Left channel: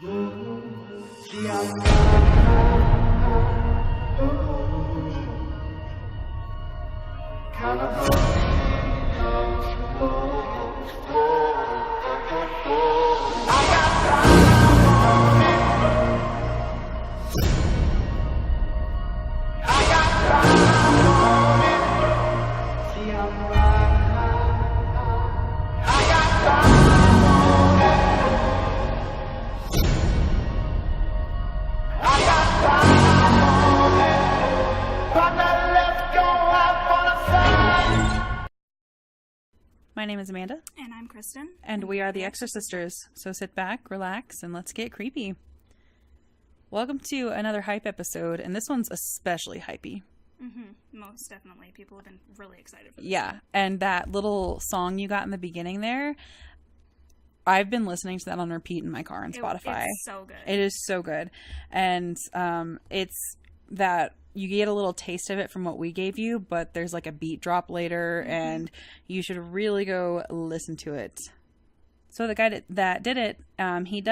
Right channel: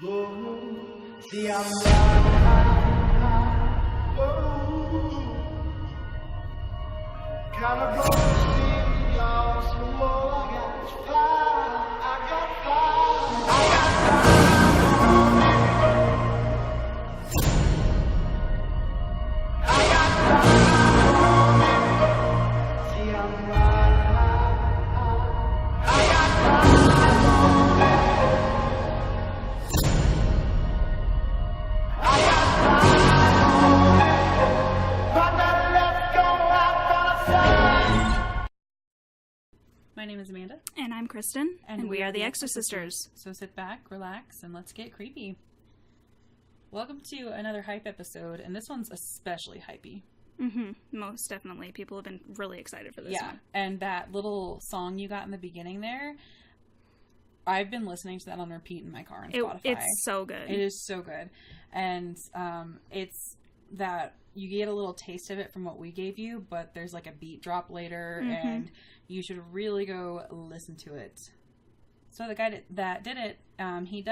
See, I'm riding high, whoa. Kind of broke the city, y'all, so I got fire, I got fire, I got fire on it. I got fire on it. See, I'm riding high, I got fire on it. I got fire on it. Partner, let's go out for the sun. My name is Amanda. And I'm Kristin. And we are the Exorcisters. So sit back, relax, and let's get creepy. Welcome to another hype episode, and this one's especially hypey. Mm-hmm. Most definitely. People have been really excited for this one. And that little song you got in the beginning there, I've been listening to that on repeat in my car on Spotify. It's so good. It is so good. And it's that you get a little taste of it from what we gave you, but there's like a beat drop later, and you should really go listen to it. So the guy that did it, he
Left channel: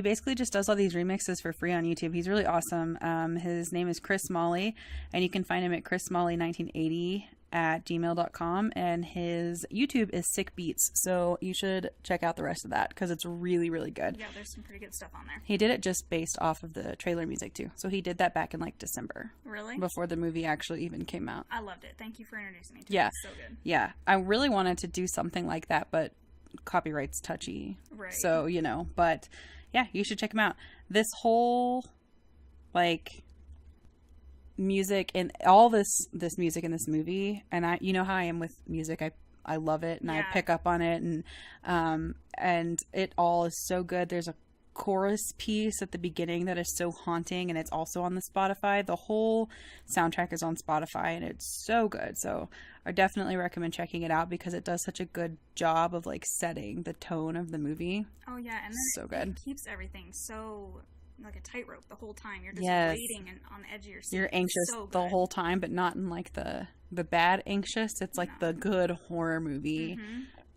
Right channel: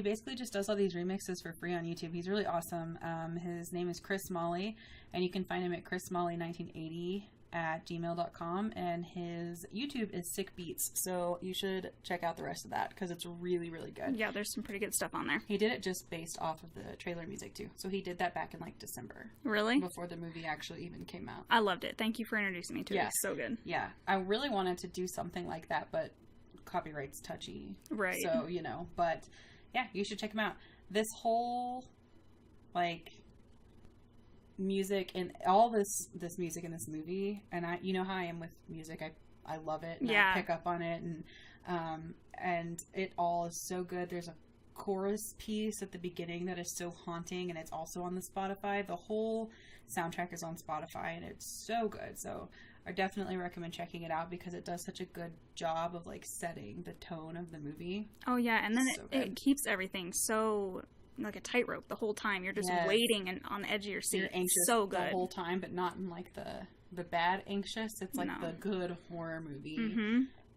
basically just does all these remixes for free on YouTube. He's really awesome. His name is Chris Smalley, and you can find him at chrissmalley1980@gmail.com, and his YouTube is Sick Beats, so you should check out the rest of that because it's really, really good. Yeah, there's some pretty good stuff on there. He did it just based off of the trailer music too, so he did that back in like December. Really? Before the movie actually even came out. I loved it. Thank you for introducing me to it. It's so good. Yeah, I really wanted to do something like that, but copyright's touchy. Right. So, but yeah, you should check him out. This whole, like, music and all this music in this movie, and you know how I am with music, I love it, and I pick up on it, and it all is so good. There's a chorus piece at the beginning that is so haunting, and it's also on the Spotify. The whole soundtrack is on Spotify, and it's so good. So I definitely recommend checking it out because it does such a good job of like setting the tone of the movie. Oh yeah, and then it keeps everything so like a tightrope the whole time. You're just waiting and on the edge of your seat. You're anxious the whole time, but not in like the bad anxious. It's like the good horror movie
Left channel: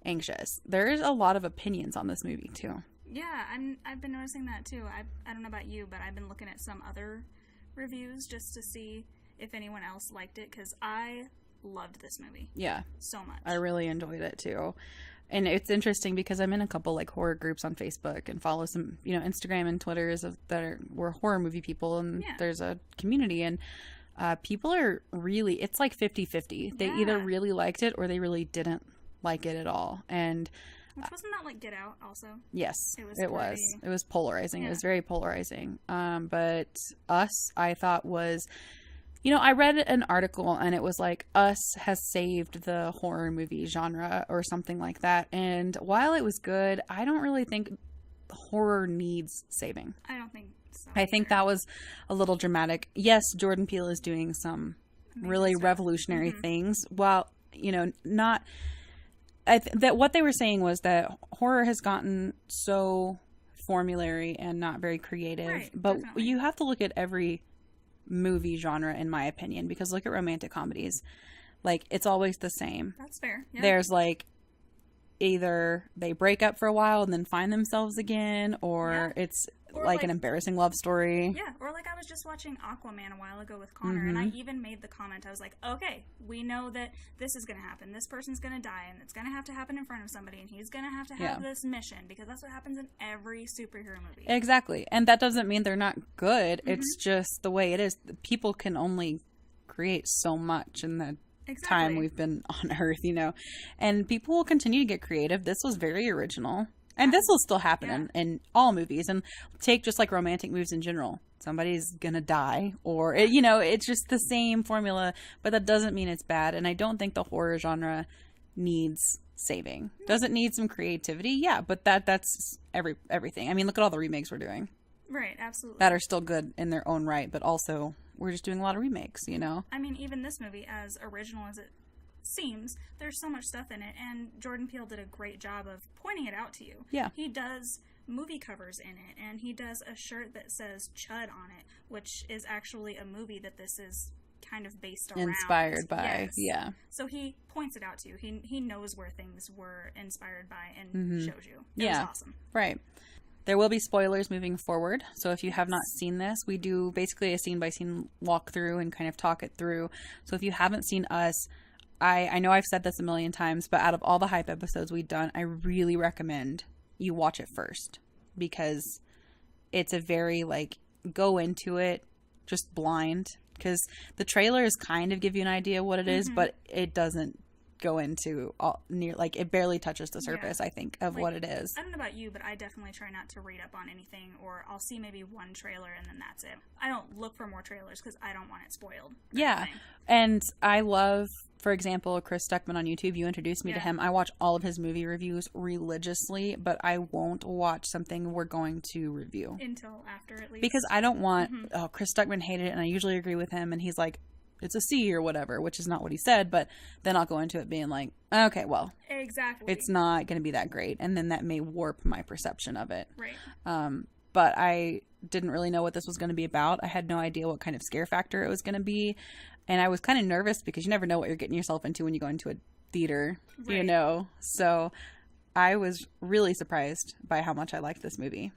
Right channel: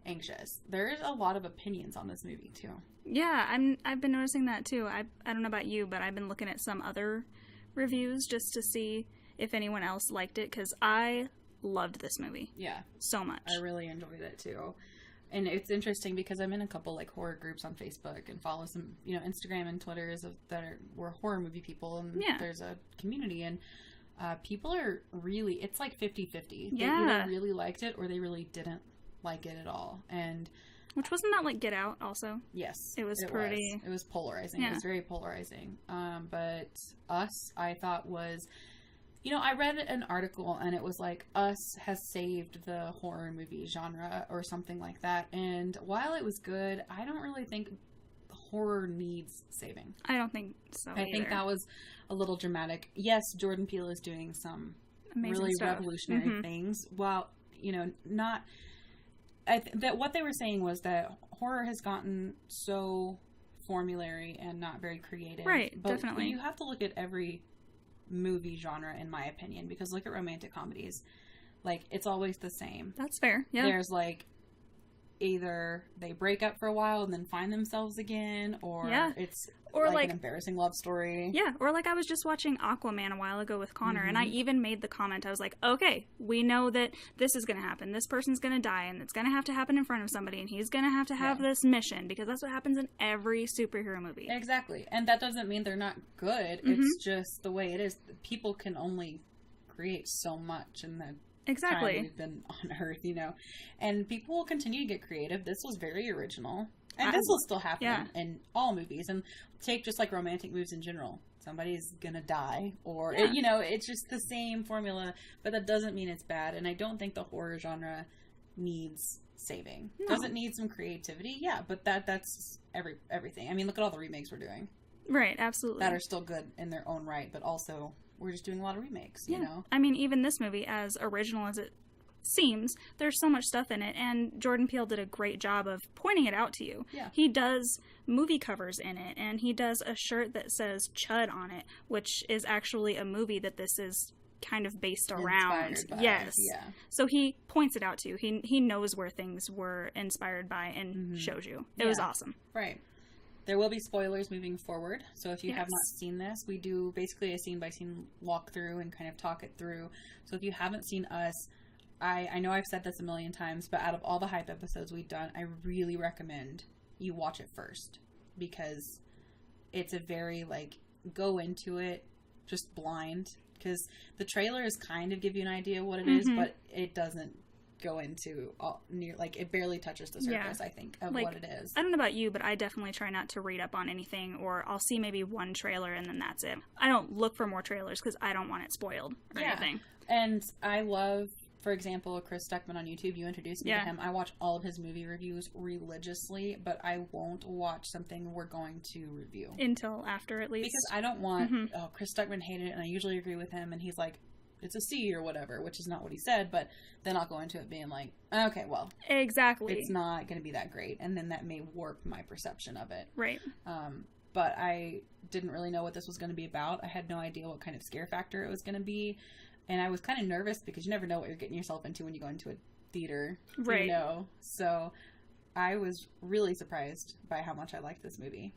anxious. There's a lot of opinions on this movie too. Yeah, I've been noticing that too. I don't know about you, but I've been looking at some other reviews just to see if anyone else liked it, because I loved this movie. Yeah. So much. I really enjoyed it too. And it's interesting because I'm in a couple like horror groups on Facebook and follow some, Instagram and Twitters we're horror movie people, and there's a community, and people are really, it's like 50-50. They either really liked it or they really didn't like it at all. And which wasn't that like Get Out also? Yes. It was polarizing. Yeah. It was very polarizing. But Us, I thought was, I read an article and it was like Us has saved the horror movie genre or something like that. And while it was good, I don't really think horror needs saving. I don't think so I think that was a little dramatic. Yes, Jordan Peele is doing some amazing really stuff. Revolutionary things. While, not... that what they were saying was that horror has gotten so formulary and not very creative. Right, but definitely. You have to look at every movie genre, in my opinion, because look at romantic comedies. Like, it's always the same. That's fair. Yeah. There's like either they break up for a while and then find themselves again, or it's like an embarrassing love story. Yeah, or like I was just watching Aquaman a while ago with Connor, and I even made the comment, I was like, okay, we know that this is going to happen. This person's going to die, and it's going to happen in front of somebody, and he's going to have this mission, because that's what happens in every superhero movie. Exactly. And that doesn't mean they're not good. It's just the way it is. People can only create so much in the time we've been on Earth, and people will continue to get creative. This was very original. And this will still happen in all movies. And take just like romantic movies in general. Somebody's going to die. Or, it's just the same formula. But that doesn't mean it's bad. And I don't think the horror genre needs saving. No. Does it need some creativity? Yeah, but that's everything. I mean, look at all the remakes we're doing. Right, absolutely. That are still good in their own right. But also, we're just doing a lot of remakes, I mean, even this movie, as original as it seems, there's so much stuff in it, and Jordan Peele did a great job of pointing it out to you. Yeah. He does movie covers in it, and he does a shirt that says Chud on it, which is actually a movie that this is kind of based around. Inspired by. Yes. Yeah. So he points it out to you. He knows where things were inspired by and shows you. It was awesome. Right. There will be spoilers moving forward. So if you have not seen this, we do basically a scene-by-scene walkthrough and kind of talk it through. So if you haven't seen us, I know I've said this a million times, but out of all the hype episodes we've done, I really recommend you watch it first. Because it's a very, like, go into it just blind. Because the trailers kind of give you an idea of what it is, but it doesn't go into it barely touches the surface, I think, of what it is. I don't know about you, but I definitely try not to read up on anything, or I'll see maybe one trailer and then that's it. I don't look for more trailers because I don't want it spoiled or anything. And I love, for example, Chris Stuckman on YouTube. You introduced me to him. I watch all of his movie reviews religiously, but I won't watch something we're going to review until after, at least, because I don't want Chris Stuckman hated it, and I usually agree with him, and he's like, it's a C or whatever, which is not what he said, but then I'll go into it being like, okay, well, exactly, it's not going to be that great, and then that may warp my perception of it. Right. But I didn't really know what this was going to be about. I had no idea what kind of scare factor it was going to be, and I was kind of nervous because you never know what you're getting yourself into when you go into a theater, you know? So I was really surprised by how much I liked this movie.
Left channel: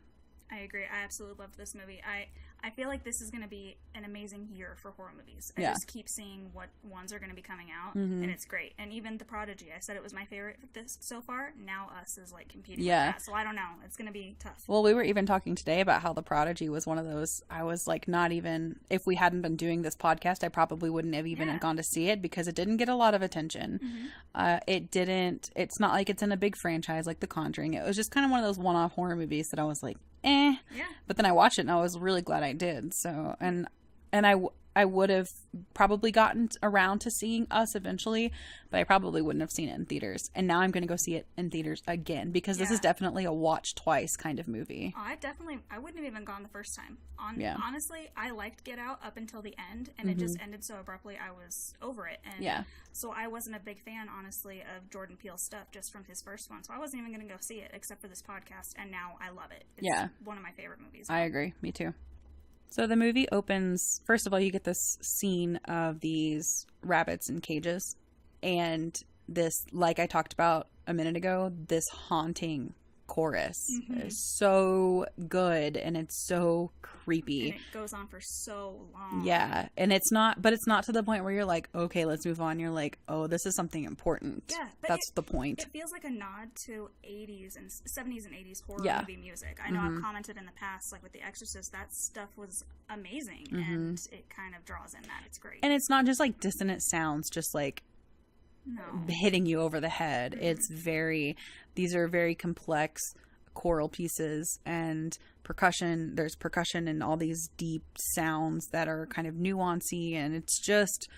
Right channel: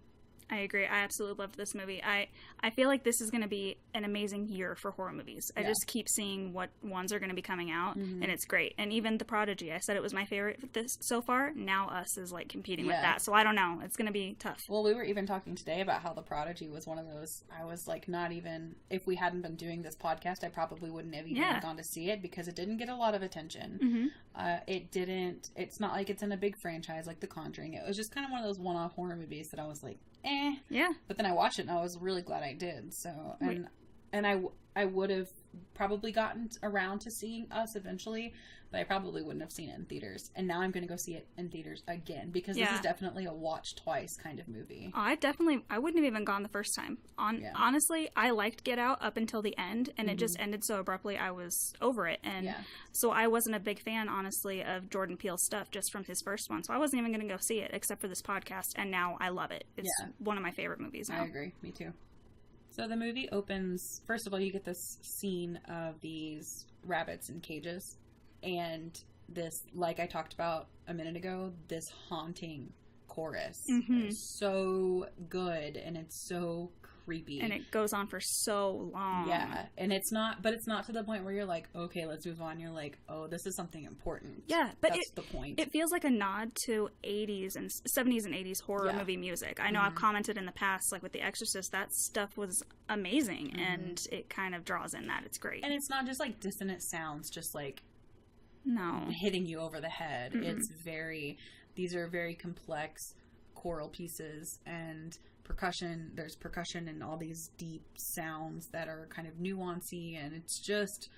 I agree. I absolutely loved this movie. I feel like this is going to be an amazing year for horror movies. I just keep seeing what ones are going to be coming out, and it's great. And even The Prodigy, I said it was my favorite so far. Now Us is like competing with that. So I don't know. It's going to be tough. Well, we were even talking today about how The Prodigy was one of those. I was like, not even, if we hadn't been doing this podcast, I probably wouldn't have even gone to see it because it didn't get a lot of attention. It's not like it's in a big franchise like The Conjuring. It was just kind of one of those one-off horror movies that I was like, yeah. But then I watched it and I was really glad I did. So, and I would have probably gotten around to seeing Us eventually, but I probably wouldn't have seen it in theaters. And now I'm going to go see it in theaters again because this is definitely a watch twice kind of movie. I wouldn't have even gone the first time. Honestly, I liked Get Out up until the end, and it just ended so abruptly I was over it. And so I wasn't a big fan, honestly, of Jordan Peele's stuff just from his first one. So I wasn't even going to go see it except for this podcast, and now I love it. It's one of my favorite movies now. I agree. Me too. So the movie opens, first of all, you get this scene of these rabbits in cages, and this, like I talked about a minute ago, this haunting chorus is so good, and it's so creepy. And it goes on for so long. Yeah, and it's not to the point where you're like, okay, let's move on. You're like, oh, this is something important. Yeah, but that's the point. It feels like a nod to 80s and 70s and 80s horror movie music. I know I've commented in the past, like with The Exorcist, that stuff was amazing, and it kind of draws in that. It's great. And it's not just like dissonant sounds, just like hitting you over the head. It's these are very complex choral pieces and percussion. There's percussion and all these deep sounds that are kind of nuancy, and it's just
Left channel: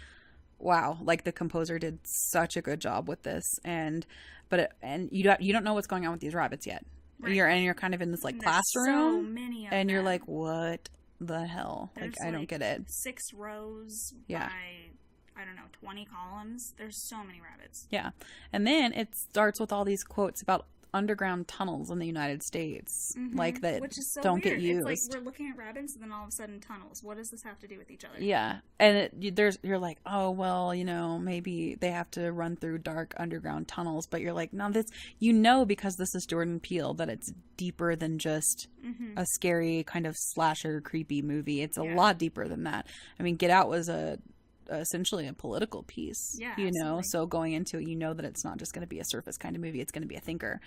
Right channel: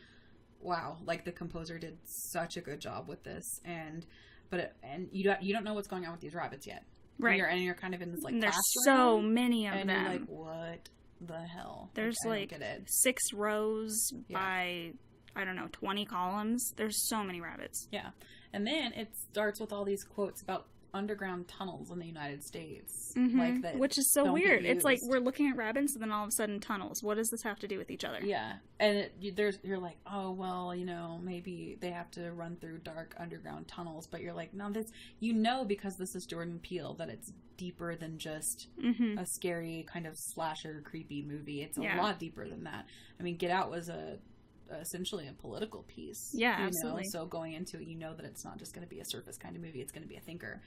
wow. Like the composer did such a good job with this, and you don't know what's going on with these rabbits yet. Right. And you're kind of in this like classroom. So many of them. And you're like, what the hell? There's I don't get it. 6 rows by, I don't know, 20 columns. There's so many rabbits. Yeah. And then it starts with all these quotes about underground tunnels in the United States. Like that, which is so weird. It's like we're looking at rabbits and then all of a sudden tunnels. What does this have to do with each other? Yeah. And you're like, oh, well, maybe they have to run through dark underground tunnels. But you're like, no, because this is Jordan Peele, that it's deeper than just a scary kind of slasher creepy movie. It's a lot deeper than that. I mean, Get Out was essentially a political piece. Yeah, absolutely. So going into it, that it's not just going to be a surface kind of movie, it's going to be a thinker.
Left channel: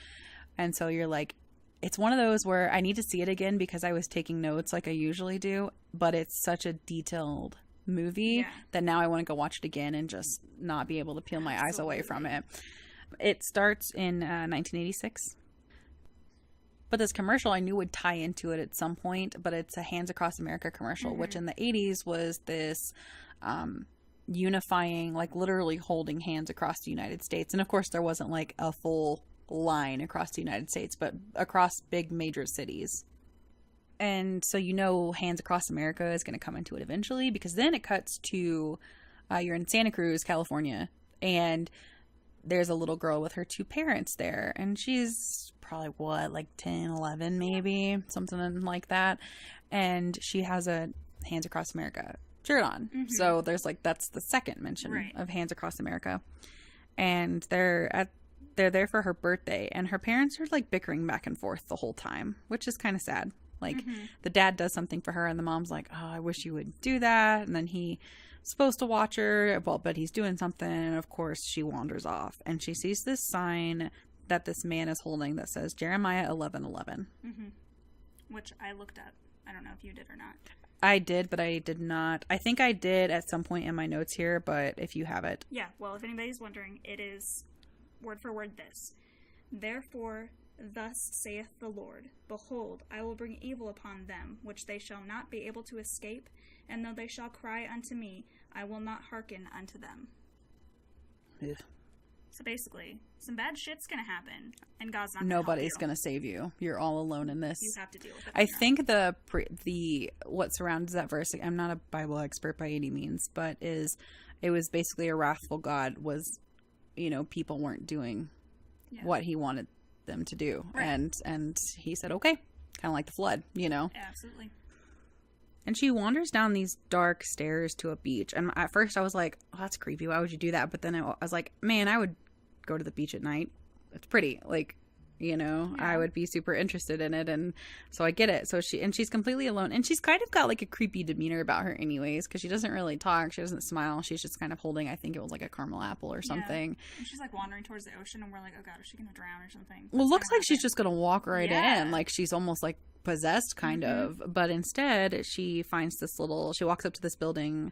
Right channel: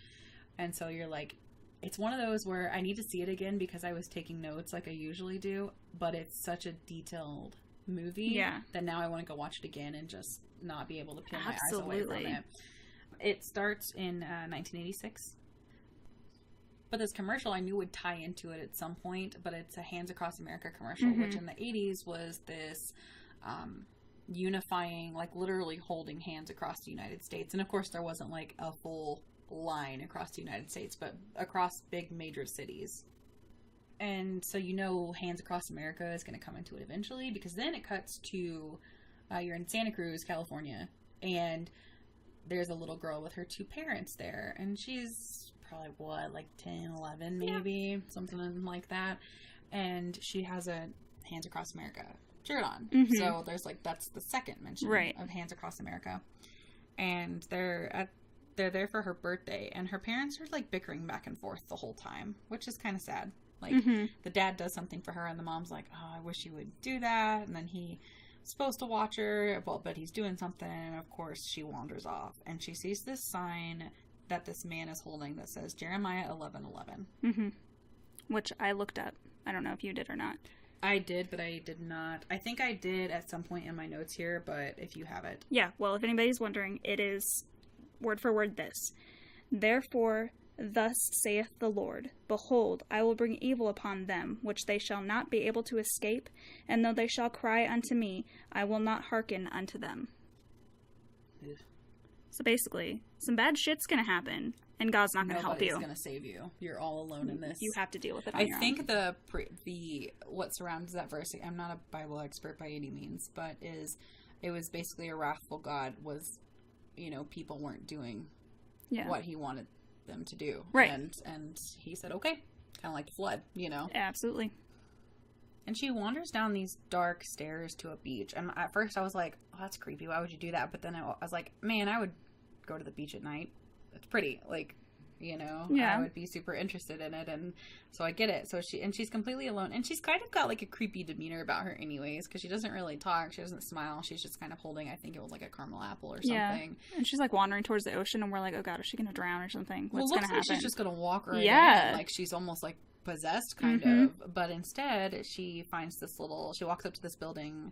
And so you're like, it's one of those where I need to see it again because I was taking notes like I usually do, but it's such a detailed movie that now I want to go watch it again and just not be able to peel my eyes away from it. It starts in 1986. But this commercial I knew would tie into it at some point, but it's a Hands Across America commercial, which in the 80s was this unifying, like literally holding hands across the United States. And of course there wasn't like a full line across the United States, but across big major cities. And so Hands Across America is going to come into it eventually, because then it cuts to you're in Santa Cruz, California, and there's a little girl with her 2 parents there, and she's probably like 10, 11 maybe, something like that, and she has a Hands Across America shirt on. So there's that's the second mention of Hands Across America, and they're at they're there for her birthday, and her parents are like bickering back and forth the whole time, which is kind of sad. Like, the dad does something for her, and the mom's like, oh, I wish you would do that. And then he's supposed to watch her, well, but he's doing something, and of course she wanders off, and she sees this sign that this man is holding that says Jeremiah 11:11. Which I looked up. I don't know if you did or not. I did, but I did not. I think I did at some point in my notes here, but if you have it. Yeah, well, if anybody's wondering, it is word for word this. Therefore, thus saith the Lord, behold, I will bring evil upon them, which they shall not be able to escape, and though they shall cry unto me, I will not hearken unto them. Ugh. So basically, some bad shit's gonna happen, and God's not gonna help you. Nobody's gonna save you. You're all alone in this. You have to deal with it. I think the what surrounds that verse, I'm not a Bible expert by any means, but it was basically a wrathful God was, people weren't doing what he wanted them to do. Right. And he said, okay, kind of like the flood, Absolutely. And she wanders down these dark stairs to a beach. And at first I was like, oh, that's creepy. Why would you do that? But then I was like, man, I would go to the beach at night. It's pretty. Like, I would be super interested in it. And so I get it. So she's completely alone. And she's kind of got like a creepy demeanor about her anyways, because she doesn't really talk. She doesn't smile. She's just kind of holding, I think it was like a caramel apple or something. Yeah. And she's like wandering towards the ocean, and we're like, oh God, is she going to drown or something? Well, it looks like she's just going to walk right in. Like she's almost like possessed kind of. But instead she finds she walks up to this building.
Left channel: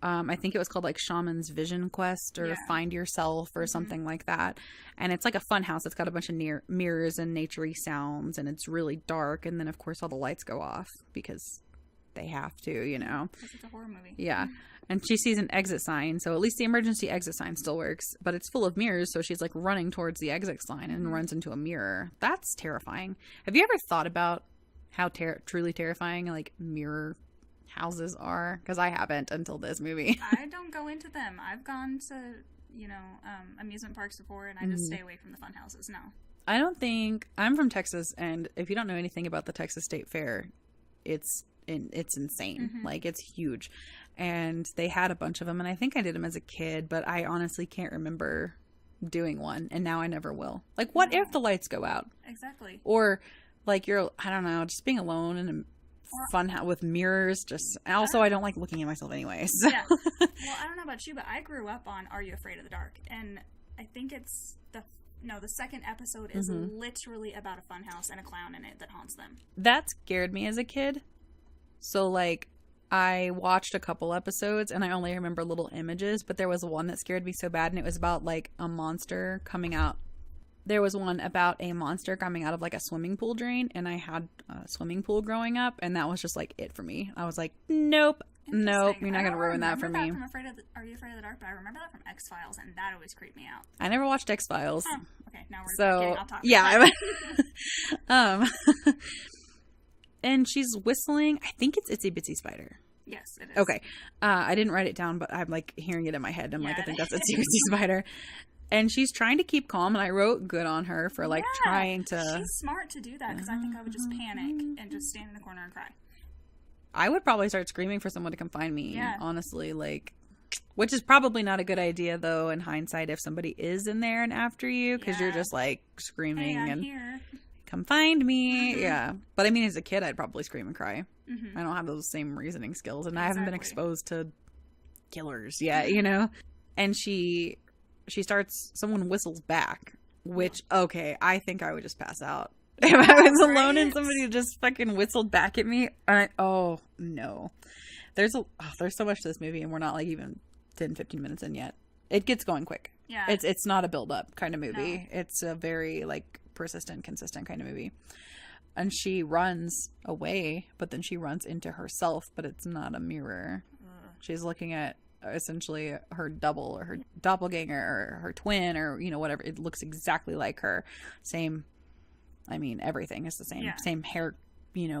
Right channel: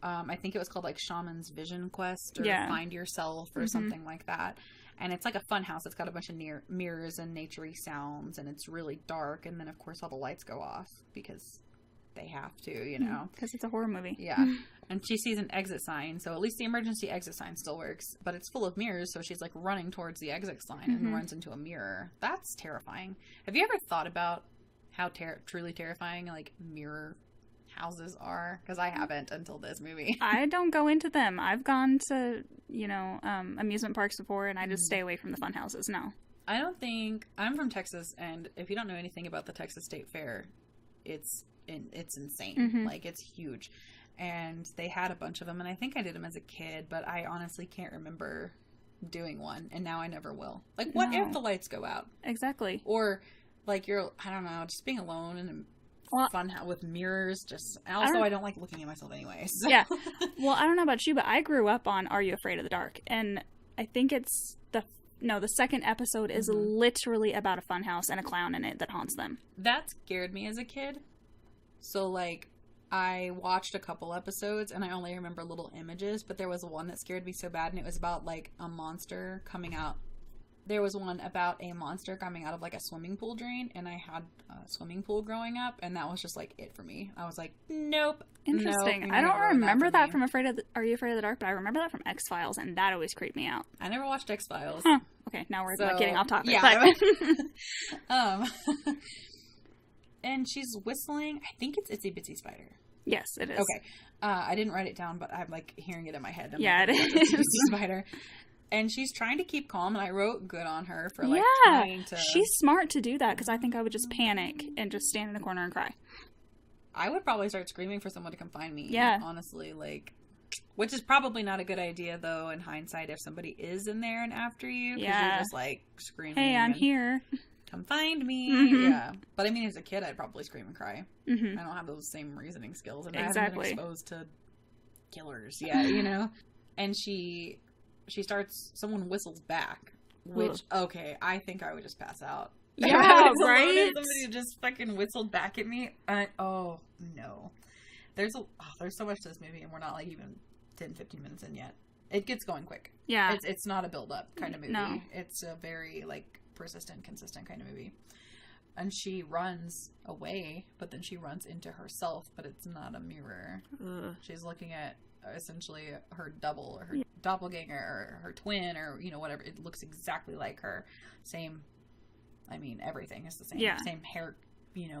I think it was called like Shaman's Vision Quest or Find Yourself or something like that. And it's like a fun house. It's got a bunch of mirrors and naturey sounds, and it's really dark. And then of course all the lights go off because they have to, because it's a horror movie. Yeah. And she sees an exit sign. So at least the emergency exit sign still works, but it's full of mirrors. So she's like running towards the exit sign and runs into a mirror. That's terrifying. Have you ever thought about how truly terrifying like mirror houses are? Because I haven't until this movie. I don't go into them. I've gone to amusement parks before, and I just stay away from the fun houses. No, I don't think. I'm from Texas, and if you don't know anything about the Texas State Fair, it's insane. Like, it's huge, and they had a bunch of them, and I think I did them as a kid, but I honestly can't remember doing one, and now I never will. Like, what if the lights go out? Exactly. Or like I don't know, just being alone in a fun house with mirrors. I don't like looking at myself anyways. Yeah. Well, I don't know about you, but I grew up on Are You Afraid of the Dark? And I think it's the second episode is literally about a fun house and a clown in it that haunts them. That scared me as a kid. So like I watched a couple episodes and I only remember little images, but there was one that scared me so bad, and it was about like a monster coming out. There was one about a monster coming out of like a swimming pool drain, and I had a swimming pool growing up, and that was just like it for me. I was like, nope. Interesting. I don't remember that from Are You Afraid of the Dark? But I remember that from X-Files, and that always creeped me out. I never watched X-Files. Huh. Okay, now we're getting off topic. Yeah. And she's whistling. I think it's Itsy Bitsy Spider. Yes, it is. Okay. I didn't write it down, but I'm like hearing it in my head. I think that's Itsy Bitsy Spider. And she's trying to keep calm, and I wrote good on her for like trying to. She's smart to do that, because I think I would just panic and just stand in a corner and cry. I would probably start screaming for someone to come find me. Yeah. Honestly, like, which is probably not a good idea though in hindsight if somebody is in there and after you, because you're just like screaming. Hey, I'm here. Come find me. Yeah. But I mean, as a kid, I'd probably scream and cry. I don't have those same reasoning skills, and I haven't been exposed to killers yet, And someone whistles back, which, okay, I think I would just pass out. Yeah, if I was alone and somebody just fucking whistled back at me, oh, no. There's so much to this movie, and we're not, like, even 10, 15 minutes in yet. It gets going quick. Yeah. It's not a build-up kind of movie. No. It's a very, like, persistent, consistent kind of movie. And she runs away, but then she runs into herself, but it's not a mirror. Ugh. She's looking at essentially her double or her doppelganger or her twin or whatever. It looks exactly like her. Same, I mean, everything is the same. Same hair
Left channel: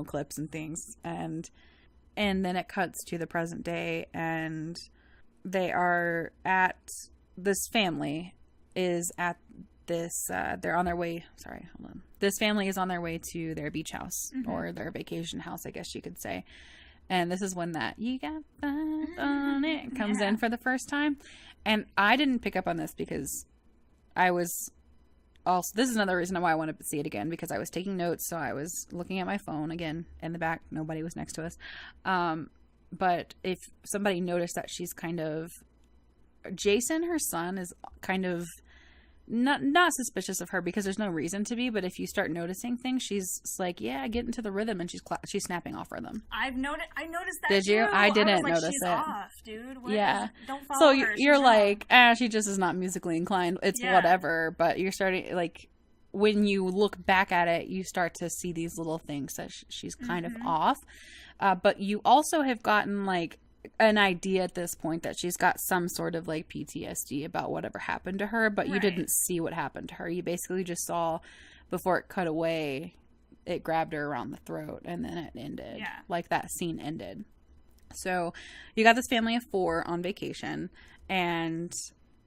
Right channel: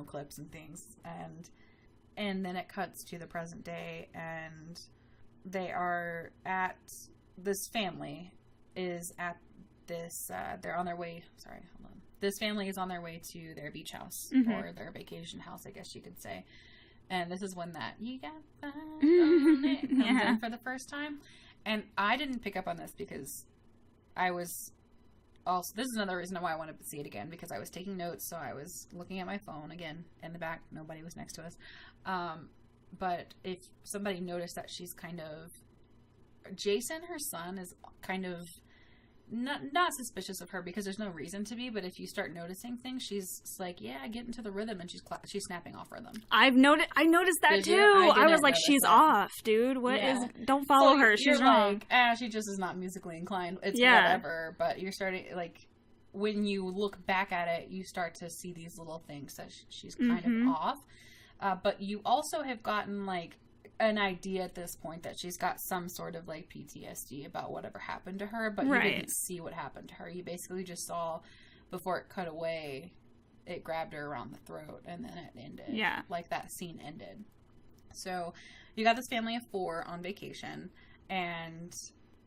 clips and things. And then it cuts to the present day, and they are at this family is at this they're on their way. Sorry, hold on. This family is on their way to their beach house or their vacation house, I guess you could say. And this is when that "you got fun on it" comes in for the first time. And I didn't pick up on this because I was also, this is another reason why I wanted to see it again, because I was taking notes, so I was looking at my phone again in the back. Nobody was next to us. But if somebody noticed that she's kind of, Jason, her son, is kind of not suspicious of her because there's no reason to be, but if you start noticing things, she's like, yeah, get into the rhythm, and she's snapping off rhythm. I noticed that. Did you? I was like, she's off, dude. What is? Don't follow her. You're like, she just is not musically inclined. It's whatever. But you're starting, like, when you look back at it, you start to see these little things that she's kind of off. But you also have gotten, like, an idea at this point that she's got some sort of, like, PTSD about whatever happened to her, but you didn't see what happened to her. You basically just saw, before it cut away, it grabbed her around the throat, and then it ended. Yeah. Like, that scene ended. So, you got this family of 4 on vacation, and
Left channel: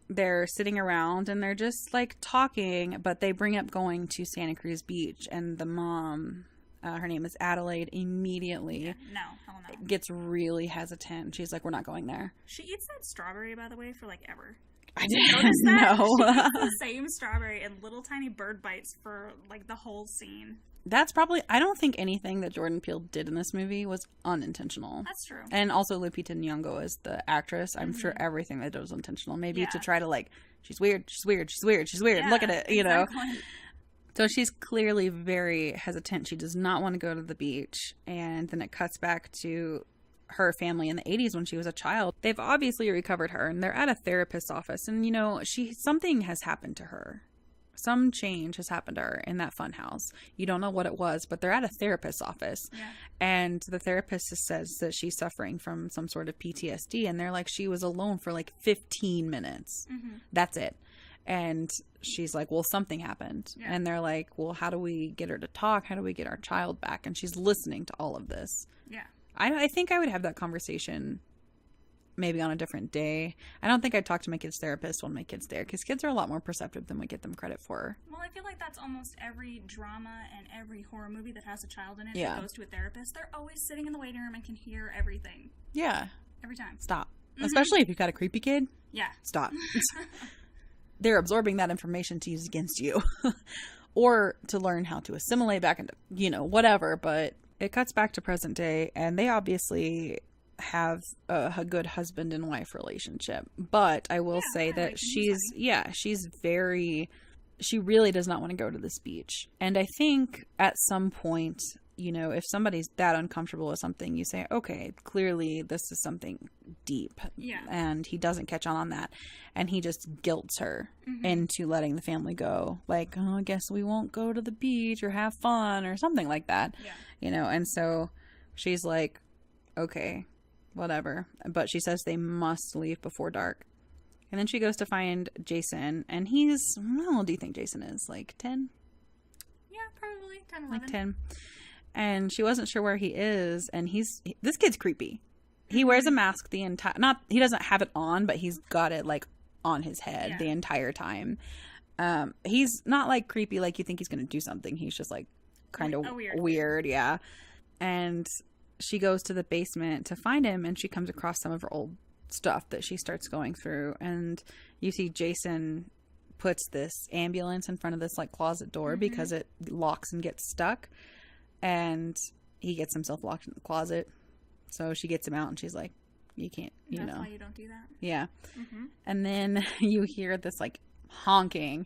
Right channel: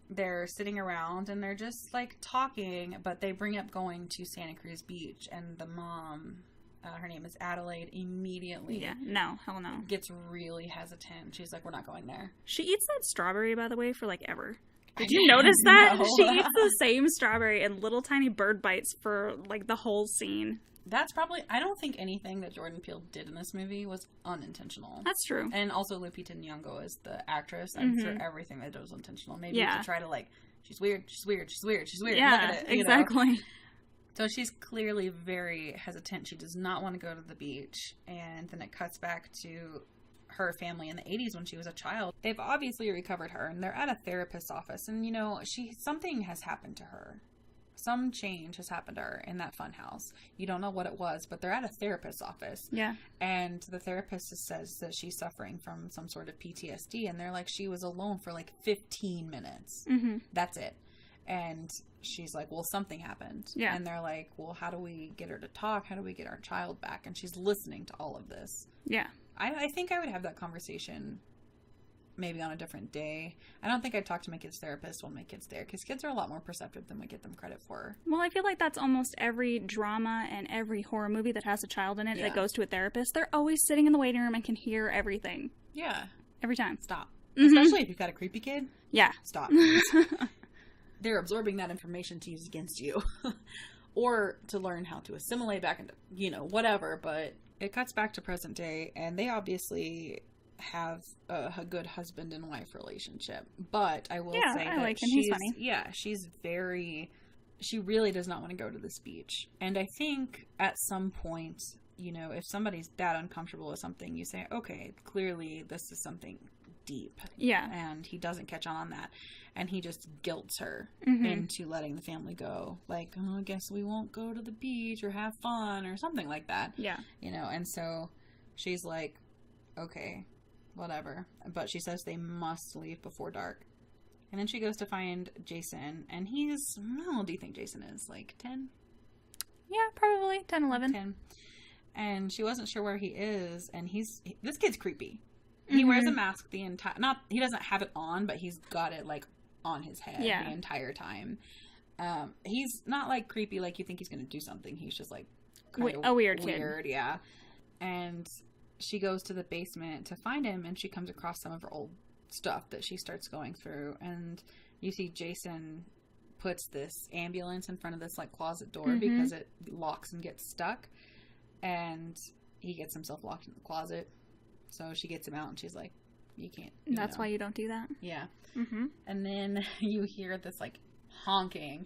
they're sitting around, and they're just, like, talking, but they bring up going to Santa Cruz Beach, and the mom... her name is Adelaide, immediately hell no. Gets really hesitant. She's like, we're not going there. She eats that strawberry, by the way, for, like, ever. Did you notice that? No. She eats the same strawberry and little tiny bird bites for, like, the whole scene. That's probably... I don't think anything that Jordan Peele did in this movie was unintentional. That's true. And also Lupita Nyong'o is the actress. I'm sure everything they did was intentional. Maybe to try to, like, she's weird. Yeah, look at it, you know? Exactly. So she's clearly very hesitant. She does not want to go to the beach. And then it cuts back to her family in the 80s when she was a child. They've obviously recovered her, and they're at a therapist's office. And, you know, something has happened to her. Some change has happened to her in that fun house. You don't know what it was, but they're at a therapist's office. Yeah. And the therapist says that she's suffering from some sort of PTSD. And they're like, she was alone for like 15 minutes. Mm-hmm. That's it. And she's like, well, something happened. Yeah. And they're like, well, how do we get her to talk? How do we get our child back? And she's listening to all of this. Yeah. I think I would have that conversation maybe on a different day. I don't think I'd talk to my kid's therapist when my kid's there, because kids are a lot more perceptive than we get them credit for. Well, I feel like that's almost every drama and every horror movie that has a child in it that goes to a therapist. They're always sitting in the waiting room and can hear everything. Yeah. Every time. Stop. Mm-hmm. Especially if you've got a creepy kid. Yeah. Stop. They're absorbing that information to use against you or to learn how to assimilate back into, you know, whatever. But it cuts back to present day, and they obviously have a good husband and wife relationship. But I will say that she really does not want to go to this beach. And I think at some point, you know, if somebody's that uncomfortable with something, you say, okay, clearly this is something deep. Yeah. And he doesn't catch on that. And he just guilts her into letting the family go. Like, oh, I guess we won't go to the beach or have fun or something like that. Yeah. You know, and so she's like, okay, whatever. But she says they must leave before dark. And then she goes to find Jason. And he's, how old do you think Jason is? Like 10? Yeah, probably 10, 11. Like 10. And she wasn't sure where he is. And this kid's creepy. He wears a mask the entire, he doesn't have it on, but he's got it like on his head the entire time. He's not like creepy like you think he's going to do something. He's just like kind of weird. Yeah. And she goes to the basement to find him, and she comes across some of her old stuff that she starts going through. And you see Jason puts this ambulance in front of this like closet door because it locks and gets stuck. And he gets himself locked in the closet. So she gets him out, and she's like, you can't, That's why you don't do that. Yeah. And then you hear this, like, honking.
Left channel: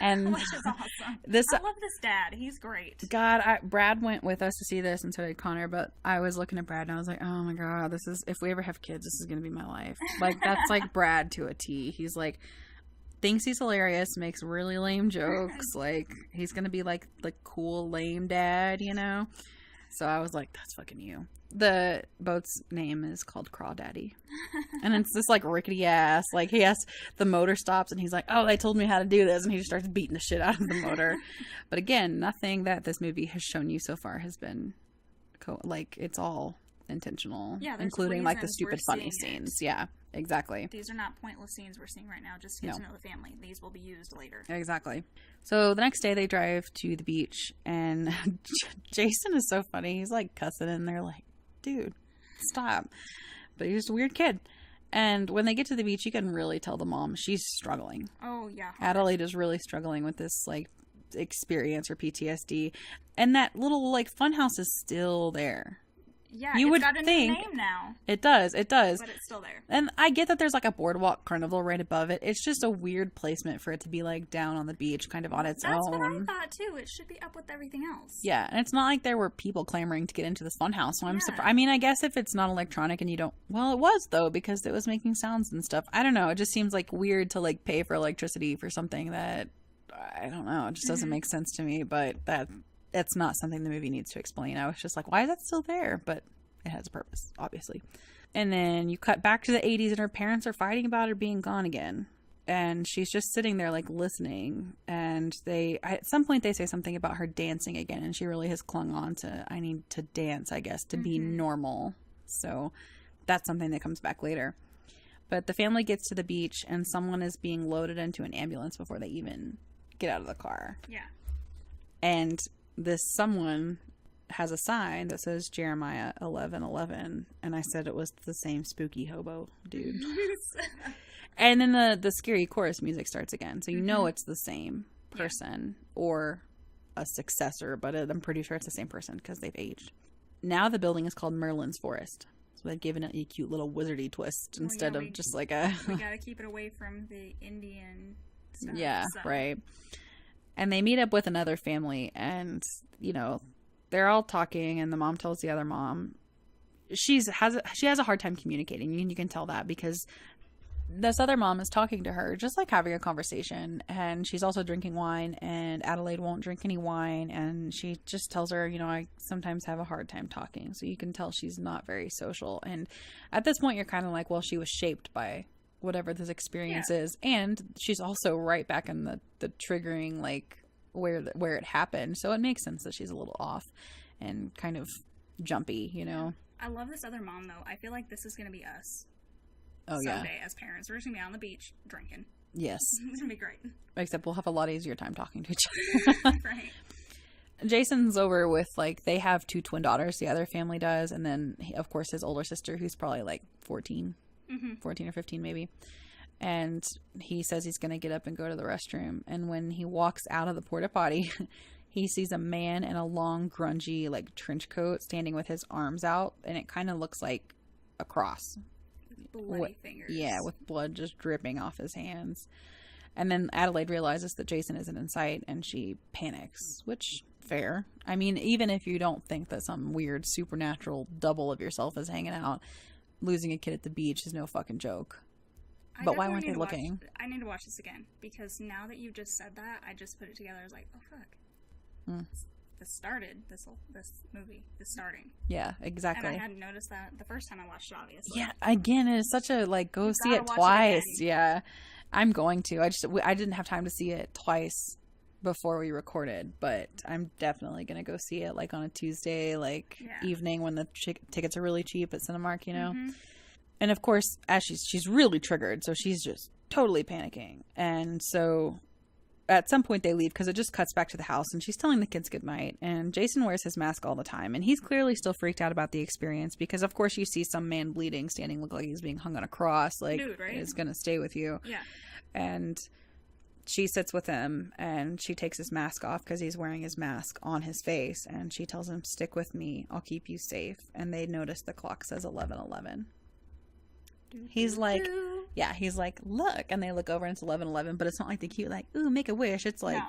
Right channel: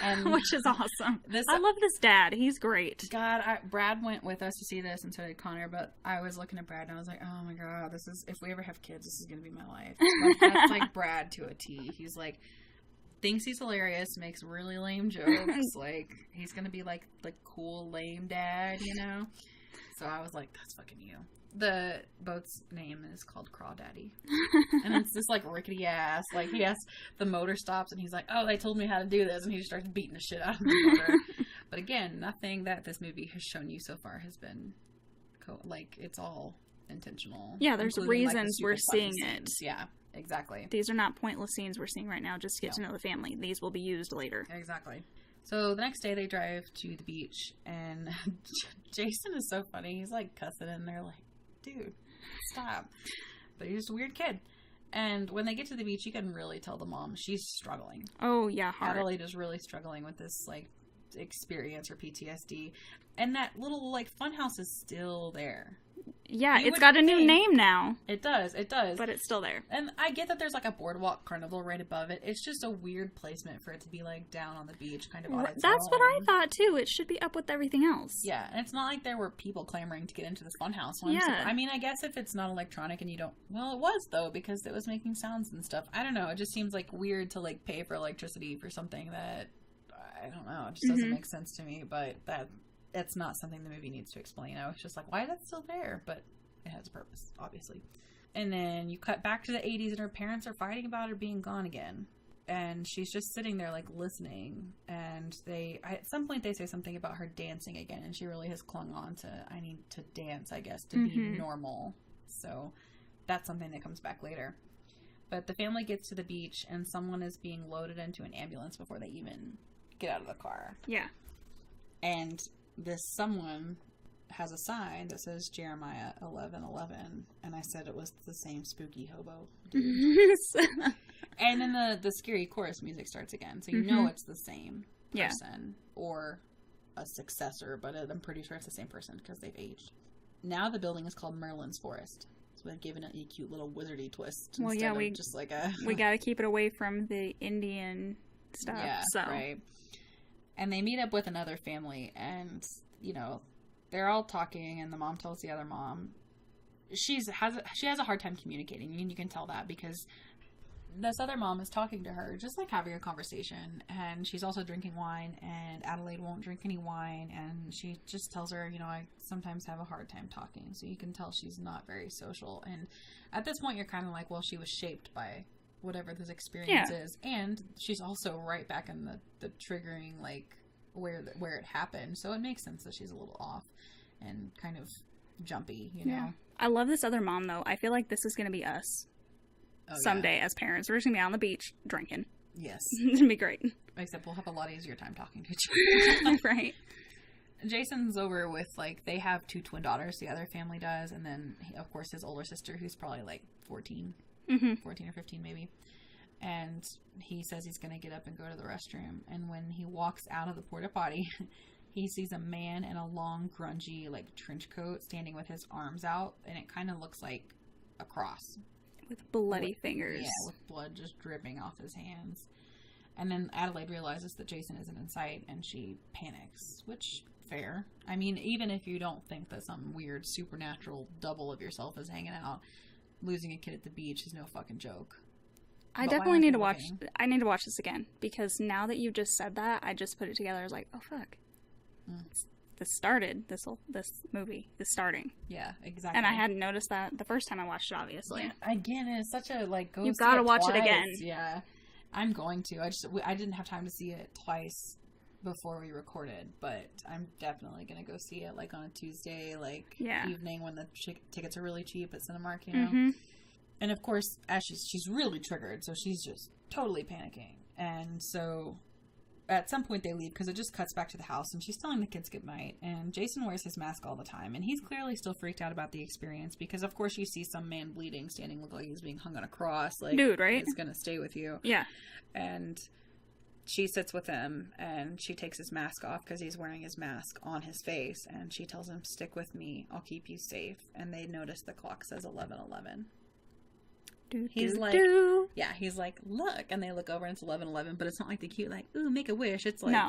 And which is awesome. I love this dad. He's great. God, Brad went with us to see this, and so did Connor, but I was looking at Brad, and I was like, oh my God, if we ever have kids, this is going to be my life. Like, that's like Brad to a T. He's like, thinks he's hilarious, makes really lame jokes. Like, he's going to be like the cool, lame dad, you know? So I was like, that's fucking you. The boat's name is called Crawdaddy. And it's this, like, rickety ass. Like, the motor stops, and he's like, oh, they told me how to do this. And he just starts beating the shit out of the motor. But again, nothing that this movie has shown you so far has been, it's all intentional. Yeah, there's reasons like, the stupid, we're seeing scenes. It. Yeah, exactly. These are not pointless scenes we're seeing right now just to get to know the family. These will be used later. Exactly. So the next day they drive to the beach, and Jason is so funny. He's like cussing, and they're like, dude, stop. But he's just a weird kid. And when they get to the beach, you can really tell the mom, she's struggling. Oh, yeah. Hard. Adelaide is really struggling with this, like, experience or PTSD. And that little, like, funhouse is still there. Yeah, it's got a new name now. It does. But it's still there. And I get that there's, like, a boardwalk carnival right above it. It's just a weird placement for it to be, like, down on the beach, kind of on its own. That's what I thought, too. It should be up with everything else. Yeah, and it's not like there were people clamoring to get into this funhouse. So I mean, I guess if it's not electronic and you don't... Well, it was, though, because it was making sounds and stuff. I don't know. It just seems, like, weird to, like, pay for electricity for something that... I don't know. It just doesn't make sense to me, but that's not something the movie needs to explain. I was just like, why is that still there? But it has a purpose, obviously. And then you cut back to the 80s and her parents are fighting about her being gone again. And she's just sitting there, like, listening. And at some point they say something about her dancing again. And she really has clung on to, I need to dance, I guess, to be normal. So that's something that comes back later. But the family gets to the beach and someone is being loaded into an ambulance before they even get out of the car. Yeah. And this someone has a sign that says Jeremiah 11:11, and I said it was the same spooky hobo dude. And then the scary chorus music starts again, so you know it's the same person or a successor, but I'm pretty sure it's the same person because they've aged. Now the building is called Merlin's Forest, so they've given it a cute little wizardy twist instead of just like a... we gotta keep it away from the Indian stuff. Yeah, right. And they meet up with another family, and, you know, they're all talking, and the mom tells the other mom she has a hard time communicating, and you can tell that because this other mom is talking to her, just like having a conversation, and she's also drinking wine, and Adelaide won't drink any wine, and she just tells her, you know, I sometimes have a hard time talking, so you can tell she's not very social. And at this point, you're kind of like, well, she was shaped by whatever this experience is, and she's also right back in the triggering, like, where it happened, so it makes sense that she's a little off and kind of jumpy, you know. I love this other mom, though. I feel like this is gonna be us someday as parents. We're just gonna be on the beach drinking. Yes. It's gonna be great, except we'll have a lot easier time talking to each other. Right. Jason's over with, like, they have 2 twin daughters, the other family does, and then of course his older sister, who's probably like 14 or 15 maybe. And he says he's going to get up and go to the restroom. And when he walks out of the porta potty, he sees a man in a long, grungy, like, trench coat standing with his arms out. And it kind of looks like a cross. With bloody fingers. Yeah, with blood just dripping off his hands. And then Adelaide realizes that Jason isn't in sight, and she panics, which, fair. I mean, even if you don't think that some weird supernatural double of yourself is hanging out, losing a kid at the beach is no fucking joke. I definitely need to watch. I need to watch this again because now that you just said that, I just put it together. I was like, oh fuck, this started this movie is starting. Yeah, exactly. And I hadn't noticed that the first time I watched it. Obviously. Yeah. Again, it is such a like go You've see gotta it watch twice. it again. Yeah, I'm going to. I didn't have time to see it twice before we recorded, but I'm definitely gonna go see it like on a Tuesday, like evening when the tickets are really cheap at Cinemark. You know. And of course, as she's really triggered, so she's just totally panicking. And so at some point they leave because it just cuts back to the house, and she's telling the kids goodnight. And Jason wears his mask all the time, and he's clearly still freaked out about the experience because, of course, you see some man bleeding, standing, look like he's being hung on a cross. Like, dude, right? It's gonna stay with you. Yeah. And she sits with him, and she takes his mask off because he's wearing his mask on his face, and she tells him, "Stick with me. I'll keep you safe." And they notice the clock says 11:11. He's like, he's like, look, and they look over and it's 11:11, but it's not like the cute, like, ooh, make a wish. It's like,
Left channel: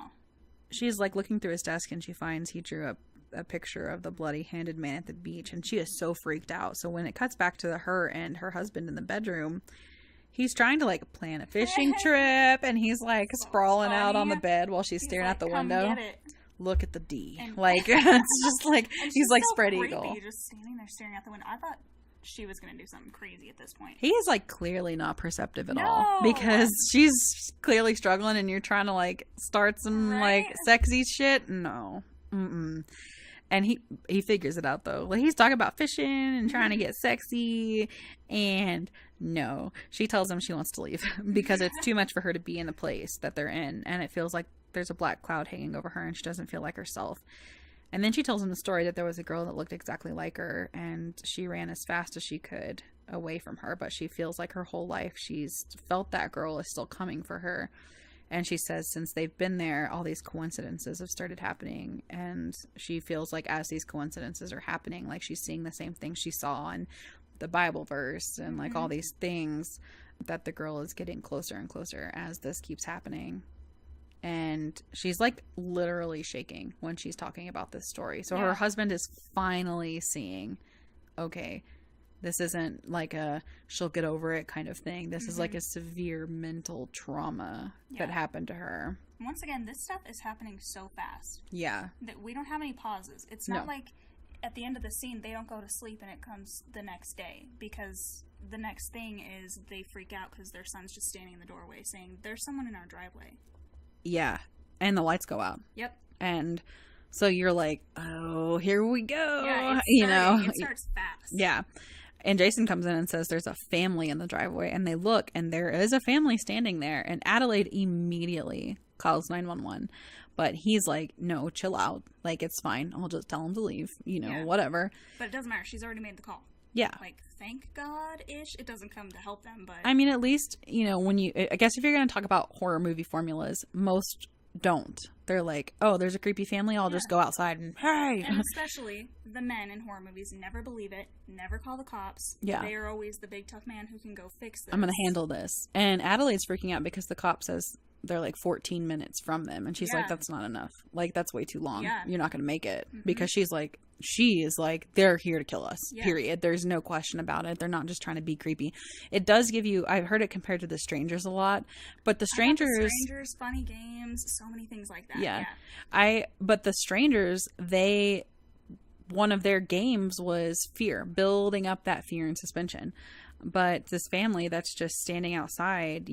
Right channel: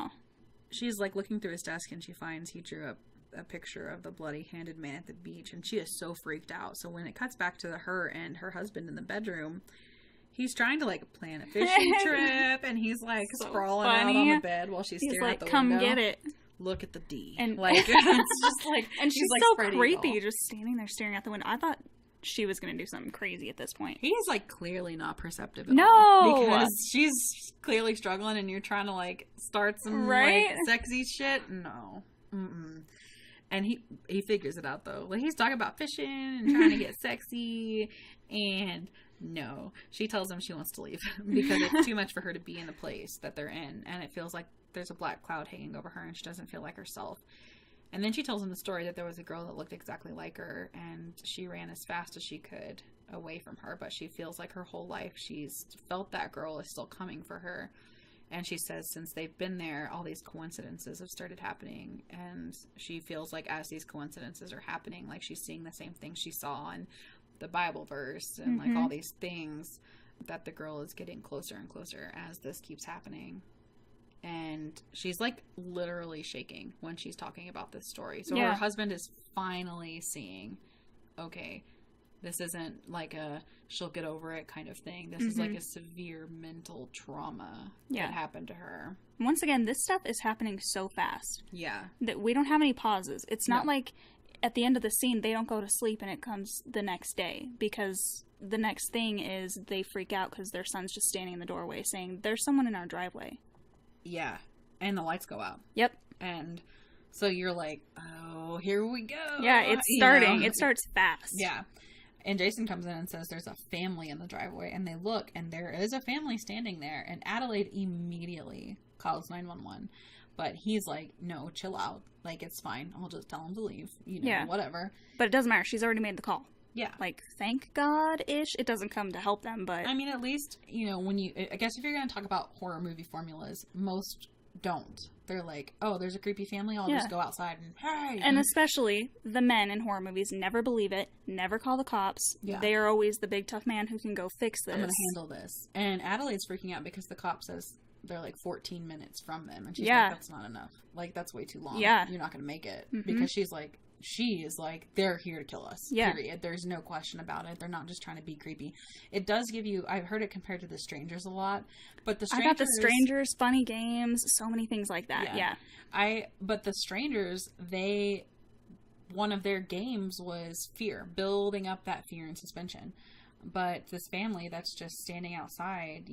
she's like looking through his desk and she finds he drew up a picture of the bloody-handed man at the beach, and she is so freaked out. So when it cuts back to her and her husband in the bedroom, he's trying to like plan a fishing trip, and he's like sprawling out on the bed while she's staring out the window. Come get it. Look at the D. And like, it's just like, and she's like so spread creepy, eagle. Just standing there staring out the window. I thought she was going to do something crazy at this point. He is like clearly not perceptive at all. Because she's clearly struggling and you're trying to like start some like sexy shit. No. Mm-mm. And he figures it out though. Like he's talking about fishing and trying to get sexy, and no. She tells him she wants to leave because it's too much for her to be in the place that they're in, and it feels like there's a black cloud hanging over her and she doesn't feel like herself. And then she tells him the story that there was a girl that looked exactly like her, and she ran as fast as she could away from her, but she feels like her whole life she's felt that girl is still coming for her. And she says since they've been there, all these coincidences have started happening. And she feels like as these coincidences are happening, like she's seeing the same thing she saw in the Bible verse and like all these things, that the girl is getting closer and closer as this keeps happening. And she's like literally shaking when she's talking about this story. So her husband is finally seeing, okay, this isn't like a she'll get over it kind of thing. This is like a severe mental trauma that happened to her. Once again, this stuff is happening so fast. Yeah. That we don't have any pauses. It's not like at the end of the scene they don't go to sleep and it comes the next day, because the next thing is they freak out because their son's just standing in the doorway saying, there's someone in our driveway. Yeah. And the lights go out. Yep. And so you're like, oh, here we go. Yeah, it's starting. It starts fast. Yeah. And Jason comes in and says there's a family in the driveway, and they look, and there is a family standing there, and Adelaide immediately calls 911. But he's like, no, chill out. Like, it's fine. I'll just tell him to leave, whatever. But it doesn't matter. She's already made the call. Yeah. Like, thank God-ish. It doesn't come to help them, but... I mean, at least, when you... I guess if you're going to talk about horror movie formulas, most don't. They're like, oh, there's a creepy family, I'll just go outside and, hey! And especially the men in horror movies never believe it, never call the cops. Yeah. They are always the big tough man who can go fix this. I'm going to handle this. And Adelaide's freaking out because the cop says they're like 14 minutes from them. And she's like, that's not enough. Like, that's way too long. Yeah. You're not going to make it. Because she is like, they're here to kill us. Yeah. Period. There's no question about it. They're not just trying to be creepy. It does give you, I've heard it compared to The Strangers a lot, but The Strangers... The Strangers, funny games, so many things like that. Yeah. But The Strangers, one of their games was fear, building up that fear and suspension. But this family that's just standing outside,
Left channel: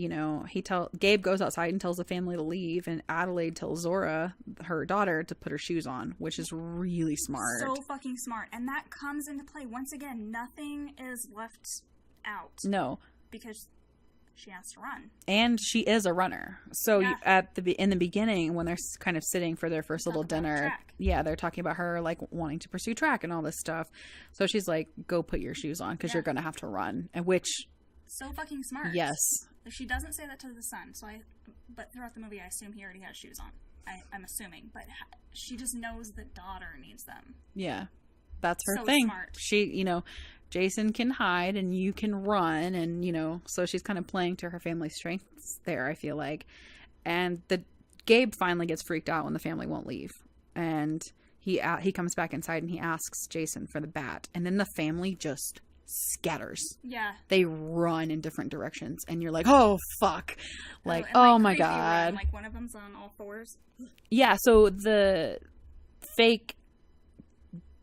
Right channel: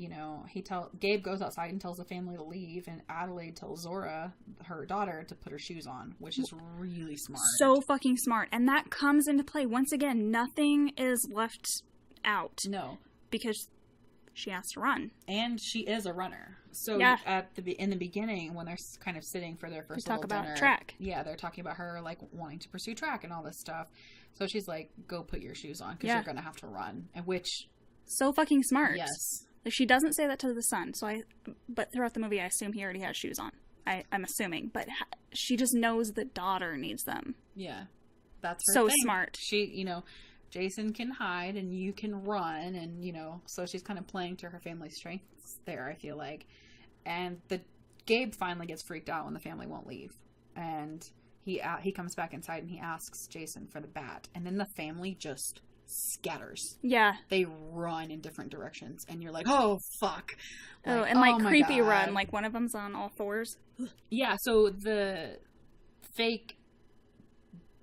Gabe goes outside and tells the family to leave, and Adelaide tells Zora, her daughter, to put her shoes on, which is really smart. So fucking smart. And that comes into play. Once again, nothing is left out. No. Because she has to run. And she is a runner. So in the beginning, when they're kind of sitting for their first little dinner, track. Yeah, they're talking about her like wanting to pursue track and all this stuff. So she's like, go put your shoes on because you're going to have to run. And which... So fucking smart. Yes. Like, she doesn't say that to the son. But throughout the movie, I assume he already has shoes on. I'm assuming. But she just knows the daughter needs them. Yeah. That's her thing. So smart. She, Jason can hide and you can run, and so she's kind of playing to her family's strengths there, I feel like. And Gabe finally gets freaked out when the family won't leave, and he comes back inside and he asks Jason for the bat, and then the family just scatters. Yeah, they run in different directions, and you're like, oh fuck, like, oh my creepy God. Run, like one of them's on all fours. Yeah, so the fake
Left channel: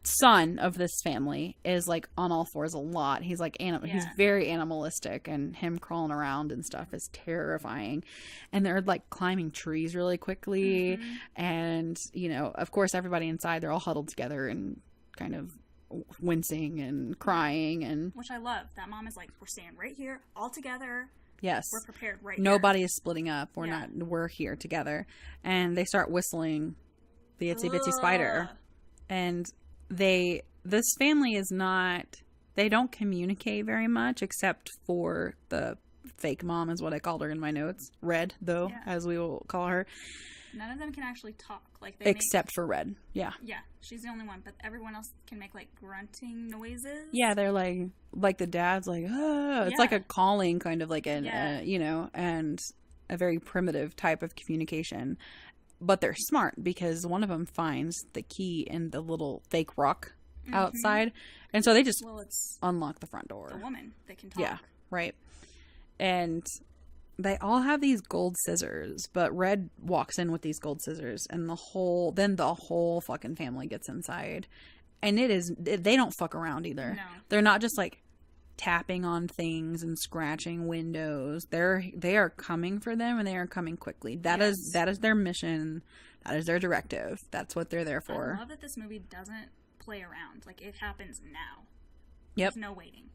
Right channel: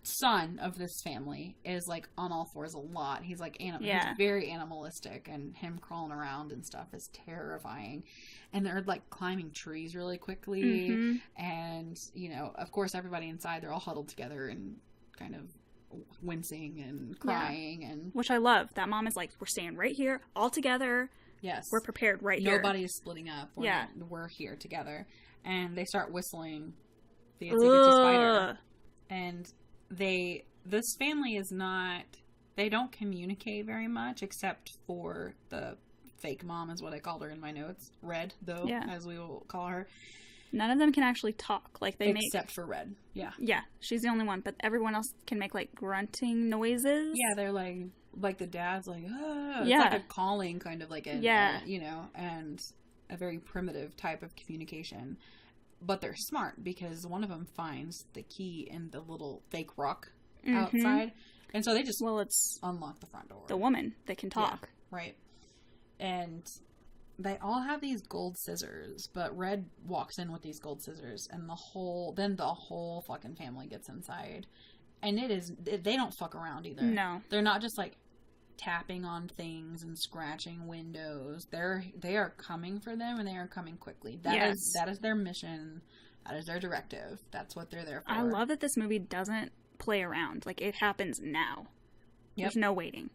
son of this family is like on all fours a lot. He's like he's very animalistic, and him crawling around and stuff is terrifying. And they're like climbing trees really quickly, and of course everybody inside, they're all huddled together and kind of wincing and crying, and which I love. That mom is like, we're staying right here all together. Yes, we're prepared right here. Nobody is splitting up. We're here together. And they start whistling the Itsy Bitsy Spider, and this family is not, they don't communicate very much, except for the fake mom is what I called her in my notes. Red, though, as we will call her. None of them can actually talk. Except for Red. Yeah. Yeah, she's the only one, but everyone else can make like grunting noises. Yeah, they're like the dad's like, oh. It's like a calling kind of like and a very primitive type of communication. But they're smart because one of them finds the key in the little fake rock outside. And so they just unlock the front door. The woman that can talk. Yeah, right. And they all have these gold scissors, but Red walks in with these gold scissors, and the whole fucking family gets inside. And they don't fuck around either. No. They're not just like tapping on things and scratching windows. They are coming for them, and they are coming quickly. That is their mission. That is their directive. That's what they're there for. I love that this movie doesn't play around. Like, it happens now. Yep. There's no waiting.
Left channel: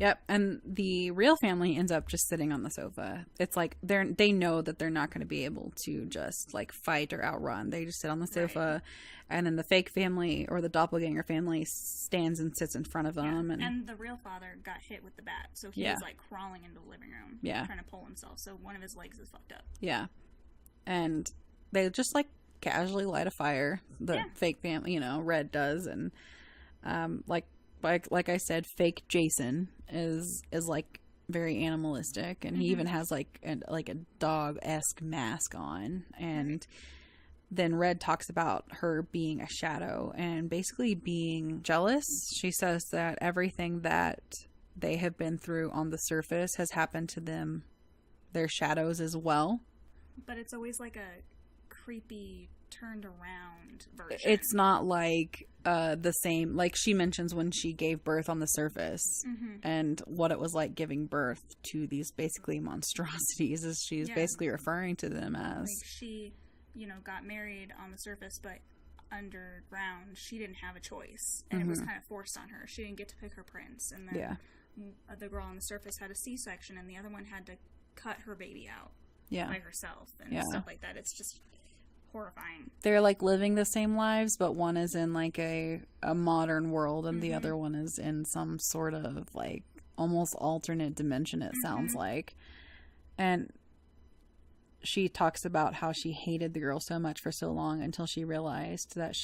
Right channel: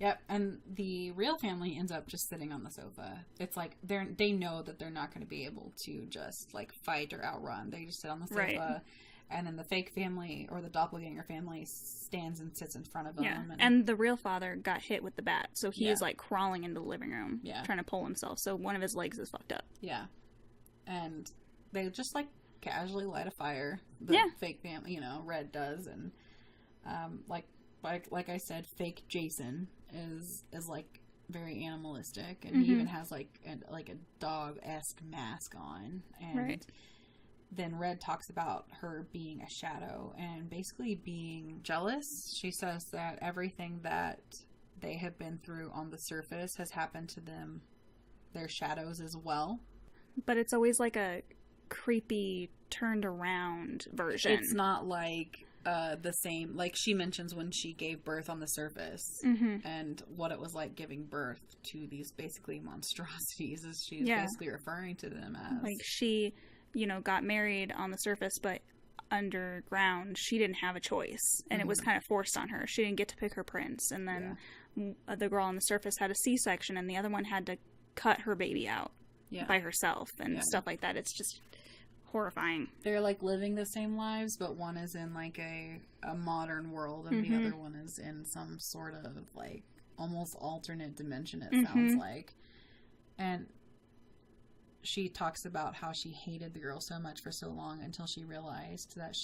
Yep. And the real family ends up just sitting on the sofa. It's like they know that they're not going to be able to just like fight or outrun. They just sit on the sofa, And then the fake family, or the doppelganger family, stands and sits in front of him. Yeah. And the real father got hit with the bat, so he is like crawling into the living room, trying to pull himself. So one of his legs is fucked up. Yeah. And they just like casually light a fire. The fake family, you know, Red does, and like I said, fake Jason is like very animalistic, and he even has like a dog-esque mask on, and then Red talks about her being a shadow and basically being jealous. She says that everything that they have been through on the surface has happened to them, their shadows as well. But it's always like a creepy turned around version. It's not like the same, like she mentions when she gave birth on the surface, and what it was like giving birth to these basically monstrosities, as she's basically referring to them as. Like she, you know, got married on the surface, but underground she didn't have a choice, and it was kind of forced on her. She didn't get to pick her prince, and then the girl on the surface had a C-section, and the other one had to cut her baby out by herself, and stuff like that. It's just horrifying. They're like living the same lives, but one is in like a modern world, and the other one is in some sort of like almost alternate dimension, it sounds like. And she talks about how she hated the girl so much for so long until she realized that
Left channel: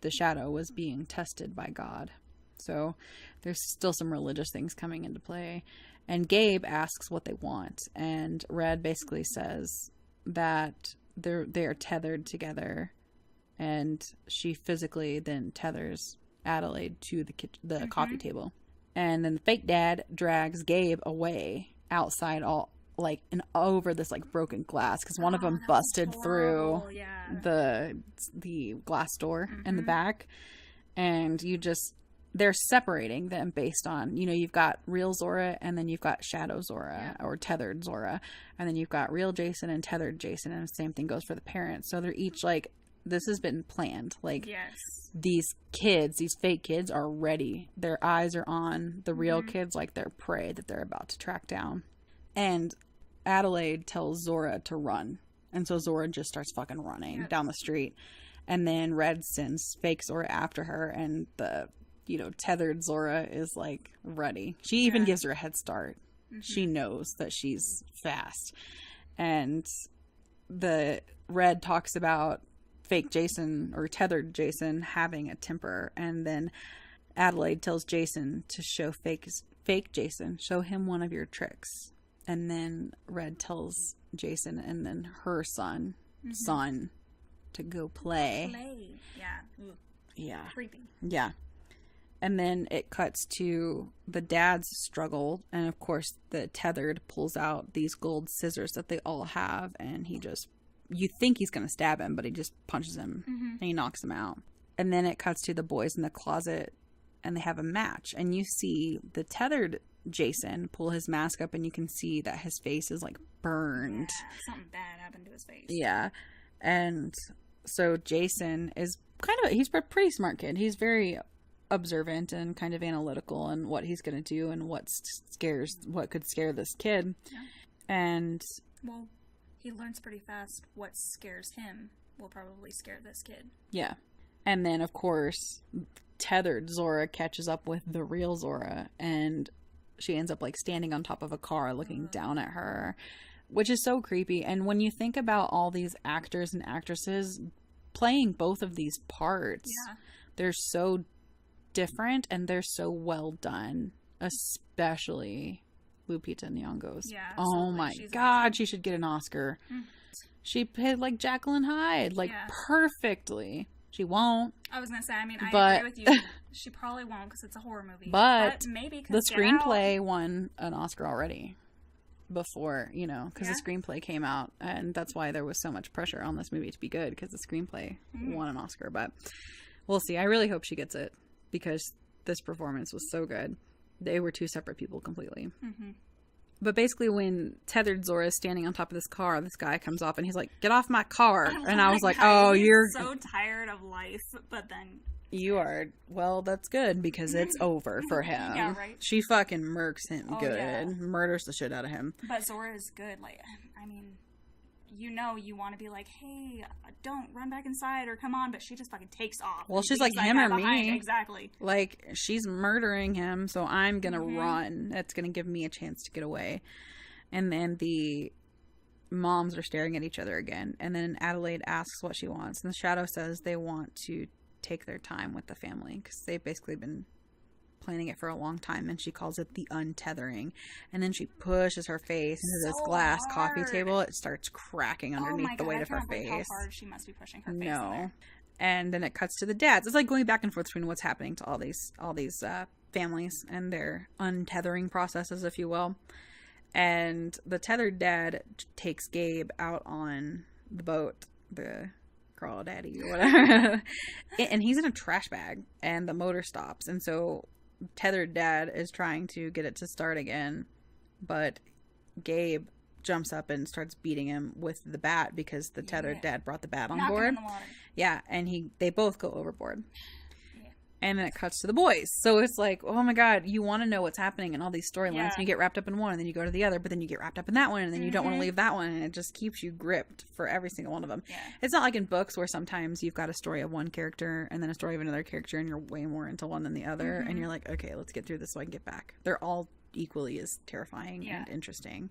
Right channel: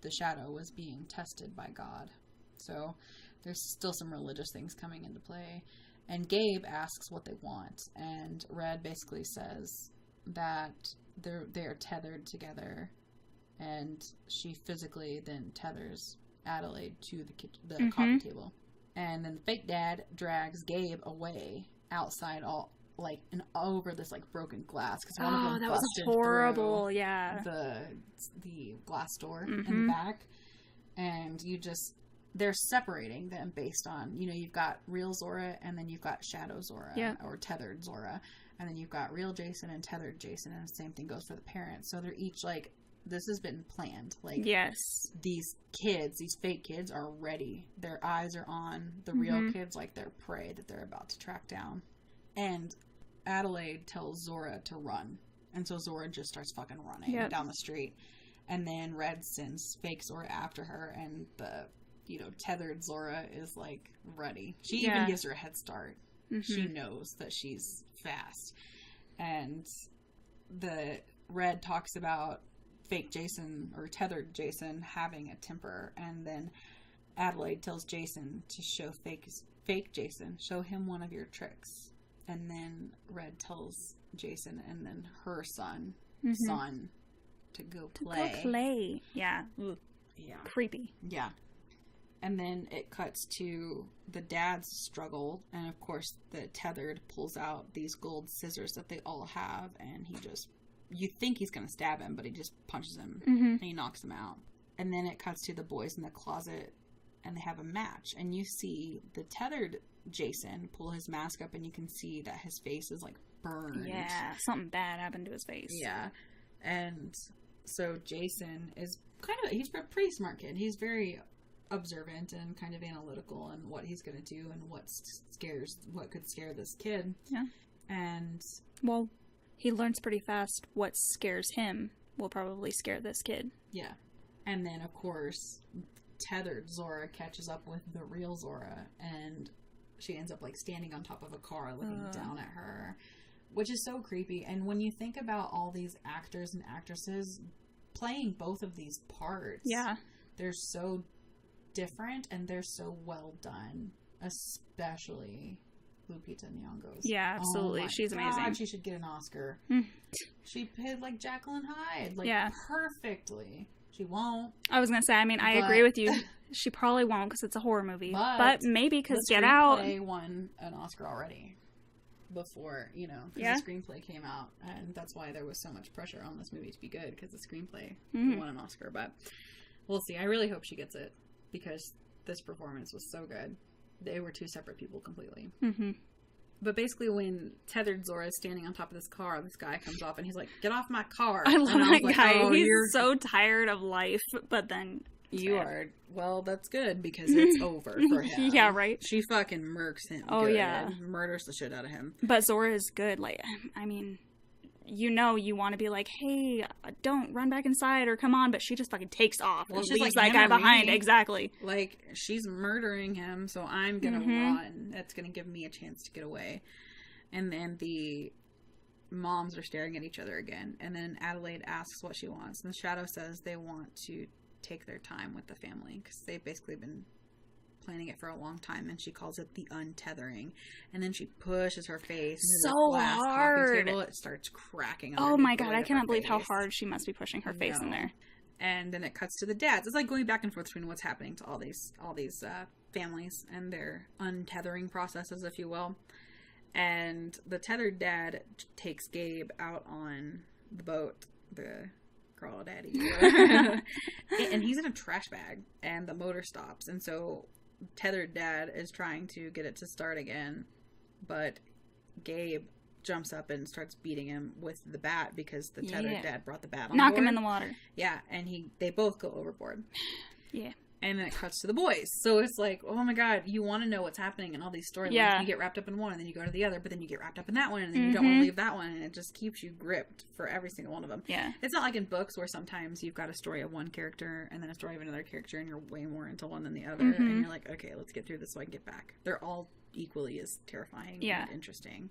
the shadow was being tested by God. So there's still some religious things coming into play. And Gabe asks what they want, and Red basically says that they're tethered together, and she physically then tethers Adelaide to the coffee table. And then the fake dad drags Gabe away outside, all like and over this like broken glass, because one of them busted through the glass door in the back, and they're separating them based on, you know, you've got real Zora, and then you've got shadow Zora, or tethered Zora, and then you've got real Jason and tethered Jason, and the same thing goes for the parents. So they're each like, this has been planned. Like, these kids, these fake kids are ready. Their eyes are on the real kids, like their prey that they're about to track down. And Adelaide tells Zora to run, and so Zora just starts fucking running down the street, and then Red sends fake Zora after her, and the tethered Zora is like ready. She even gives her a head start. She knows that she's fast. And the Red talks about fake Jason, or tethered Jason, having a temper, and then Adelaide tells Jason to show fake Jason, show him one of your tricks. And then Red tells Jason and then her son to go play. Yeah. Creepy. Yeah. And then it cuts to the dad's struggle. And of course, the tethered pulls out these gold scissors that they all have. And you think he's going to stab him, but he just punches him and he knocks him out. And then it cuts to the boys in the closet, and they have a match. And you see the tethered Jason pull his mask up, and you can see that his face is like burned. Yeah, something bad happened to his face. Yeah. And so Jason is he's a pretty smart kid. He's very observant and kind of analytical in what he's going to do and what could scare this kid. Yeah. And well, he learns pretty fast what scares him will probably scare this kid. Yeah. And then of course, tethered Zora catches up with the real Zora, and she ends up like standing on top of a car looking down at her, which is so creepy. And when you think about all these actors and actresses playing both of these parts, they're so different and they're so well done, especially Lupita Nyong'o's. Yeah, absolutely. Oh my She's God, amazing. she should get an Oscar. She played like Jacqueline Hyde, perfectly. She won't. I was gonna say, I mean, I agree with you. She probably won't because it's a horror movie. But maybe because the screenplay won an Oscar already before, because the screenplay came out, and that's why there was so much pressure on this movie to be good, because the screenplay won an Oscar. But we'll see. I really hope she gets it, because this performance was so good. They were two separate people completely. But basically, when tethered Zora is standing on top of this car, this guy comes up and he's like, "Get off my car!" I was like, guy. "Oh, you're so tired of life." But then you are. Well, that's good, because it's over for him. Yeah, right. She fucking murks him. Oh, good. Yeah, murders the shit out of him. But Zora is good. Like, I mean, you want to be like, hey, don't run back inside or come on, but she just fucking takes off. Well, she's like, that guy behind. Exactly. Like, she's murdering him, so I'm gonna run. That's gonna give me a chance to get away. And then the moms are staring at each other again, and then Adelaide asks what she wants, and the shadow says they want to take their time with the family because they've basically been planning it for a long time, and she calls it the untethering. And then she pushes her face into this glass coffee table. It starts cracking underneath. Oh my god, I cannot believe how hard she must be pushing her face in there. And then it cuts to the dads. It's like going back and forth between what's happening to all these families and their untethering processes, if you will. And the tethered dad takes Gabe out on the boat, the crawdaddy, whatever. And he's in a trash bag, and the motor stops, and so tethered dad is trying to get it to start again, but Gabe jumps up and starts beating him with the bat because the tethered dad brought the bat on board. Knock him in the water. Yeah, and they both go overboard. Yeah. And then it cuts to the boys. So it's like, oh my god, you want to know what's happening in all these storylines. Yeah. And you get wrapped up in one, and then you go to the other, but then you get wrapped up in that one, and then you don't want to leave that one, and it just keeps you gripped for every single one of them. Yeah. It's not like in books where sometimes you've got a story of one character and then a story of another character, and you're way more into one than the other, and you're like, okay, let's get through this so I can get back. They're all equally as terrifying and interesting.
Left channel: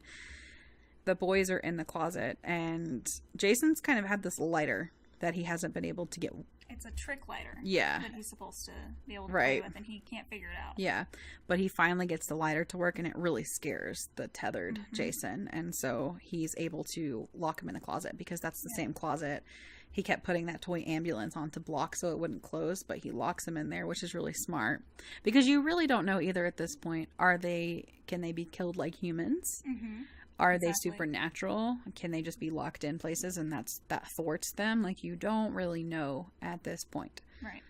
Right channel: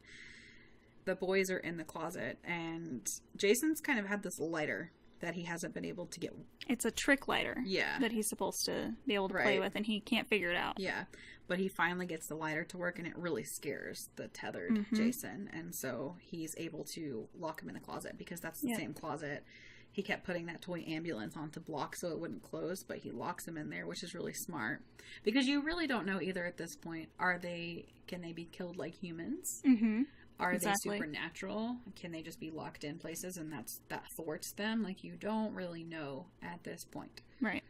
The boys are in the closet, and Jason's kind of had this lighter that he hasn't been able to get. It's a trick lighter. Yeah. That he's supposed to be able to play with, and he can't figure it out. Yeah. But he finally gets the lighter to work, and it really scares the tethered Jason. And so he's able to lock him in the closet, because that's the same closet. He kept putting that toy ambulance on to block so it wouldn't close, but he locks him in there, which is really smart. Because you really don't know either at this point. Can they be killed like humans? Mm-hmm. Are they supernatural? Can they just be locked in places and that thwarts them? Like, you don't really know at this point. Right.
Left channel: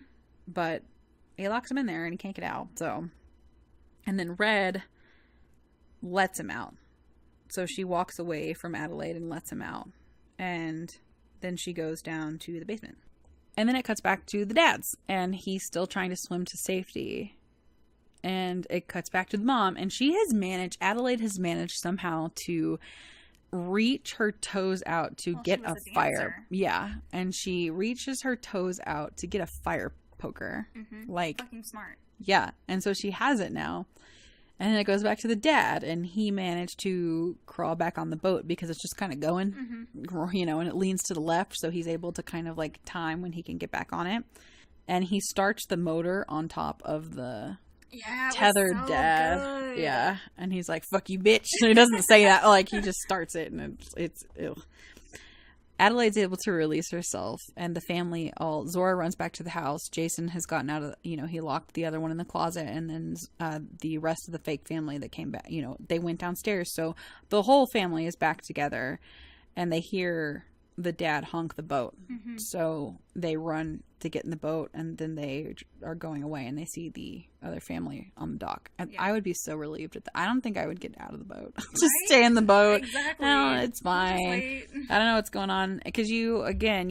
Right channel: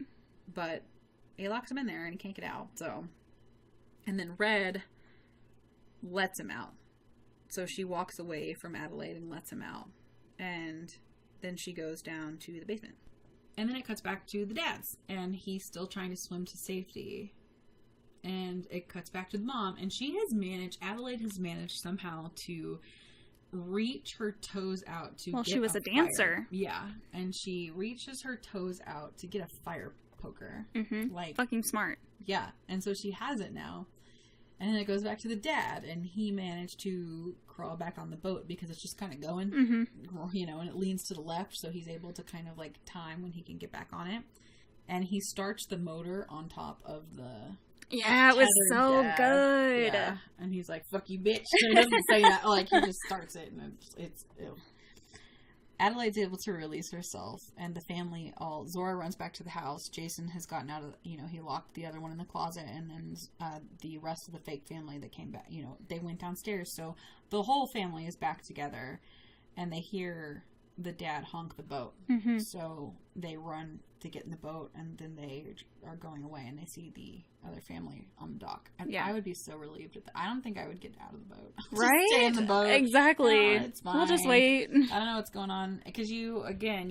But he locks him in there and he can't get out. So, and then Red lets him out. So she walks away from Adelaide and lets him out. And then she goes down to the basement. And then it cuts back to the dads. And he's still trying to swim to safety. And it cuts back to the mom, and Adelaide has managed somehow to reach her toes out to get a dancer. Yeah, and she reaches her toes out to get a fire poker. Mm-hmm. Like, fucking smart. Yeah, and so she has it now. And then it goes back to the dad, and he managed to crawl back on the boat because it's just kind of going, and it leans to the left, so he's able to kind of like time when he can get back on it. And he starts the motor on top of the... Yeah, it was so good. Yeah, and he's like, fuck you, bitch. So he doesn't say that. Like, he just starts it, and it's ew. Adelaide's able to release herself, and the family Zora runs back to the house. Jason has gotten out of, he locked the other one in the closet, and then the rest of the fake family that came back, they went downstairs. So the whole family is back together, and they hear the dad honk the boat. Mm-hmm. So they run to get in the boat, and then they are going away, and they see the other family on the dock. And I would be so relieved at that. I don't think I would get out of the boat. Just stay in the boat. Exactly. It's fine. We'll just wait. I don't know what's going on, because you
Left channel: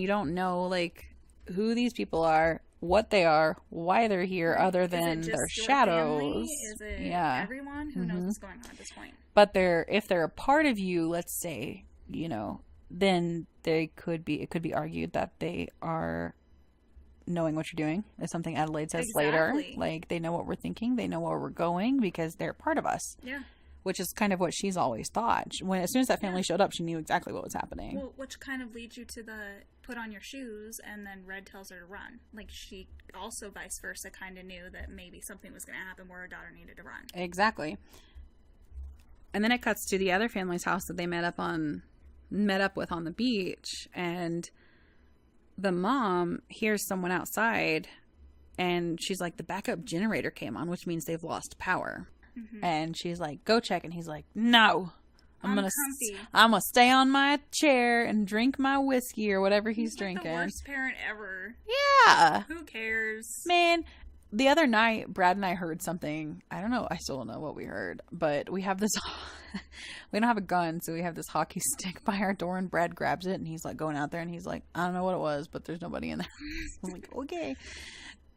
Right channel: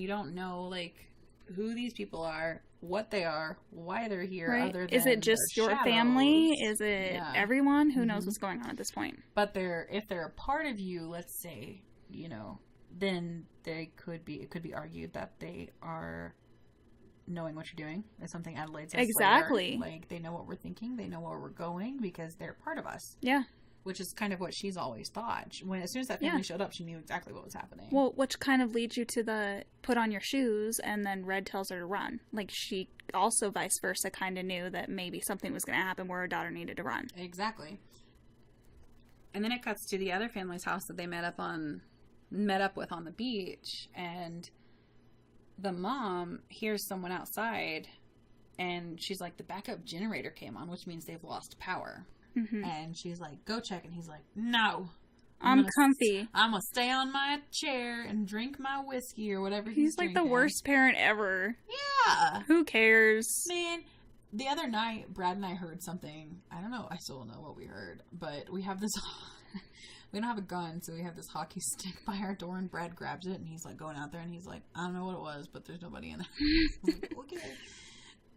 don't know like who these people are, what they are, why they're here, other than is it just their your shadows. Family? Is it everyone? Who knows what's going on at this point? But if they're a part of you, let's say, then it could be argued that they are knowing what you're doing, is something Adelaide says later. Like, they know what we're thinking, they know where we're going, because they're part of us. Yeah. Which is kind of what she's always thought. As soon as that family showed up, she knew exactly what was happening. Well, which kind of leads you to the put on your shoes, and then Red tells her to run. Like, she also vice versa kind of knew that maybe something was going to happen where her daughter needed to run. Exactly. And then it cuts to the other family's house that they met up with on the beach, and the mom hears someone outside, and she's like, the backup generator came on, which means they've lost power. Mm-hmm. And she's like, go check. And he's like, no, I'm comfy. I'm gonna stay on my chair and drink my whiskey or whatever he's drinking. He's like the worst parent ever. Yeah. Who cares? Man, the other night, Brad and I heard something. I don't know. I still don't know what we heard, but we have this... We don't have a gun, so we have this hockey stick by our door, and Brad grabs it, and he's like going out there, and he's like, I don't know what it was, but there's nobody in there. I'm like, okay.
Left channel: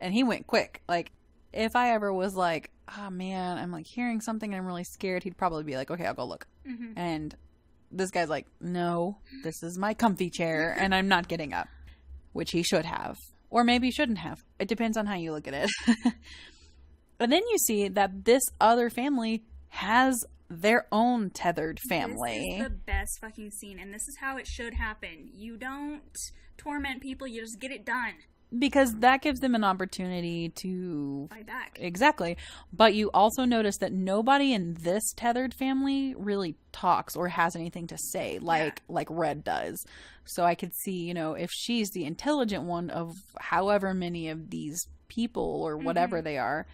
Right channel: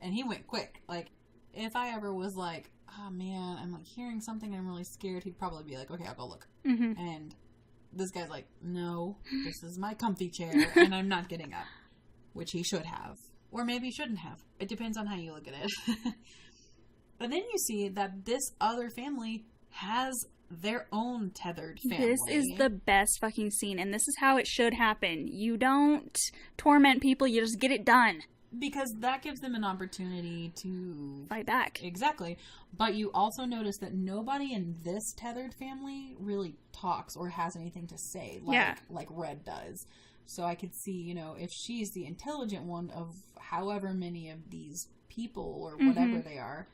And he went quick. Like, if I ever was like, oh man, I'm like hearing something and I'm really scared, he'd probably be like, okay, I'll go look. Mm-hmm. And this guy's like, no, this is my comfy chair, and I'm not getting up. Which he should have. Or maybe he shouldn't have. It depends on how you look at it. And then you see that this other family has their own tethered family. This is the best fucking scene, and this is how it should happen. You don't torment people, you just get it done. Because that gives them an opportunity to fight back. Exactly. But you also notice that nobody in this tethered family really talks or has anything to say like Red does. So I could see, you know, if she's the intelligent one of however many of these people or whatever they are,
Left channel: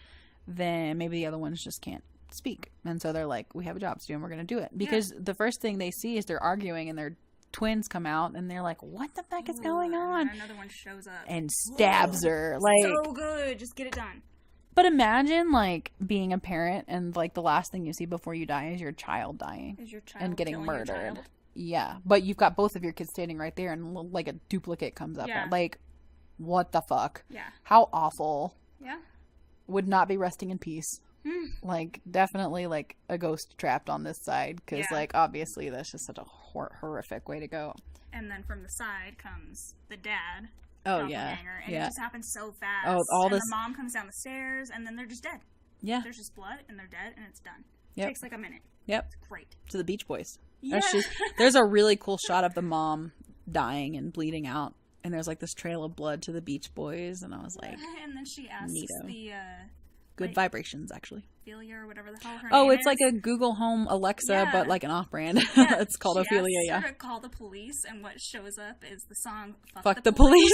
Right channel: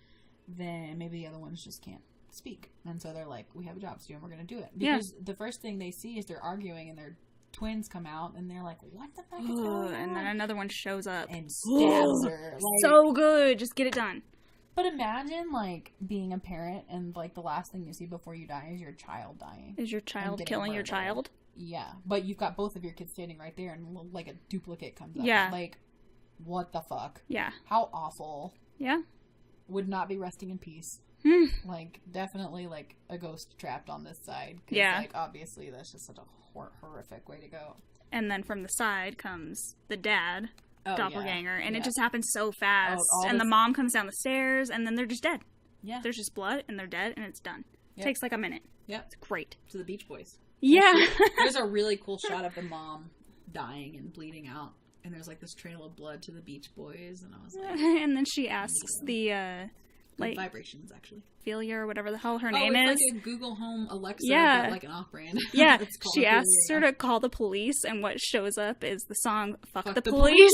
then maybe the other ones just can't speak. And so they're like, we have a job to do and we're going to do it. Because the first thing they see is they're arguing and their twins come out and they're like, what the fuck is going on? And then another one shows up. And stabs her. Like, so good. Just get it done. But imagine, like, being a parent and, like, the last thing you see before you die is your child dying. Is your child killing your child? Yeah. But you've got both of your kids standing right there and, like, a duplicate comes up. Yeah. Like, what the fuck? Yeah. How awful. Yeah. Would not be resting in peace. Like, definitely, like, a ghost trapped on this side. Because, like, obviously that's just such a horrific way to go. And then from the side comes the dad. Doppelganger, and it just happens so fast. And the mom comes down the stairs, and then they're just dead. Yeah. There's just blood, and they're dead, and it's done. It takes like a minute. Yep. It's great. To the Beach Boys. Yeah. There's a really cool shot of the mom dying and bleeding out, and there's like this trail of blood to the Beach Boys, and I was like... And then she asks the... Good Vibrations, actually. Ophelia or whatever the hell her name is. Oh, it's like a Google Home Alexa, but like an off-brand. Yeah. It's called she Ophelia. She asks her to call the police, and what shows up is the song Fuck the Police.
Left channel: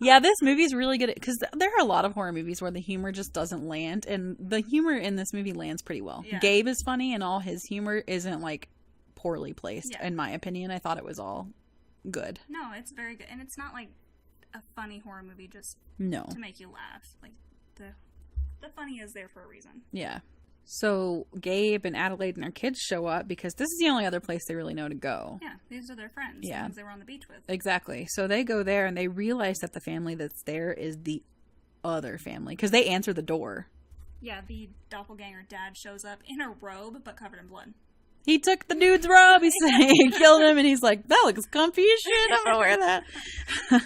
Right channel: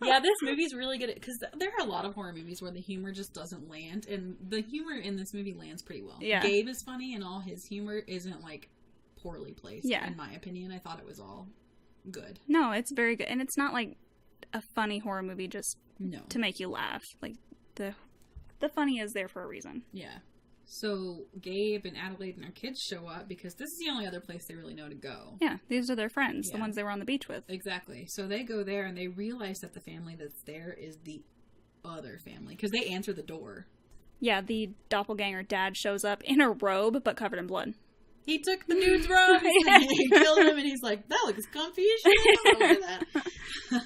Yeah, this movie's really good because there are a lot of horror movies where the humor just doesn't land, and the humor in this movie lands pretty well. Yeah. Gabe is funny, and all his humor isn't like poorly placed, in my opinion. I thought it was all good. No, it's very good, and it's not like a funny horror movie just to make you laugh. Like the funny is there for a reason. Yeah. So Gabe and Adelaide and their kids show up because this is the only other place they really know to go. Yeah, these are their friends, the ones they were on the beach with. Exactly. So they go there and they realize that the family that's there is the other family because they answer the door. Yeah, the doppelganger dad shows up in a robe but covered in blood. He took the dude's robe. He killed him and he's like, that looks comfy as shit. I'm gonna wear that.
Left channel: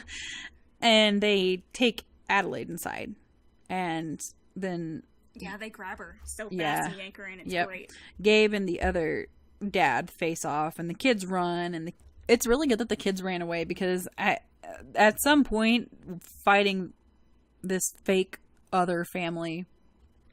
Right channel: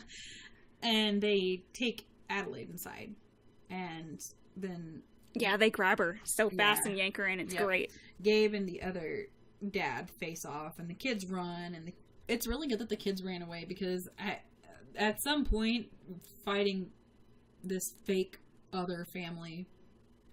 And they take Adelaide inside and then... Yeah, they grab her so fast and yank her in. It's great. Gabe and the other dad face off, and the kids run, and it's really good that the kids ran away because at some point, fighting this fake other family,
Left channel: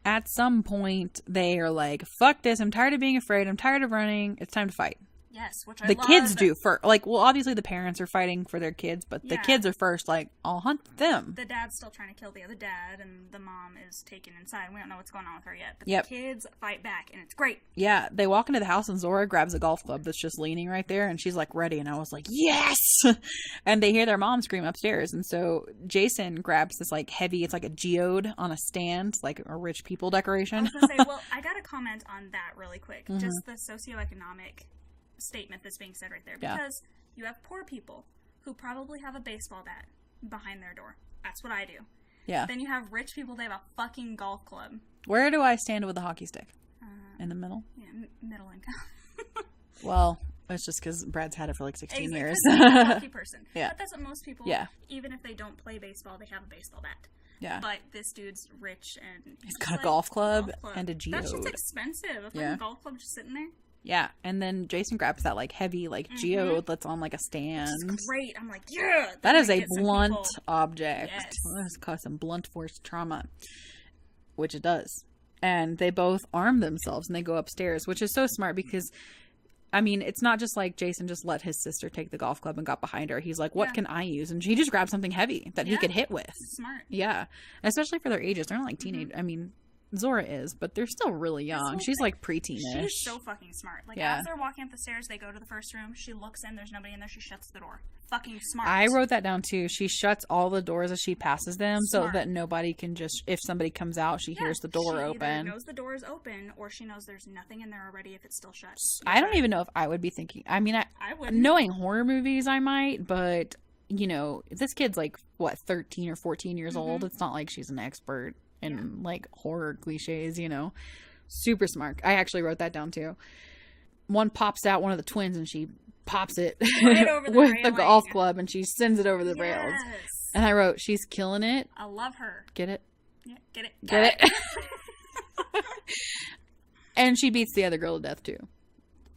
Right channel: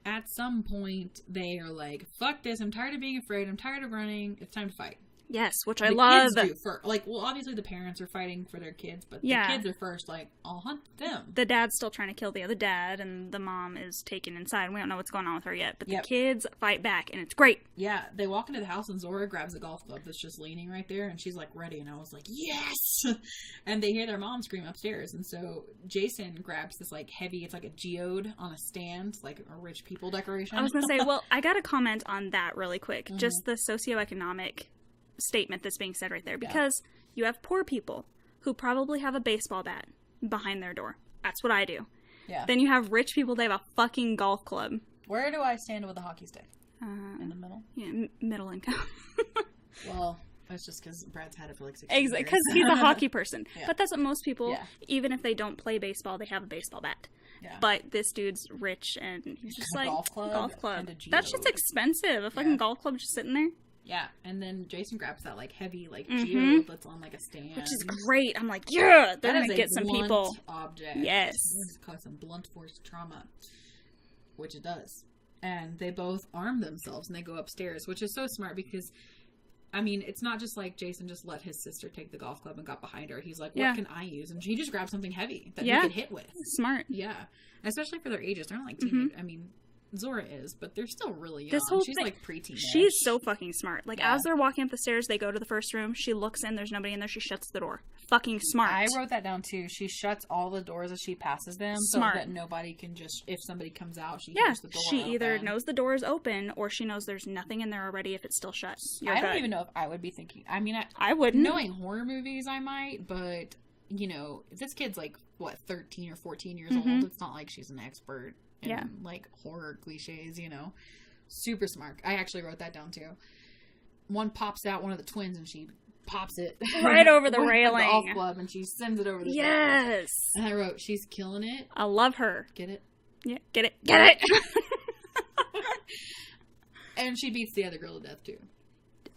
at some point, they are like, fuck this, I'm tired of being afraid, I'm tired of running, it's time to fight. Yes, which I love. The kids do first. Like, well, obviously the parents are fighting for their kids, but the kids are first, like, I'll hunt them. The dad's still trying to kill the other dad, and the mom is taken inside. We don't know what's going on with her yet, but the kids fight back, and it's great. Yeah, they walk into the house, and Zora grabs a golf club that's just leaning right there, and she's, like, ready, and I was like, yes! And they hear their mom scream upstairs, and so Jason grabs this, like, heavy, it's like a geode on a stand, like a rich people decoration. I was going to say, well, I got to comment on that really quick. Just the socioeconomic statement that's being said right there, because you have poor people who probably have a baseball bat behind their door. That's what I do. Yeah. Then you have rich people, they have a fucking golf club. Where do I stand with a hockey stick? In the middle? Yeah, middle income. Well, that's just because Brad's had it for like 16 years. Exactly, because he's a hockey person. But that's what most people, even if they don't play baseball, they have a baseball bat. Yeah. But this dude's rich and he's got a golf club and a geode. That's just expensive. A fucking golf club just sitting there. Yeah, and then Jason grabs that, like, heavy, like, geode that's on, like, a stand. Which is great. I'm like, yeah! That is a blunt object. Yes. This cause some blunt force trauma. Which it does. And they both arm themselves, and they go upstairs, which is so smart because, I mean, it's not just like Jason just let his sister take the golf club and got behind her. He's like, what can I use? And he just grabbed something heavy that he could hit with. Smart. Yeah. Especially for their ages. They're not, like, teenage. I mean... Zora is, but they're still really young. She's like preteen-ish. She's so fucking smart. Like, as they're walking up the stairs, they go to the first room. She looks in. There's nobody in there. She shuts the door. Fucking smart. I wrote that down, too. She shuts all the doors as she passes them so that nobody can just... If somebody comes out, she hears the door open. She either knows the door is open or she knows there's nothing in there already if it's still shut. I don't even know if I would be thinking... I mean, I wouldn't. Knowing horror movies, I might, but, you know, this kid's like, what, 13 or 14 years old? It's not like she's an expert. And like horror cliches, you know. Super smart. I actually wrote that down too. one pops out, one of the twins, and she pops it right over the railing. The golf club, and she sends it over the rails. Yes. And I wrote, she's killing it. I love her. Get it? Yeah, get it. Get it. And she beats the other girl to death, too.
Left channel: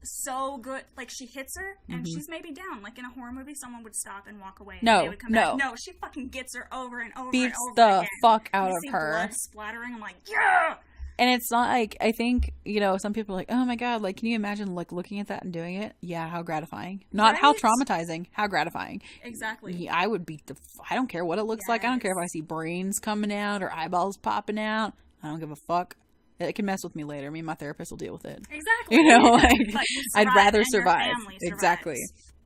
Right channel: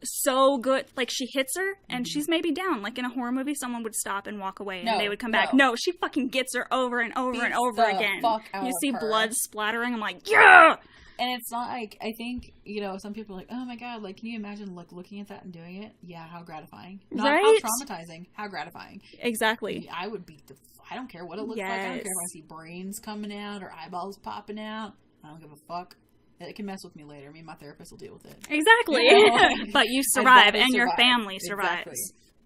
So good. Like, she hits her, and she's maybe down. Like, in a horror movie, someone would stop and walk away, and they would come back. No, she fucking gets her over and over and over again. Fuck out you of see her. blood splattering. I'm like, yeah! And it's not like, I think, you know, some people are like, oh my god, like, can you imagine, like, looking at that and doing it? Yeah, how gratifying. Not how traumatizing, how gratifying. Exactly. I would beat I don't care what it looks like. I don't care if I see brains coming out or eyeballs popping out. I don't give a fuck. It can mess with me later. Me and my therapist will deal with it. Exactly. You know, like, but you survive, and your survive. family survives. Exactly.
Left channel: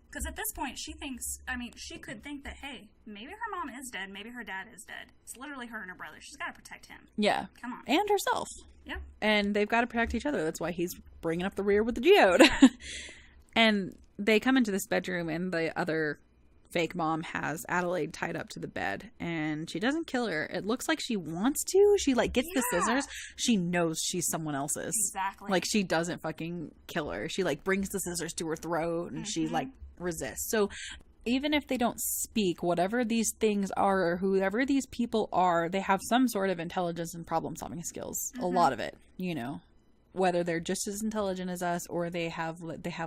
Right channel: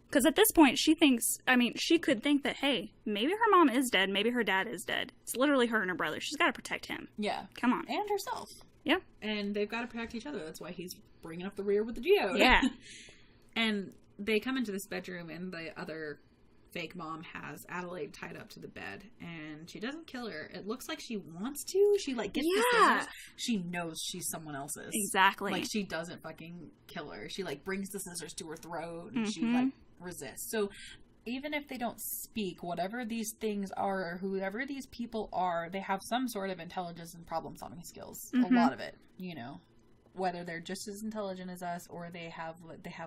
Because at this point, she thinks, I mean, she could think that, hey, maybe her mom is dead. Maybe her dad is dead. It's literally her and her brother. She's got to protect him. Yeah. Come on. And herself. Yeah. And they've got to protect each other. That's why he's bringing up the rear with the geode. Yeah. And they come into this bedroom, and the other fake mom has Adelaide tied up to the bed, and she doesn't kill her. It looks like she wants to. She, like, gets the scissors. She knows she's someone else's. Exactly. Like, she doesn't fucking kill her. She, like, brings the scissors to her throat, and she, like, resists. So even if they don't speak, whatever these things are, or whoever these people are, they have some sort of intelligence and problem-solving skills. A lot of it, you know. Whether they're just as intelligent as us, or they have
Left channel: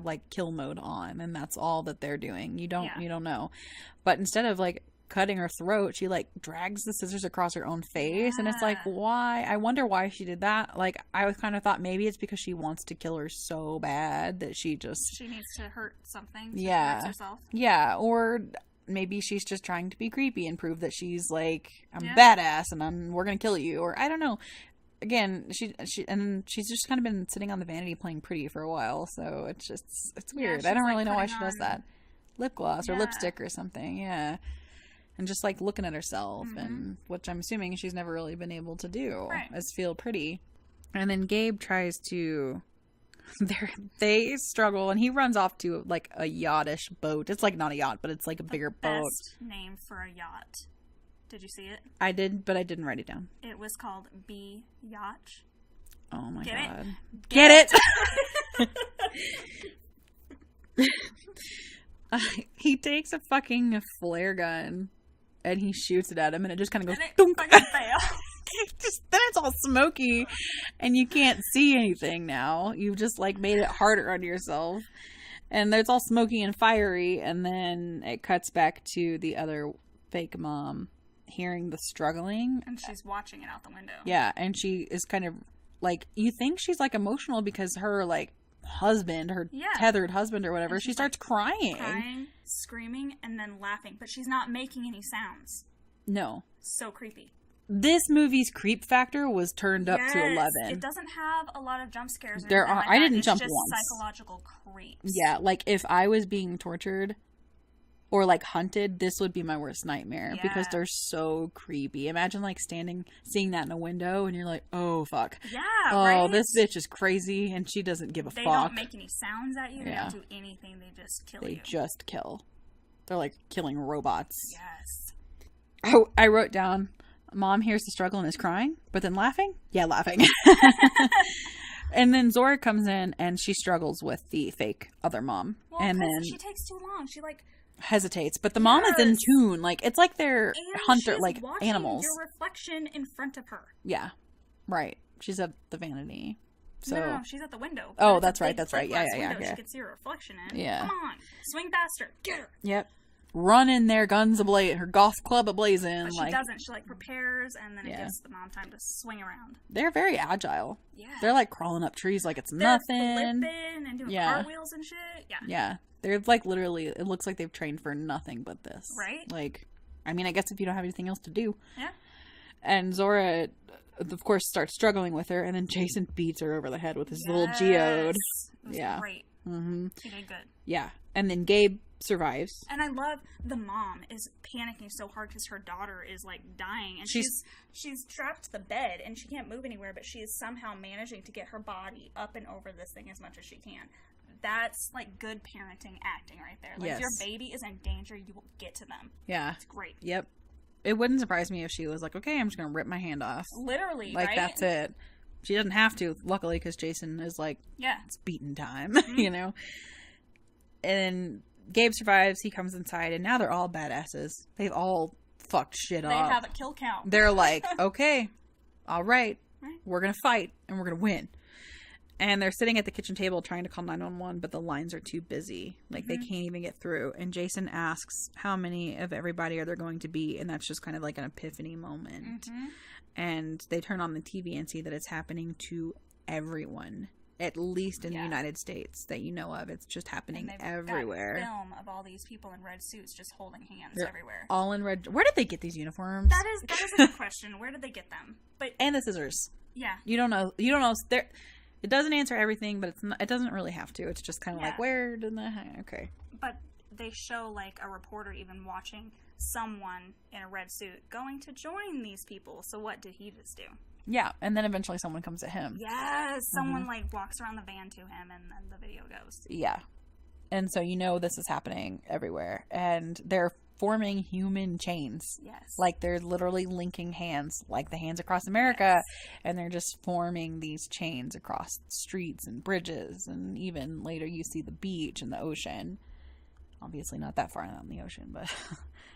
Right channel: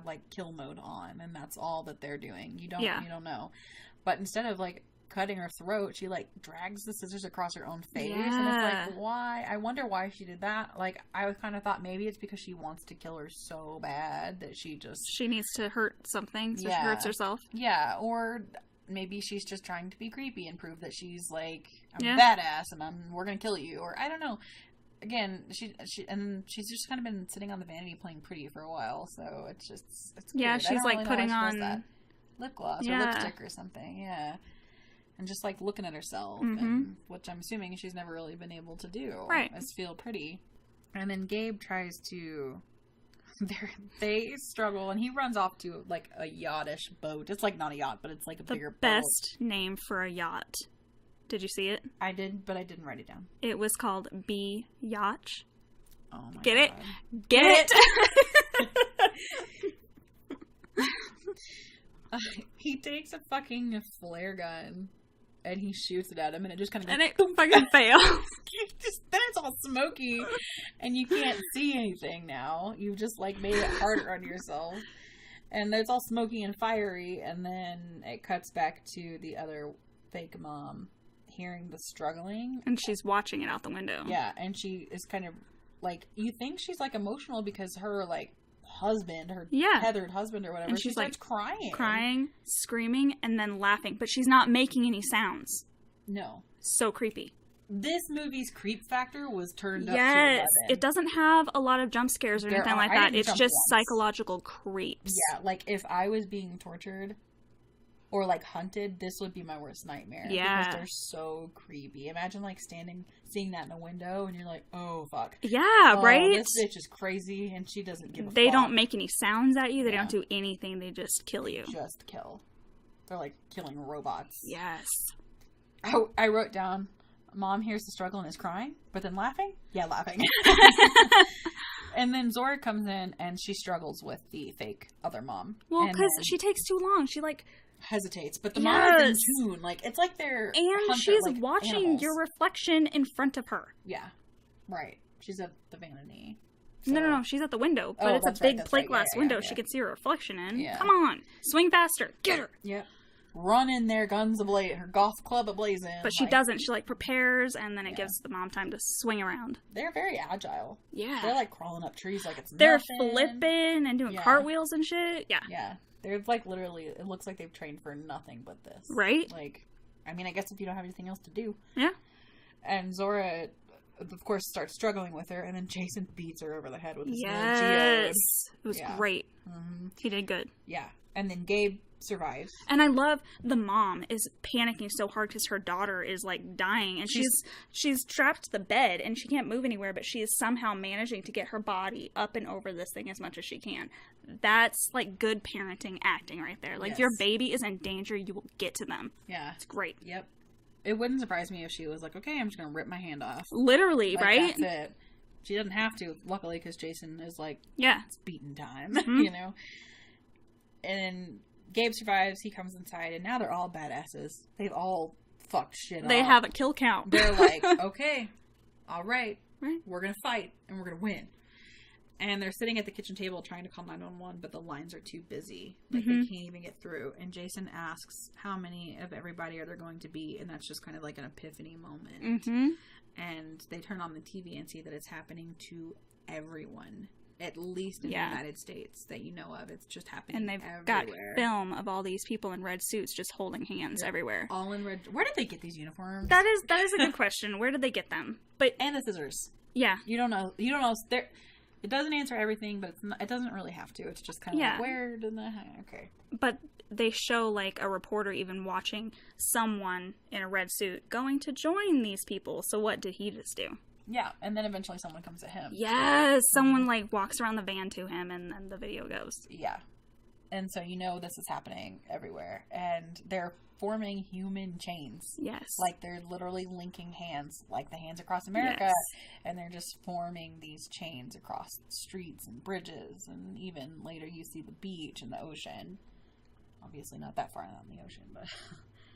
like kill mode on, and that's all that they're doing. You don't know. But instead of like cutting her throat, she like drags the scissors across her own face, and it's like, why? I wonder why she did that. Like, I was kind of thought maybe it's because she wants to kill her so bad that she needs to hurt something, so she hurts herself. Yeah, or maybe she's just trying to be creepy and prove that she's like, I'm badass and we're gonna kill you, or I don't know. Again, she's just kind of been sitting on the vanity playing pretty for a while, so it's weird. I don't really know why she does that. Lip gloss or lipstick or something, and just like looking at herself, and which I'm assuming she's never really been able to do, is feel pretty. And then Gabe tries to. They struggle, and he runs off to like a yachtish boat. It's like not a yacht, but it's like a bigger boat. Best name for a yacht. Did you see it? I did, but I didn't write it down. It was called B Yacht. Oh my god. Get it? Get it? He takes a fucking flare gun and he shoots it at him, and it just kind of goes, and it fucking fails. Then it's all smoky and you can't see anything now. You've just like made it harder on yourself. And it's all smoky and fiery, and then it cuts back to the other fake mom hearing the struggling, and she's watching it out the window. Yeah, and she is kind of like, you think she's like emotional because her like husband, her tethered husband or whatever, she starts like, crying, screaming, and then laughing, but she's not making any sounds. No. So creepy. This movie's creep factor was turned up to 11. It doesn't have a lot of jump scares or anything like that. It's just psychological creeps. Yeah, like if I was being tortured or like hunted, this would be my worst nightmare, because they're so creepy. Imagine like seeing that in a window, and you're like, oh fuck. Yeah, right? This bitch is crazy, and she doesn't give a fuck. They don't make any sounds at you. They don't do anything. They just kill you. Just kill. They're like killing robots. Yes. I wrote down, Mom hears the struggle and is crying, but then laughing? Yeah, laughing. And then Zora comes in, and she struggles with the fake other mom. Well, because she takes too long. She like hesitates, but the mom is in tune. Like, it's like they're hunter, like watching animals. Your reflection in front of her. Yeah, right. She's at the vanity. So. No, she's at the window. Oh, that's right. That's right. Glass window she can see her reflection in. Yeah. Come on, swing faster, get her. Yep. Run in there, guns ablaze, her golf club ablazing. But she doesn't. She like prepares, and then it gives the mom time to swing around. They're very agile. Yeah. They're like crawling up trees like it's nothing. They're flipping and doing cartwheels and shit. Yeah. Yeah. They're like literally, it looks like they've trained for nothing but this. Right? Like, I mean, I guess if you don't have anything else to do. Yeah. And Zora, of course, starts struggling with her, and then Jason beats her over the head with his little geode. It was great. Mm-hmm. He did good. Yeah. And then Gabe survives. And I love the mom is panicking so hard because her daughter is like dying, and she's trapped to the bed and she can't move anywhere, but she is somehow managing to get her body up and over this thing as much as she can. That's like good parenting acting right there. Like, if your baby is in danger, you will get to them. Yeah. It's great. Yep. It wouldn't surprise me if she was like, okay, I'm just going to rip my hand off. Literally, like, right? That's it. She doesn't have to, luckily, because Jason is like, it's beating time, you know? And Gabe survives. He comes inside, and now they're all badasses. They've all fucked shit up. They have a kill count. They're like, okay, all right, we're going to fight, and we're going to win. And they're sitting at the kitchen table trying to call 911, but the lines are too busy. Like, they can't even get through. And Jason asks how many of everybody are there going to be, and that's just kind of like an epiphany moment. And they turn on the TV and see that it's happening to everyone, at least in the United States that you know of. It's just happening everywhere. Got film of all these people in red suits just holding hands everywhere. All in red. Where did they get these uniforms? That is a good question. Where did they get them? And the scissors. Yeah. You don't know. It doesn't answer everything, but it doesn't really have to. It's just kind of like, where did okay. But they show, like, a reporter even watching someone in a red suit going to join these people. So what did he just do? Yeah, and then eventually someone comes at him. Yes, someone, like, walks around the van to him, and then the video goes. Yeah. And so you know this is happening everywhere. And they're forming human chains. Yes. Like, they're literally linking hands, like the Hands Across America. Yes. And they're just forming these chains across streets and bridges. And even later you see the beach and the ocean. Obviously not that far out in the ocean, but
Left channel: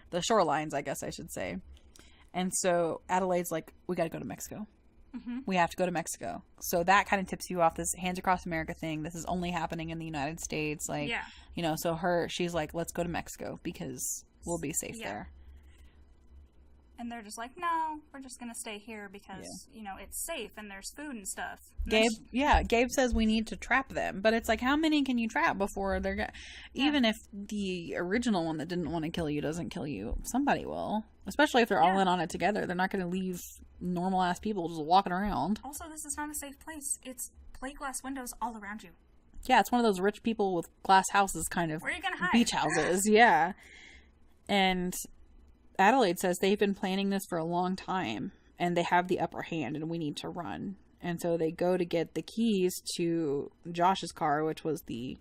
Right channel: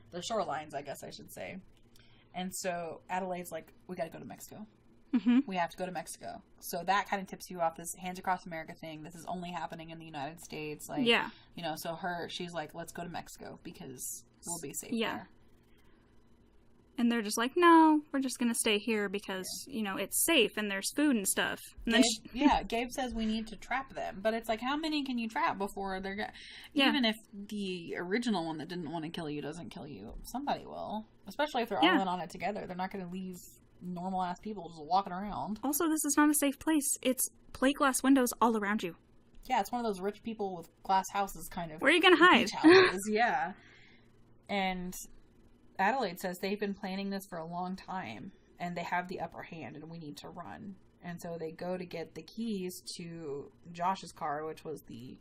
the shorelines, I guess I should say. And so Adelaide's like, we got to go to Mexico. We have to go to Mexico. So that kind of tips you off this Hands Across America thing. This is only happening in the United States. Like, you know, so she's like, let's go to Mexico because we'll be safe there. And they're just like, no, we're just going to stay here because, you know, it's safe and there's food and stuff. And Gabe says we need to trap them. But it's like, how many can you trap before they're even if the original one that didn't want to kill you doesn't kill you, somebody will. Especially if they're all in on it together. They're not going to leave normal-ass people just walking around. Also, this is not a safe place. It's plate glass windows all around you. Yeah, it's one of those rich people with glass houses kind of. Where are you going to hide? Beach houses, yeah. And Adelaide says they've been planning this for a long time and they have the upper hand and we need to run. And so they go to get the keys to Josh's car, which was the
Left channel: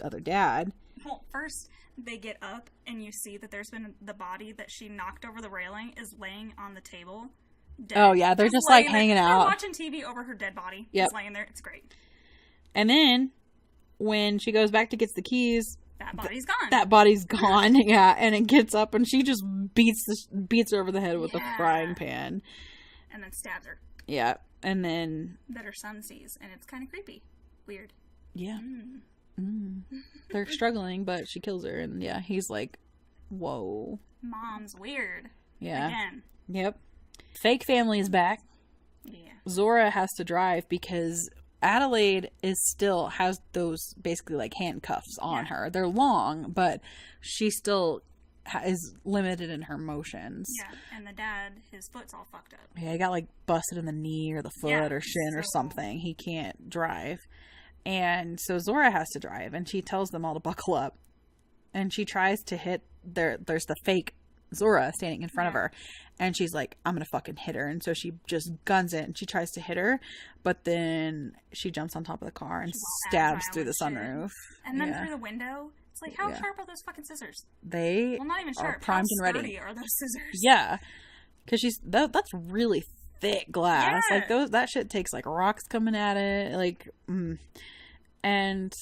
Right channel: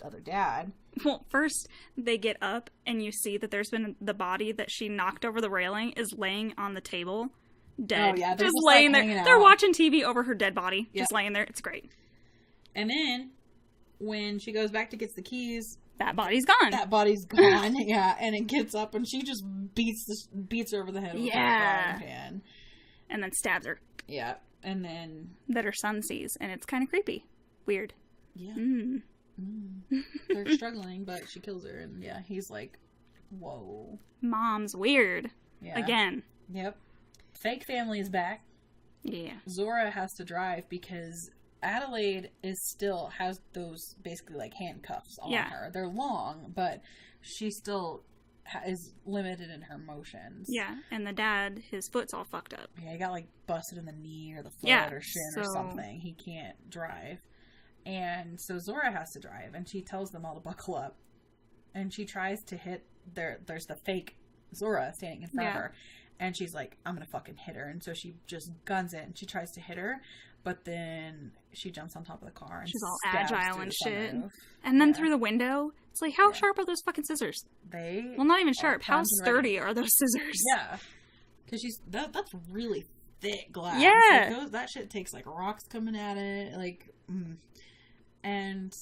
other dad. Well, first they get up and you see that there's been the body that she knocked over the railing is laying on the table, dead. Oh yeah, they're just like hanging out. They're watching TV over her dead body, just laying there. It's great. And then when she goes back to get the keys, that body's gone. That body's gone, yeah. And it gets up and she just beats her over the head with a frying pan. And then stabs her. Yeah. And then... that her son sees. And it's kind of creepy. Weird. Yeah. They're struggling, but she kills her. And yeah, he's like, whoa. Mom's weird. Yeah. Again. Yep. Fake family is back. Yeah. Zora has to drive because... Adelaide has those basically like handcuffs on her. They're long, but she still is limited in her motions. Yeah, and the dad, his foot's all fucked up. Yeah, he got like busted in the knee or the foot or shin or something. He can't drive. And so Zora has to drive, and she tells them all to buckle up. And she tries to hit there's the fake Zora standing in front of her. And she's like, I'm going to fucking hit her. And so she just guns it. And she tries to hit her. But then she jumps on top of the car and stabs through the sunroof. And then through the window. It's like, how sharp are those fucking scissors? Well, not even sharp. How sturdy are those scissors? Yeah. Because that's really thick glass. Yeah. Like, that shit takes, like, rocks coming at it. Like, And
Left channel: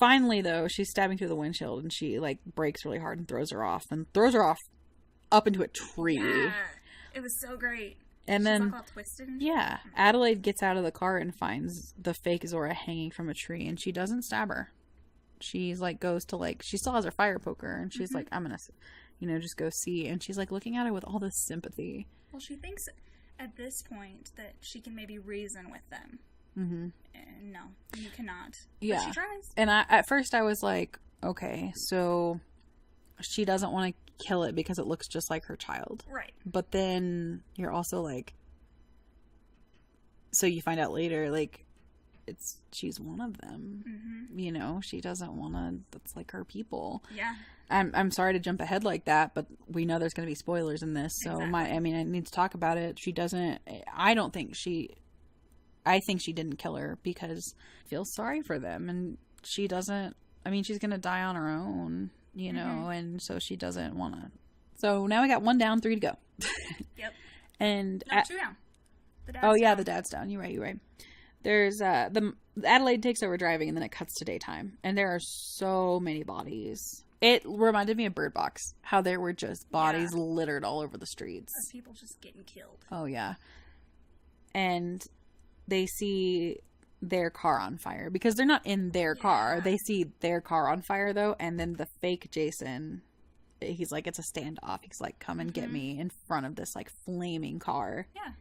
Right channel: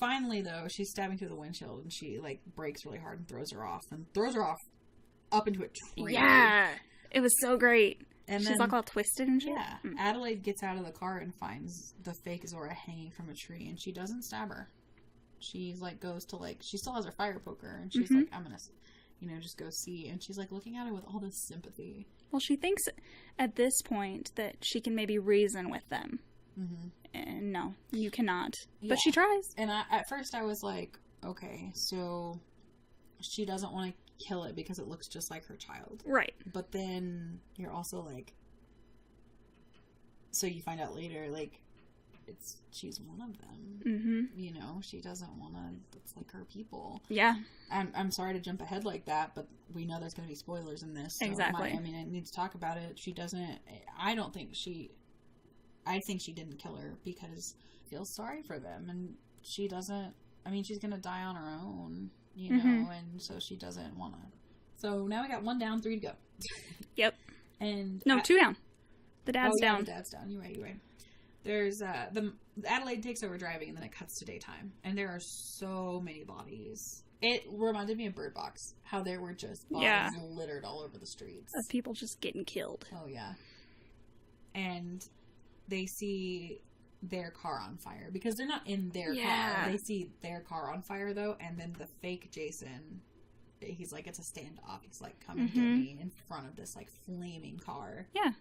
finally, though, she's stabbing through the windshield. And she, like, brakes really hard and throws her off. And throws her off up into a tree. Yeah. It was so great. And she's like all twisted and shit. Yeah. Adelaide gets out of the car and finds the fake Zora hanging from a tree. And she doesn't stab her. She's like, goes to like, she still has her fire poker. And she's like, I'm going to, just go see. And she's like looking at her with all this sympathy. Well, she thinks at this point that she can maybe reason with them. And no, you cannot. Yeah. But she tries. And at first I was like, okay, so she doesn't want to kill it because it looks just like her child. Right. But then you're also like, so you find out later, like, she's one of them. She doesn't want to, that's like her people. Yeah. I'm sorry to jump ahead like that, but we know there's going to be spoilers in this. So exactly. I need to talk about it. I think she didn't kill her because I feel sorry for them. And she doesn't, she's going to die on her own. And so she doesn't want to. So now we got 1 down, 3 to go. Yep. And 2 down. The dad's down. Oh, yeah, the dad's down. You're right. There's the Adelaide takes over driving, and then it cuts to daytime, and there are so many bodies. It reminded me of Bird Box, how there were just bodies littered all over the streets of people just getting killed. Oh yeah. And they see their car on fire because they're not in their car. They see their car on fire though, and then the fake Jason, he's like, it's a standoff. He's like, come and get me in front of this like flaming car. Yeah.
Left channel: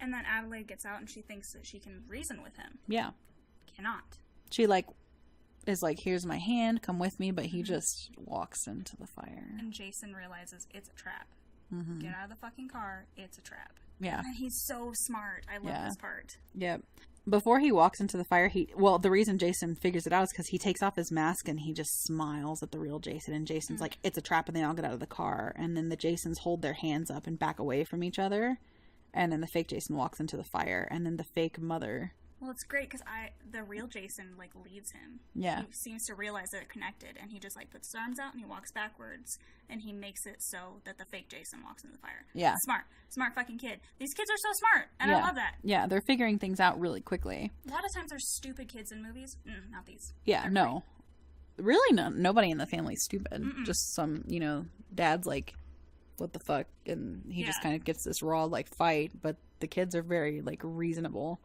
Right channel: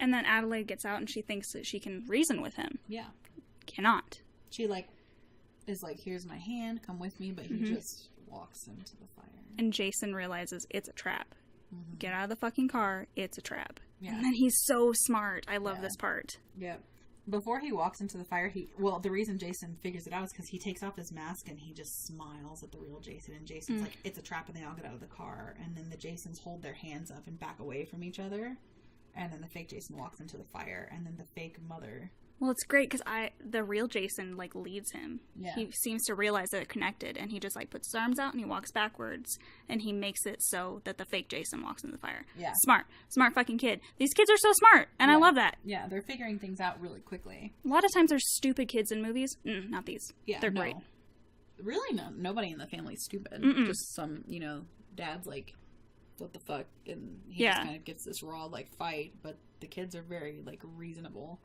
And then Adelaide gets out and she thinks that she can reason with him. Yeah. Cannot. She like is like, here's my hand, come with me, but he just walks into the fire. And Jason realizes it's a trap. Get out of the fucking car, it's a trap. Yeah. And then he's so smart. I love this part. Yep. Before he walks into the fire, the reason Jason figures it out is because he takes off his mask and he just smiles at the real Jason. And Jason's like, it's a trap, and they all get out of the car. And then the Jasons hold their hands up and back away from each other. And then the fake Jason walks into the fire. And then the fake mother... Well, it's great because the real Jason, like, leads him. Yeah. He seems to realize that they're connected, and he just, like, puts his arms out and he walks backwards, and he makes it so that the fake Jason walks into the fire. Yeah. Smart fucking kid. These kids are so smart, and I love that. Yeah, they're figuring things out really quickly. A lot of times there's stupid kids in movies. Not these. Yeah, they're great. Really, nobody in the family's stupid. Just some, dad's like, what the fuck, and he just kind of gets this raw, like, fight, but the kids are very, like, reasonable.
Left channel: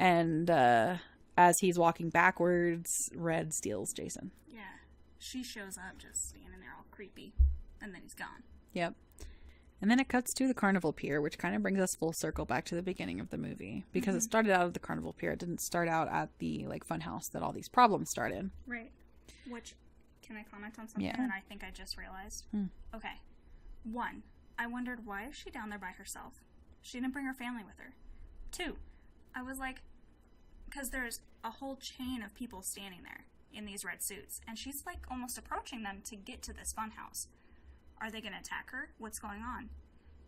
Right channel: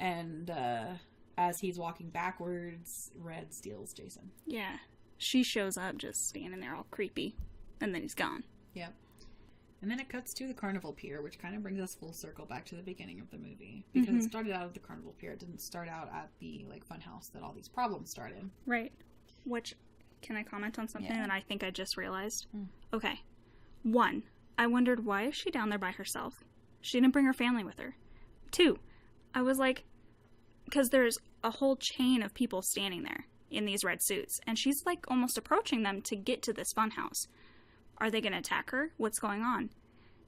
And as he's walking backwards, Red steals Jason. Yeah. She shows up just standing there all creepy. And then he's gone. Yep. And then it cuts to the carnival pier, which kind of brings us full circle back to the beginning of the movie. Because it started out at the carnival pier. It didn't start out at the, like, fun house that all these problems started. Right. Which, can I comment on something that I think I just realized? Okay. 1, I wondered, why is she down there by herself? She didn't bring her family with her. 2, I was like, because there's a whole chain of people standing there in these red suits, and she's like almost approaching them to get to this funhouse. Are they going to attack her? What's going on?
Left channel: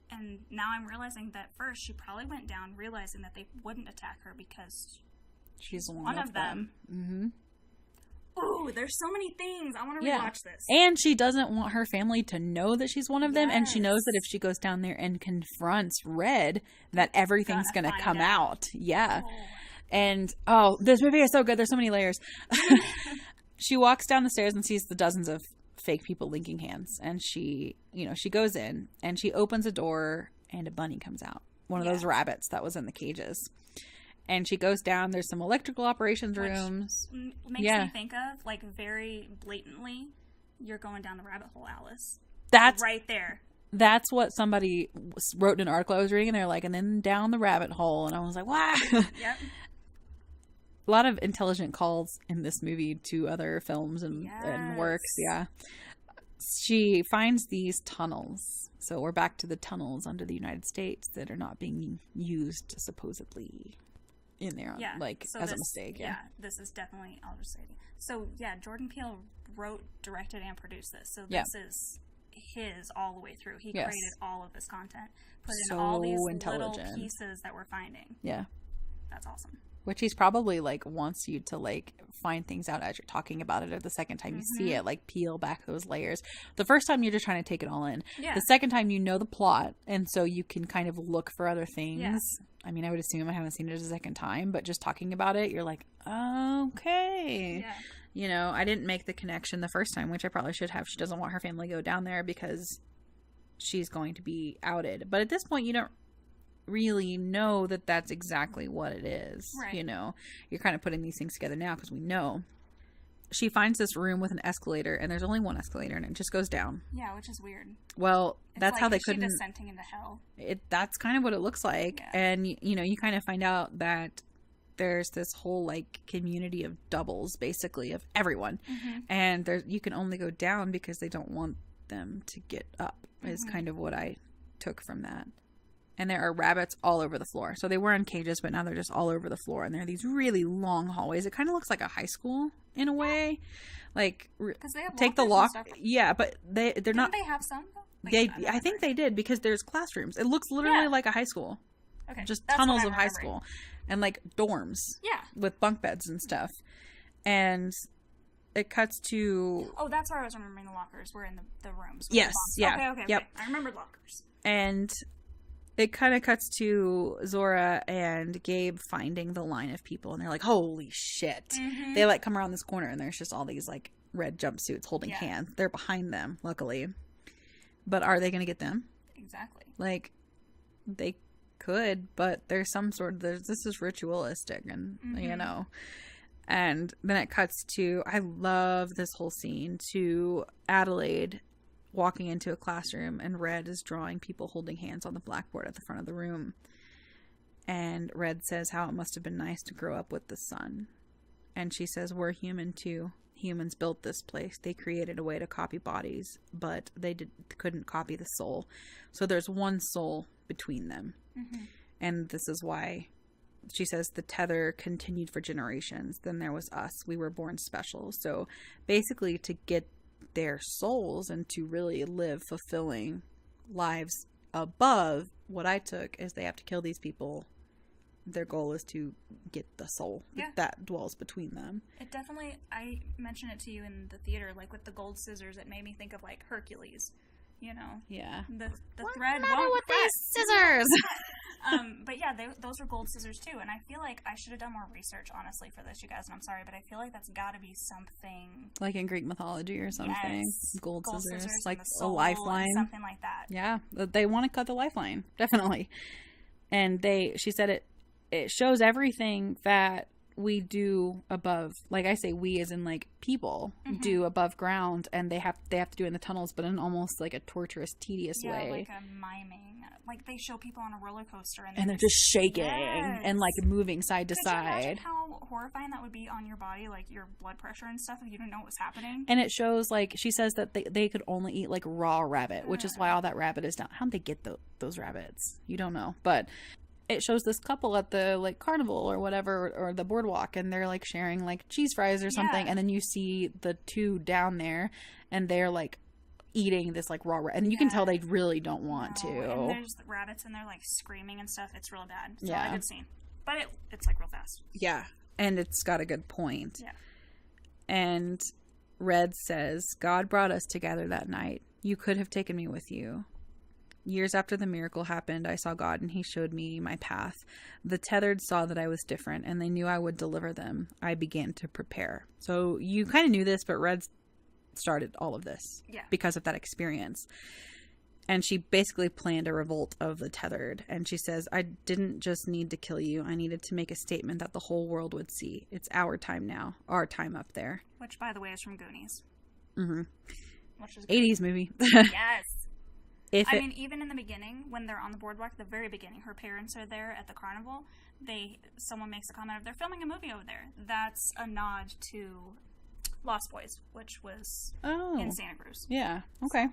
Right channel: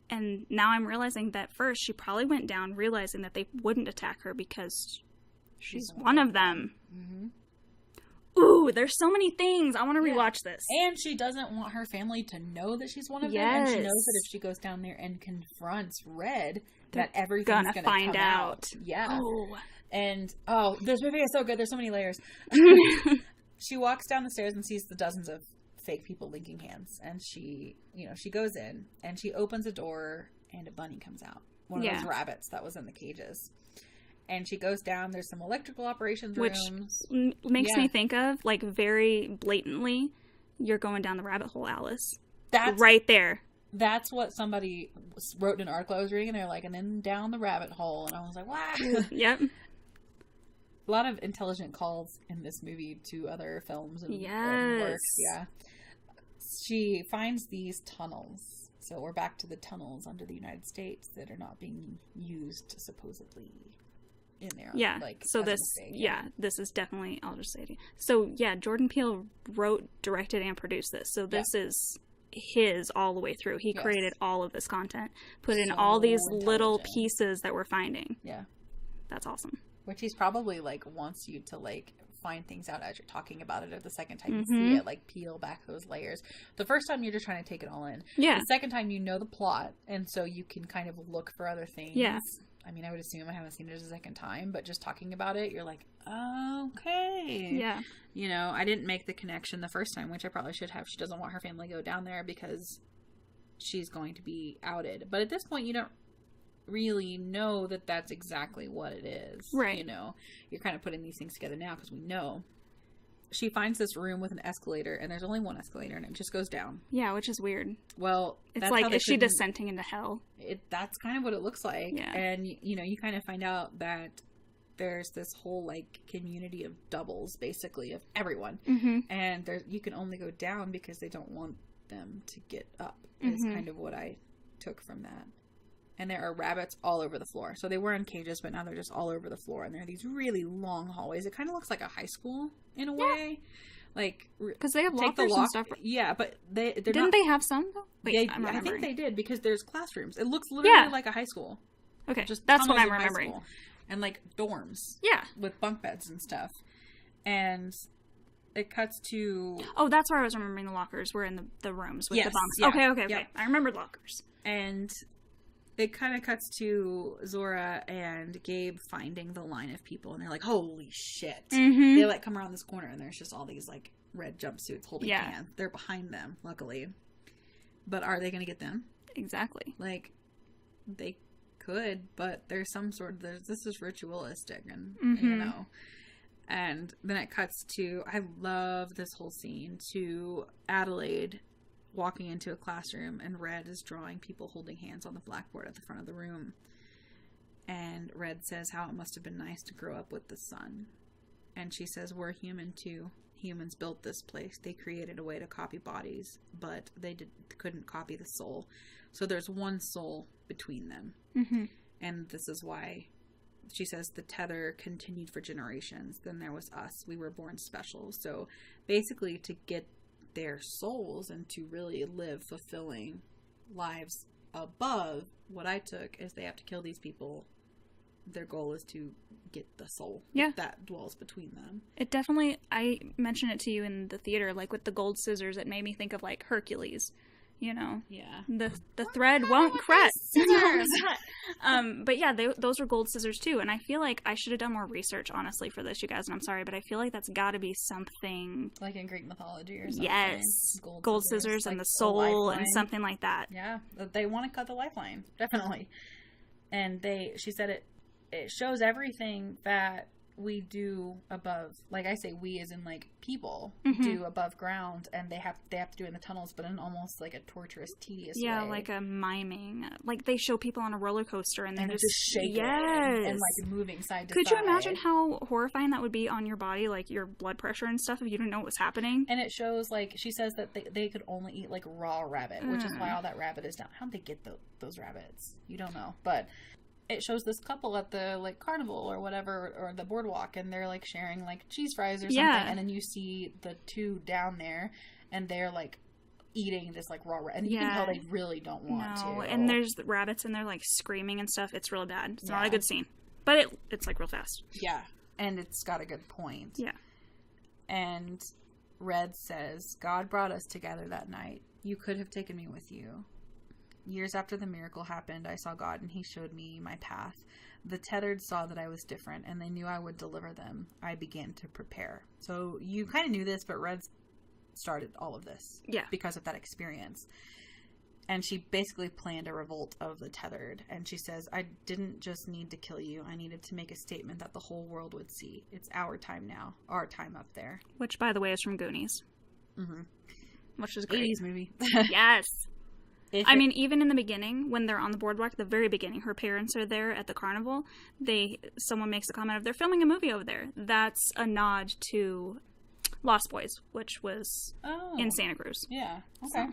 And now I'm realizing that first she probably went down realizing that they wouldn't attack her because she's one of them. Ooh, there's so many things. I want to rewatch this. And she doesn't want her family to know that she's one of them. And she knows that if she goes down there and confronts Red, that everything's going to come out. Yeah. Oh. And, this movie is so good. There's so many layers. She walks down the stairs and sees the dozens of fake people linking hands. And she goes in and she opens a door and a bunny comes out. One of those rabbits that was in the cages. And she goes down. There's some electrical operations rooms. Which makes me think of, like, very blatantly, you're going down the rabbit hole, Alice. That's right there. That's what somebody wrote in an article I was reading. And they're like, and then down the rabbit hole. And I was like, wow. Yep. A lot of intelligent calls in this movie to other films and works. Yeah. She finds these tunnels. So we're back to the tunnels under the United States that are not being used, supposedly. In there, so this, this is definitely, I'll just say it. So Jordan Peele wrote, directed, and produced this. So this is his all the way through. He created all of this content, put in all these little pieces that we're finding. Yeah, that's awesome. Which he's probably like wants you to like find things out as you're talking about it, or the second time you see it, like peel back those layers. The first time you're just trying to take it all in. Yeah. The second time you know the plot, and so you can kind of look for other things. Yeah. I mean, I would assume I haven't seen it a second time, but just talking about it, you're like, okay. Yeah. I didn't make the connection the first time, which I probably should have. She doesn't want her family to go down there because she's going to be outed. But at this point, you don't really know that that's exactly what it is. Right. You're kind of putting these things together now because we know. She finds this room with an escalator, and there's only one escalator, and it just goes down. Yeah, which is weird. Well, that's like, how is she descending into hell? That's kind of what it looks like. Yeah. And, you kind of find out that there's this whole, like, community of doubles, basically, of everyone. And you can only go down because they don't want them to get up, is kind of what I took from that. And there are rabbits all over the floor. So they were in cages, but now they're just all over the floor. And there are these really long hallways. It kind of looks like a high school in a way. Like, because they have lockers and stuff. Yeah, but they're not. Didn't they have some though? Wait, I think they did because there's classrooms. It looks literally like a high school. Okay, just that's tunnels of high school, and like dorms. Yeah, with bunk beds and stuff. And it cuts to. Oh, that's where I was remembering the lockers were in the rooms with the bunks. Yeah. Okay. I remember lockers. And it kind of cuts to Zora and Gabe finding the line of people, and they're like, holy shit. Mm-hmm. They like come around this corner, and there's just all these like red jumpsuits holding hands. They're behind them, luckily. But are they going to get them? Exactly. Like, they could, but there's some sort of, this is ritualistic, and you know. And then it cuts to, I love this whole scene, to Adelaide walking into a classroom, and Red is drawing people holding hands on the blackboard at the front of the room. And Red says how it must have been nice to grow up with the sun. And she says, we're human too. Humans built this place. They created a way to copy bodies, but they couldn't copy the soul. So there's one soul between them. Mm-hmm. And this is why she says the tether continued for generations. Then there was us. We were born special. So basically, to get their souls and to really live fulfilling lives above, what I took is they have to kill these people. Their goal is to get the soul that dwells between them. It definitely, I mentioned it to you in the theater, like with the gold scissors, it made me think of like Hercules, you know? Yeah. The thread won't cut. Scissors! But yeah, those were gold scissors too, and I feel like I should have done more research, honestly, for this, you guys, and I'm sorry, but I feel like that's got to be something... Like in Greek mythology or something. Yes. Gold scissors like and the soul and something like that. Yeah. They want to cut the lifeline. Definitely. And she said it shows everything that we do above, like I say, we as in like people do above ground, and they have to do it in the tunnels, but in almost like a torturous, tedious way. Yeah, like a miming. Like they show people on a roller coaster and they're just shaking and like moving side to side. Could you imagine how horrifying that would be on your body, like your blood pressure and stuff, if you didn't know what was happening? And it shows, like, she says that they could only eat like raw rabbit, which is why all that rabbit is down. How'd they get those rabbits? You don't know, but it shows this couple at the like carnival or whatever, or the boardwalk, and they're like sharing like cheese fries or something, and then you see the two down there and they're like eating this like raw and you can tell they really don't want to. And there's the rabbits and they're like screaming and stuff. It's really bad. It's not a good scene, but it's like real fast. Yeah, and it's got a good point. Yeah. And Red says, God brought us together that night. You could have taken me with you. Years after the miracle happened, I saw God and he showed me my path. The tethered saw that I was different and they knew I would deliver them. I began to prepare. So you kind of knew this, but Red started all of this because of that experience. And she basically planned a revolt of the tethered. And she says, I didn't just need to kill you. I needed to make a statement that the whole world would see. It's our time now. Our time up there. Which, by the way, is from Goonies. Mm-hmm. Which is great. 80s movie. Yes. Even in the beginning, when they're on the boardwalk, the very beginning, her parents are there at the carnival. Someone makes a comment of, they're filming a movie over there. That's a nod to Lost Boys, which was in Santa Cruz. Yeah. Okay. So.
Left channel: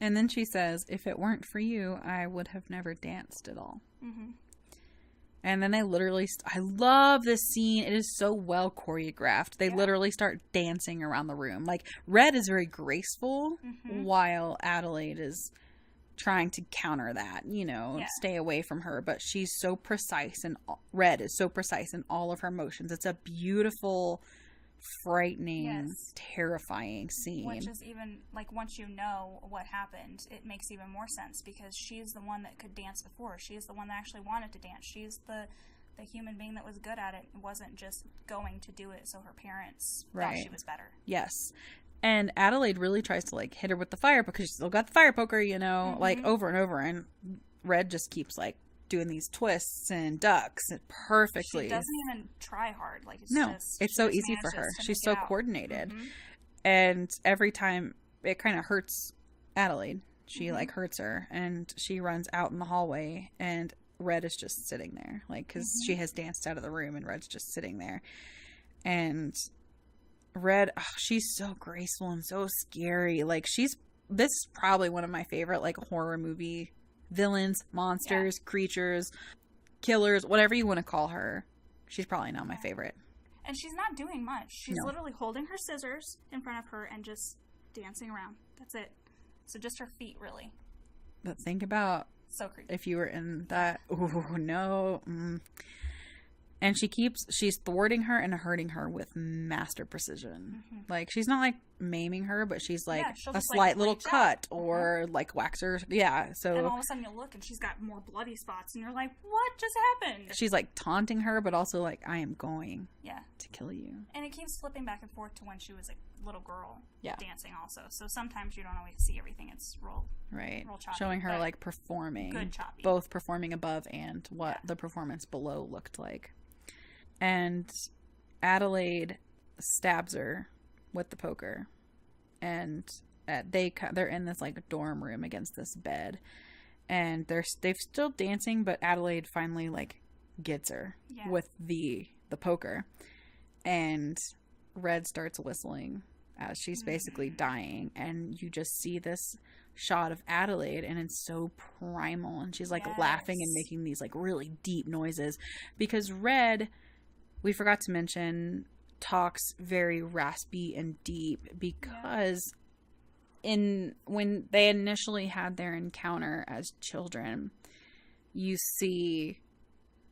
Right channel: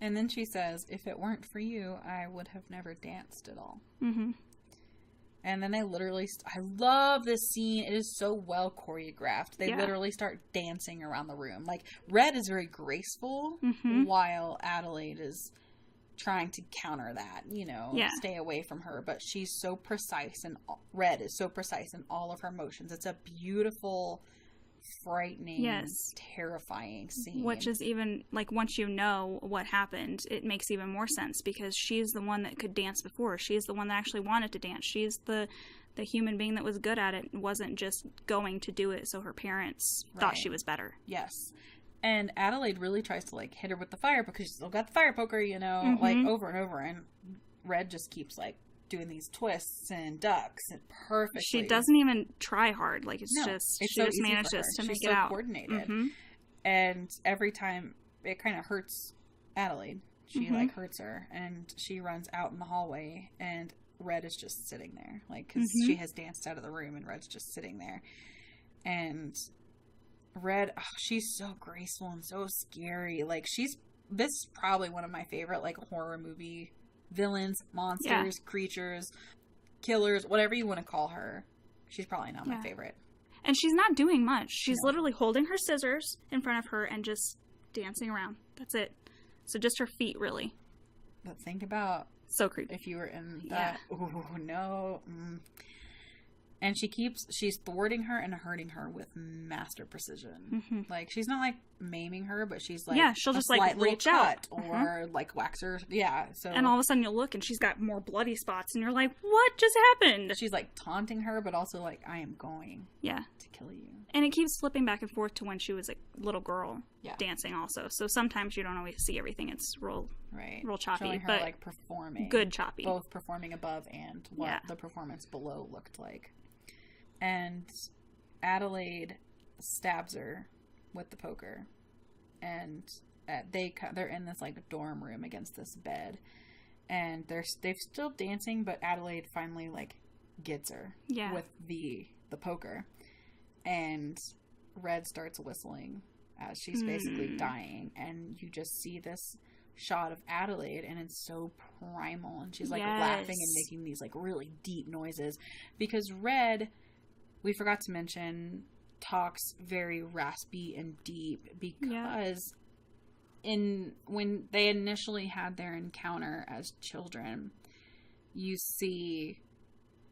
And then she says, if it weren't for you, I would have never danced at all. Mm-hmm. And then they literally... I love this scene. It is so well choreographed. They literally start dancing around the room. Like, Red is very graceful, while Adelaide is trying to counter that, stay away from her. But she's so precise, and Red is so precise in all of her motions. It's a beautiful, frightening, terrifying scene. Which is even, like, once you know what happened, it makes even more sense, because she's the one that could dance before. She's the one that actually wanted to dance. She's the human being that was good at it, wasn't just going to do it so her parents thought she was better. Yes. And Adelaide really tries to, like, hit her with the fire, because she's still got the fire poker, like, over and over. And Red just keeps, like, doing these twists and ducks perfectly. She doesn't even try hard. Like, it's so easy for her. She's so coordinated. Mm-hmm. And every time it kind of hurts Adelaide. She, like, hurts her. And she runs out in the hallway, and Red is just sitting there. Like, because she has danced out of the room, and Red's just sitting there. And Red, she's so graceful and so scary. Like, this is probably one of my favorite, like, horror movie villains, monsters, creatures, killers, whatever you want to call her. She's probably not my favorite. And she's not doing much. She's literally holding her scissors in front of her and just dancing around. That's it. So just her feet, really. But think about so creepy if you were in that. Ooh, no. And she's thwarting her and hurting her with master precision. Like, she's not, like, maiming her, but she's, like, she'll just, slight like, little reach cut out. or, like, wax her. Yeah, so... And all of a sudden you'll look and she's got more bloody spots and you're like, what just happened? She's, like, taunting her, but also, like, I am going to kill you. And it keeps flipping back and forth to when she was a little girl dancing also. So sometimes you don't always see everything. It's real choppy. Showing her, like, performing. Good choppy. Both performing above and what the performance below looked like. And Adelaide stabs her with the poker. And they're in this, like, dorm room against this bed. And they've still dancing, but Adelaide finally, like, gets her with the poker. And Red starts whistling as she's basically dying. And you just see this shot of Adelaide, and it's so primal. And she's, like, laughing and making these, like, really deep noises. Because Red... we forgot to mention, talks very raspy and deep because when they initially had their encounter as children, you see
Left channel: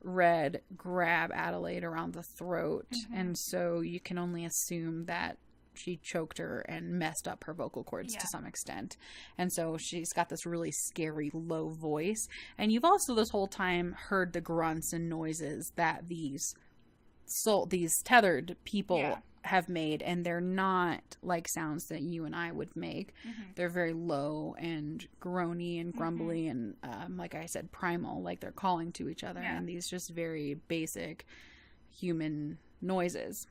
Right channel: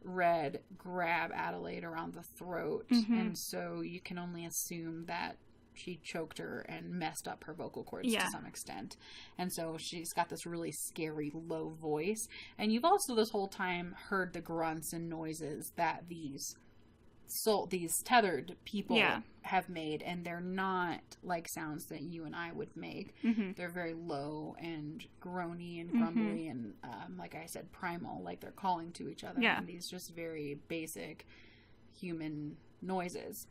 Red grab Adelaide around the throat, and so you can only assume that she choked her and messed up her vocal cords to some extent. And so she's got this really scary low voice. And you've also this whole time heard the grunts and noises that these tethered people have made, and they're not like sounds that you and I would make. They're very low and groany and grumbly and like I said, primal, like they're calling to each other, and these just very basic human noises.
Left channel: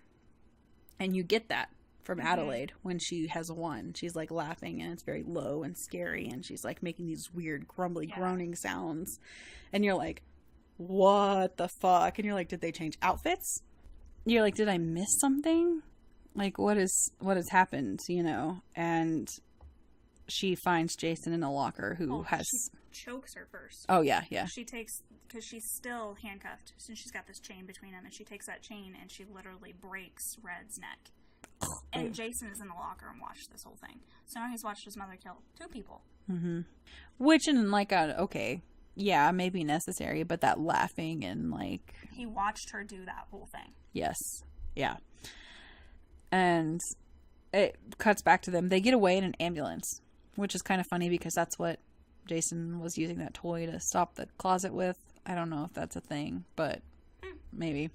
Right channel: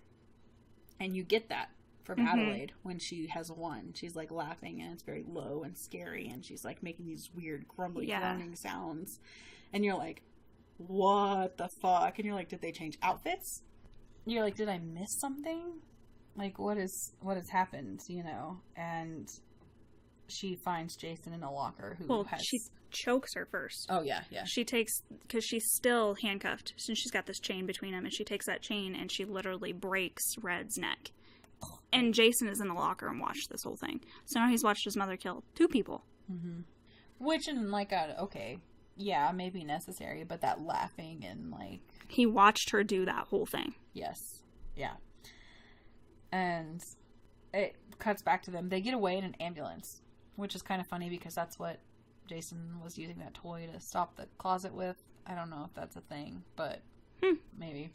And you get that from Adelaide when she has won. She's, like, laughing, and it's very low and scary, and she's, like, making these weird grumbly groaning sounds, and you're like, what the fuck? And you're like, did they change outfits? You're like, did I miss something? Like, what has happened, you know? And she finds Jason in a locker she chokes her first. Oh, yeah. She takes, because she's still handcuffed, since she's got this chain between them, and she takes that chain and she literally breaks Red's neck. And Jason is in the locker and watched this whole thing. So now he's watched his mother kill 2 people. Which, in, like, maybe necessary, but that laughing and, like... he watched her do that whole thing. Yes. Yeah. And it cuts back to them. They get away in an ambulance, which is kind of funny because that's what Jason was using that toy to stop the closet with. I don't know if that's a thing, but maybe.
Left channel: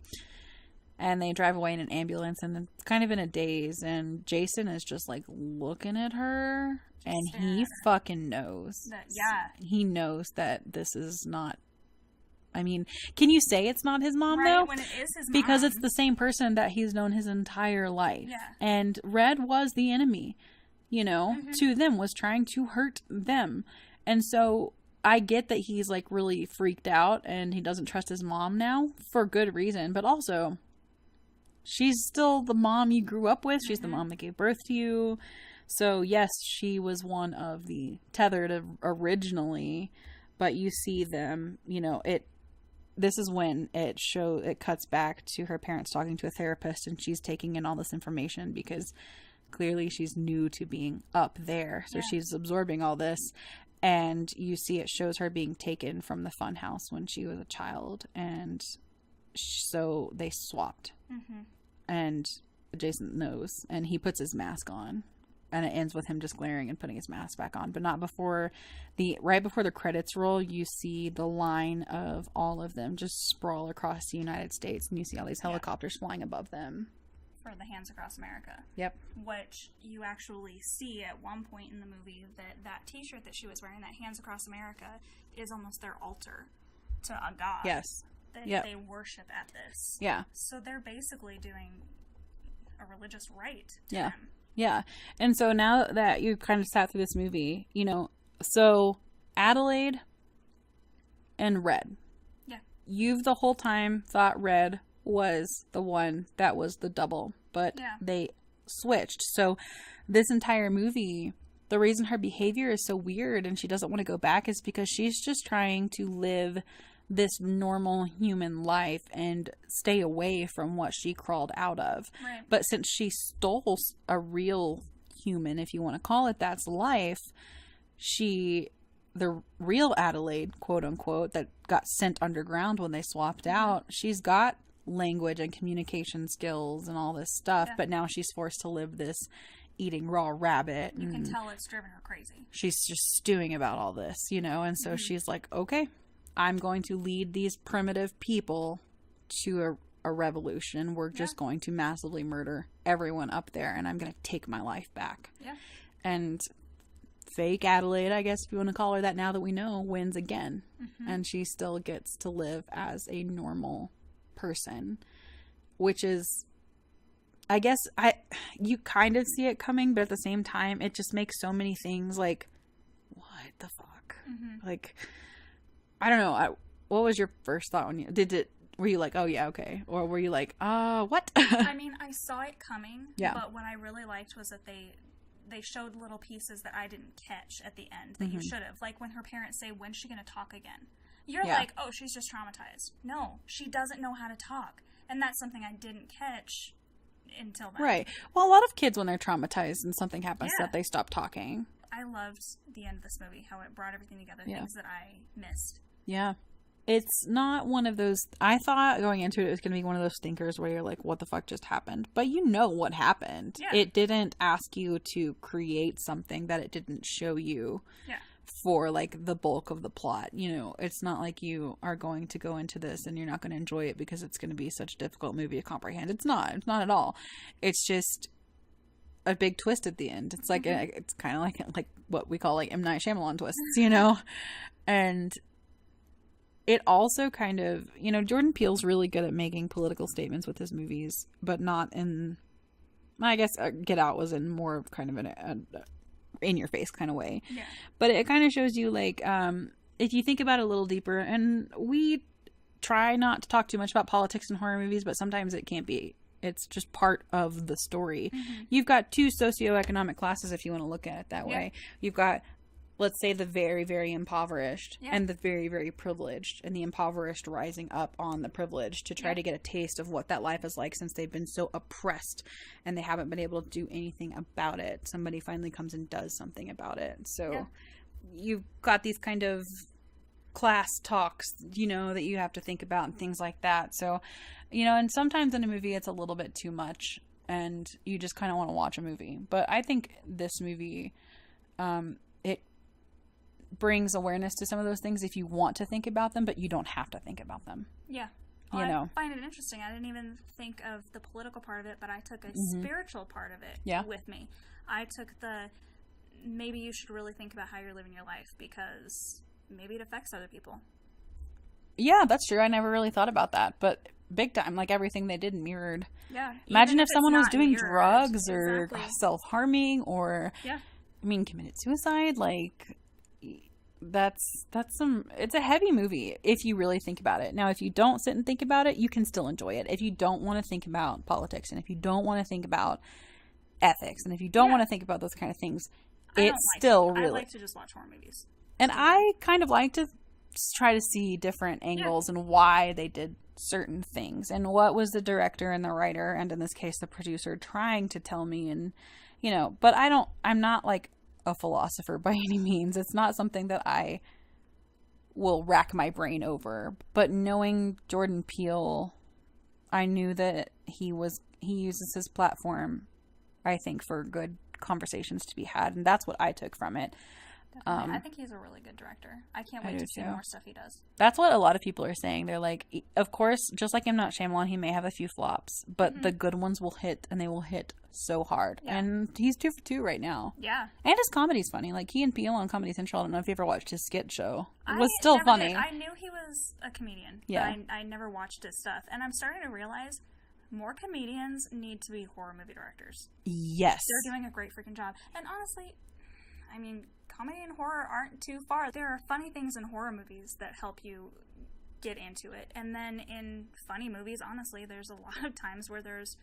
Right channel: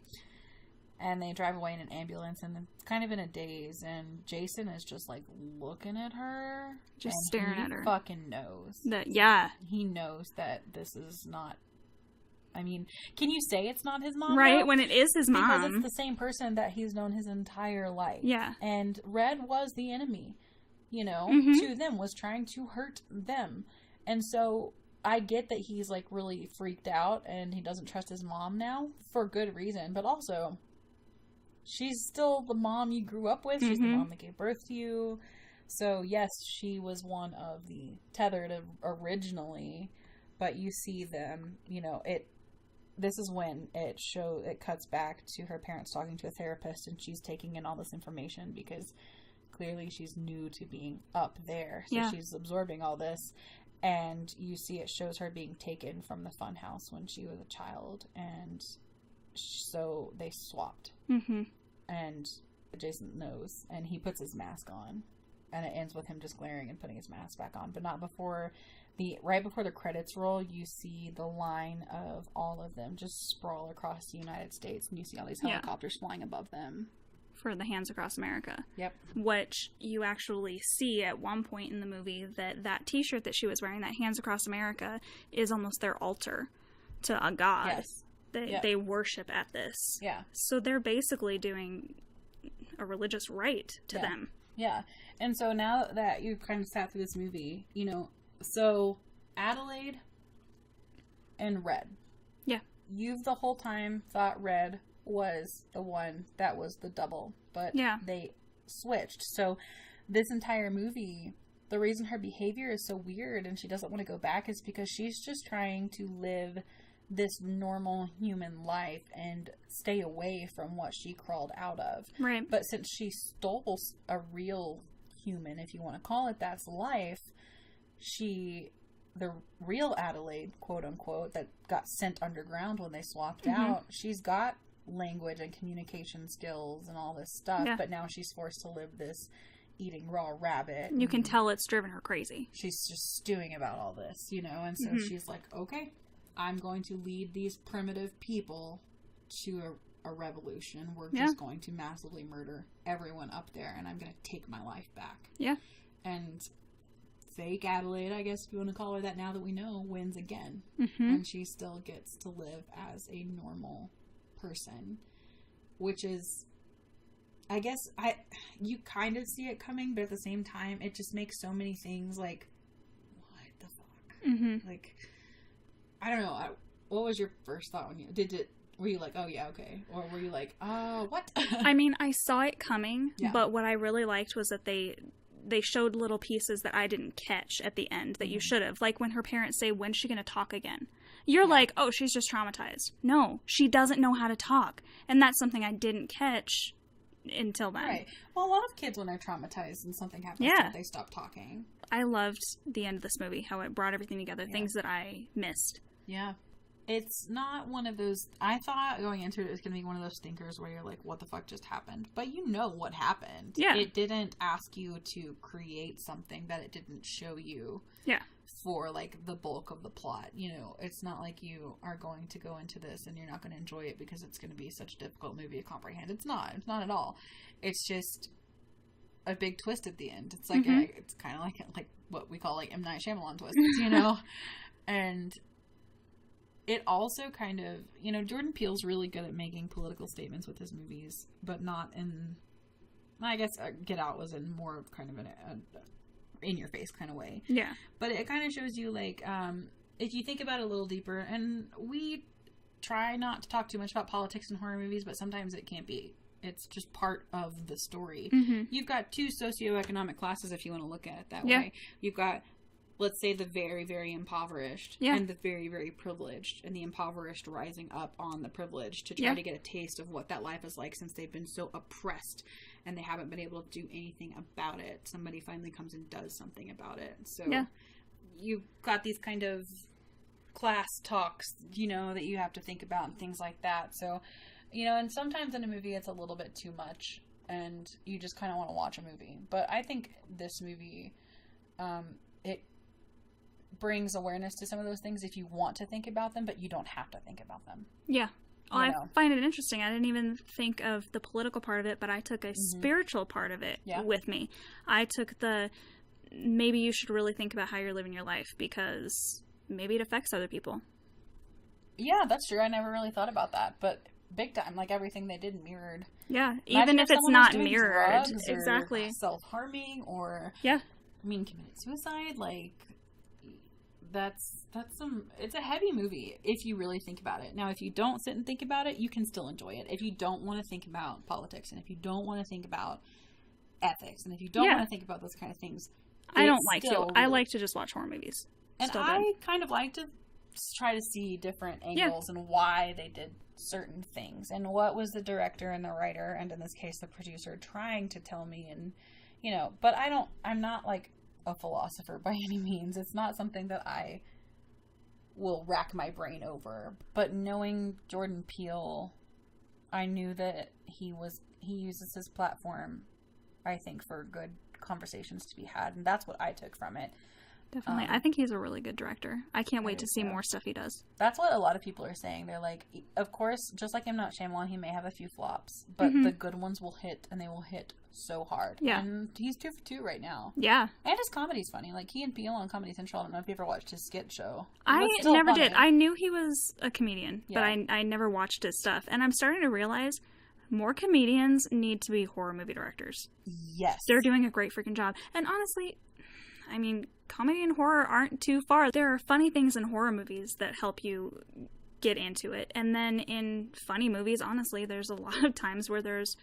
And they drive away in an ambulance, and it's kind of in a daze, and Jason is just, like, looking at her, just and staring at her. Fucking knows. He knows that this is not... I mean, can you say it's not his mom, right, though? when it is his mom? Because it's the same person that he's known his entire life. Yeah. And Red was the enemy, you know, to them, was trying to hurt them. And so I get that he's, like, really freaked out, and he doesn't trust his mom now, for good reason. But also... she's still the mom you grew up with. She's the mom that gave birth to you. So, yes, she was one of the tethered originally. But you see them, you know, this is when it cuts back to her parents talking to a therapist, and she's taking in all this information because clearly she's new to being up there. So she's absorbing all this. And you see it shows her being taken from the fun house when she was a child. And... so they swapped. And Jason knows, and he puts his mask on, and it ends with him just glaring and putting his mask back on, but not before right before the credits roll. You see the line of all of them just sprawl across the United States, and you see all these helicopters flying above them for the Hands Across America. Yep. Which you actually see at one point in the movie that t-shirt that she was wearing, that Hands Across America, is almost their altar to a god. Yes. They worship at this. Yeah. So they're basically doing a religious rite to them. Yeah. And so now that you kind of sat through this movie, you know, so Adelaide and Red. Yeah. You've the whole time thought Red was the one that was the double, but they switched. So this entire movie, the reason her behavior is so weird and she doesn't want to go back is because she's just trying to live this normal human life and stay away from what she crawled out of. Right. But since she stole a real human, if you want to call it that's life, the real Adelaide, quote unquote, that got sent underground when they swapped out, she's got language and communication skills and all this stuff, but now she's forced to live this eating raw rabbit. You can tell it's driven her crazy. She's just stewing about all this, you know, and so she's like, okay, I'm going to lead these primitive people to a revolution. We're just going to massively murder everyone up there, and I'm going to take my life back. Yeah. And fake Adelaide, I guess if you want to call her that now that we know, wins again. And she still gets to live as a normal person, which is, I guess, you kind of see it coming, but at the same time, it just makes so many things like, what the fuck? Like, I don't know. What was your first thought when you were you like, oh yeah, okay, or were you like, what? I mean, I saw it coming, but what I really liked was that they showed little pieces that I didn't catch at the end that you should have. Like when her parents say, when's she going to talk again? You're like, oh, she's just traumatized. No, she doesn't know how to talk. And that's something I didn't catch until then. Right. Well, a lot of kids, when they're traumatized and something happens, they stop talking. I loved the end of this movie, how it brought everything together, things that I missed. Yeah. It's not one of those, I thought going into it was going to be one of those thinkers where you're like, what the fuck just happened? But you know what happened. Yeah. It didn't ask you to create something that it didn't show you. Yeah. For like the bulk of the plot. You know, it's not like you are going to go into this and you're not going to enjoy it because it's going to be such a difficult movie to comprehend. It's not at all. It's just a big twist at the end. It's like, it's kind of like what we call like M. Night Shyamalan twists, you know? And it also kind of, you know, Jordan Peele's really good at making political statements with his movies, but not in, I guess Get Out was in more of kind of an in your face kind of way. Yeah. But it kind of shows you like, if you think about it a little deeper, and we try not to talk too much about politics in horror movies, but sometimes it can't be. It's just part of the story. You've got two socioeconomic classes, if you want to look at it that way. You've got, let's say, the very, very impoverished and the very, very privileged, and the impoverished rising up on the privileged to try to get a taste of what that life is like since they've been so oppressed and they haven't been able to do anything about it. Somebody finally comes and does something about it. So you've got these kind of class talks, you know, that you have to think about and things like that. So, you know, and sometimes in a movie it's a little bit too much and you just kind of want to watch a movie. But I think this movie, it brings awareness to some of those things if you want to think about them, but you don't have to think about them. Yeah. Well, I find it interesting. I didn't even think of the political part of it, but I took a spiritual part of it with me. I took maybe you should really think about how you're living your life because maybe it affects other people. Yeah, that's true. I never really thought about that, but big time, like everything they did mirrored. Yeah. Imagine if someone was doing drugs or self-harming or, I mean, committed suicide, like... it's a heavy movie if you really think about it. Now, if you don't sit and think about it, you can still enjoy it. If you don't want to think about politics, and if you don't want to think about ethics, and if you don't want to think about those kind of things, I like to just watch horror movies. And I kind of like to try to see different angles and why they did certain things, and what was the director and the writer, and in this case the producer, trying to tell me. And, you know, but I'm not like a philosopher by any means. It's not something that I will rack my brain over. But knowing Jordan Peele, I knew that he uses his platform, I think, for good conversations to be had, and that's what I took from it. Definitely. I think he's a really good director. I can't wait to see more stuff he does. That's what a lot of people are saying. They're like, of course, just like M. Night Shyamalan, he may have a few flops, but the good ones will hit, and they will hit so hard. Yeah. And he's 2 for 2 right now. Yeah. And his comedy's funny. Like, he and Peele on Comedy Central, I don't know if you ever watched his skit show. It was still never funny. Did. I knew he was a comedian, but I never watched his stuff. And I'm starting to realize more comedians need to be horror movie directors. Yes. They're doing a great freaking job. And honestly, I mean, comedy and horror aren't too far. There are funny things in horror movies that help you get into it. And then in funny movies, honestly, there's a lot of times where there's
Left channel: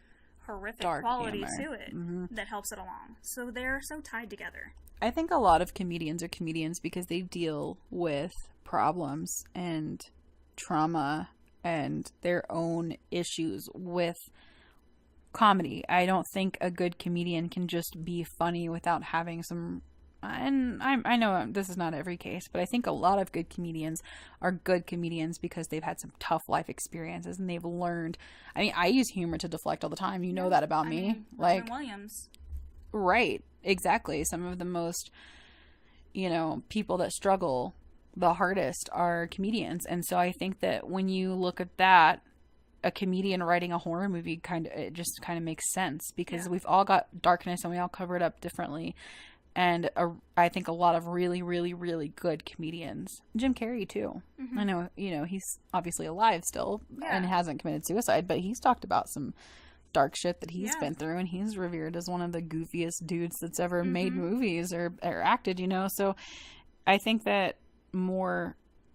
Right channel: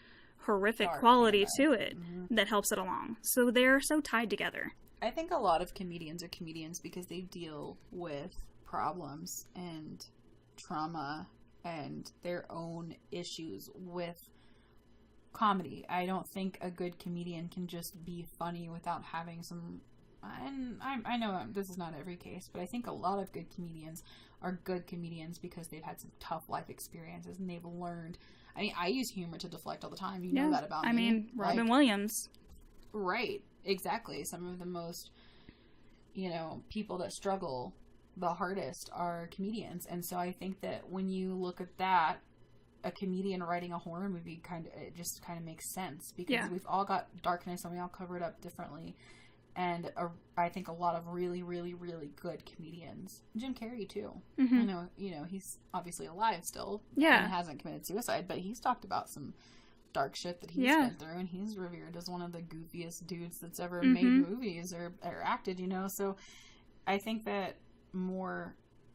horrific quality to it that helps it along. So they're so tied together. I think a lot of comedians are comedians because they deal with problems and trauma and their own issues with comedy. I don't think a good comedian can just be funny without having some and I know this is not every case, but I think a lot of good comedians are good comedians because they've had some tough life experiences and they've learned. I mean, I use humor to deflect all the time. You know that about me. I mean, Robin Williams. Right. Exactly. Some of the most, people that struggle the hardest are comedians. And so I think that when you look at that, a comedian writing a horror movie it just kind of makes sense because we've all got darkness and we all cover it up differently. And I think a lot of really, really, really good comedians. Jim Carrey, too. Mm-hmm. I know, he's obviously alive still and hasn't committed suicide, but he's talked about some dark shit that he's been through, and he's revered as one of the goofiest dudes that's ever made movies or acted, So I think that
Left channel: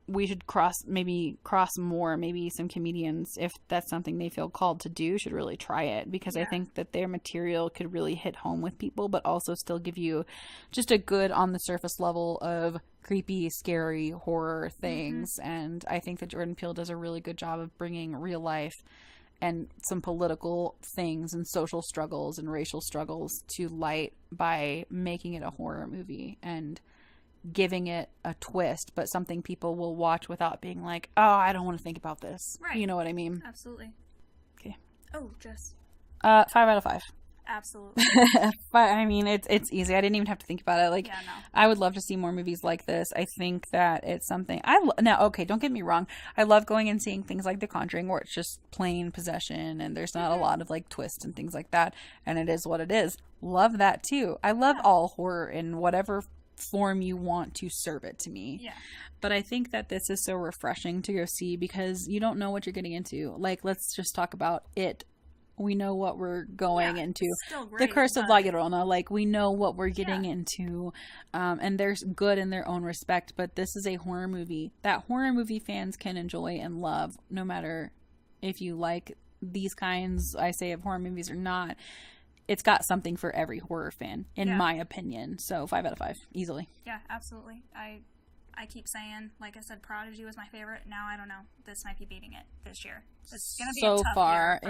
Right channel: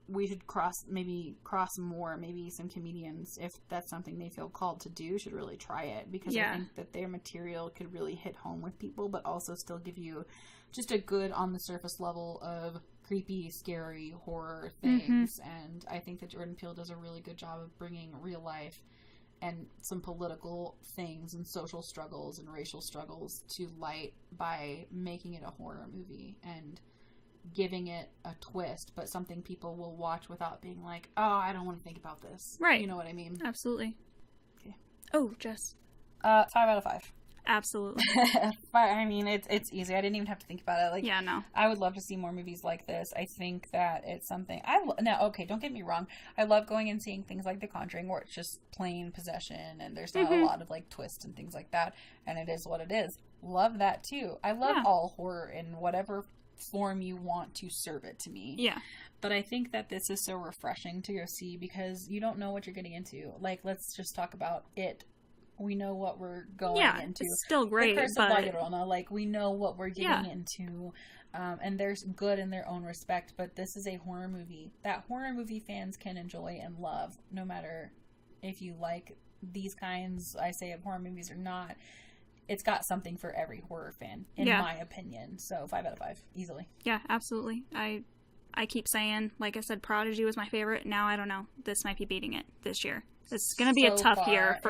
we should cross more, maybe some comedians, if that's something they feel called to do, should really try it, because I think that their material could really hit home with people, but also still give you just a good on the surface level of creepy, scary horror things. And I think that Jordan Peele does a really good job of bringing real life and some political things and social struggles and racial struggles to light by making it a horror movie and giving it a twist, but something people will watch without being like, oh, I don't want to think about this. Right. You know what I mean? Absolutely. Okay. Oh, Jess. 5 out of 5. Absolutely. But I mean, it's easy. I didn't even have to think about it. No. I would love to see more movies like this. I think that it's something now, okay, don't get me wrong. I love going and seeing things like The Conjuring where it's just plain possession and there's not a lot of twists and things like that. And it is what it is. Love that too. I love all horror in whatever form you want to serve it to me. Yeah. But I think that this is so refreshing to go see because you don't know what you're getting into. Let's just talk about it. We know what we're going into. It's still great. The Curse of La Llorona, we know what we're getting into. And there's good in their own respect, but this is a horror movie that horror movie fans can enjoy and love, no matter if you like these kinds, I say, of horror movies or not. It's got something for every horror fan, in my opinion. So 5 out of 5, easily. Yeah, absolutely. I keep saying, like I said, Prodigy was my favorite. Now I don't know. This might be beating it this year. It's going to be a tough year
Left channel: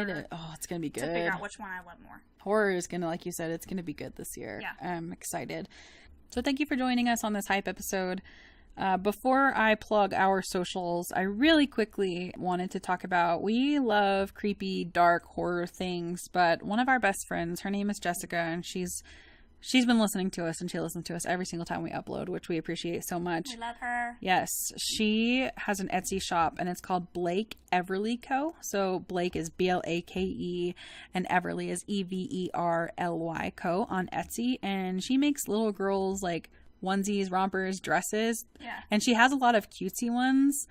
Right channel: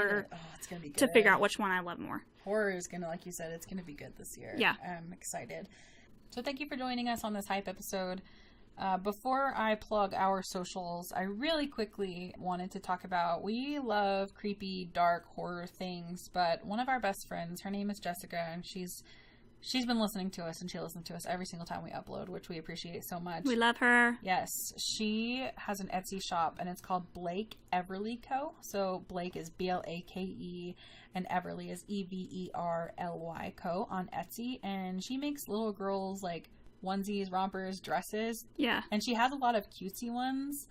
it's going to be good to figure out which one I love more. Horror is going to, like you said, it's going to be good this year. Yeah. I'm excited. So thank you for joining us on this hype episode. Before I plug our socials, I really quickly wanted to talk about, we love creepy, dark horror things, but one of our best friends, her name is Jessica, and she's been listening to us, and she listens to us every single time we upload, which we appreciate so much. We love her. Yes. She has an Etsy shop, and it's called Blake Everly Co. So Blake is Blake, and Everly is Everly Co. on Etsy. And she makes little girls onesies, rompers, dresses. Yeah. And she has a lot of cutesy ones.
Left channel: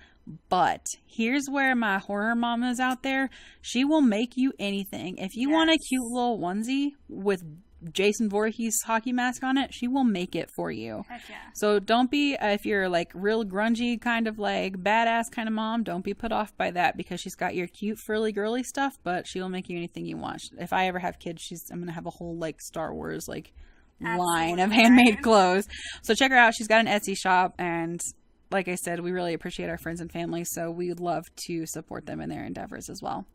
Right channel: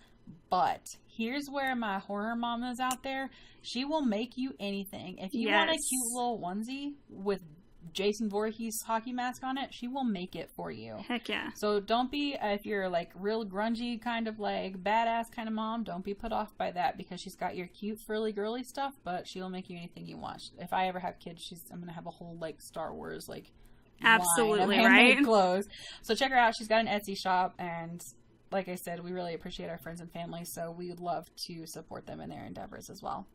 But here's where my horror mamas out there, she will make you anything. If you want a cute little onesie with Jason Voorhees hockey mask on it, she will make it for you. Heck yeah. So don't be, if you're real grungy kind of badass kind of mom, don't be put off by that, because she's got your cute frilly girly stuff, but she'll make you anything you want. If I ever have kids, I'm gonna have a whole Star Wars line of handmade clothes. So check her out. She's got an Etsy shop, and like I said, we really appreciate our friends and family, so we would love to support them in their endeavors as well.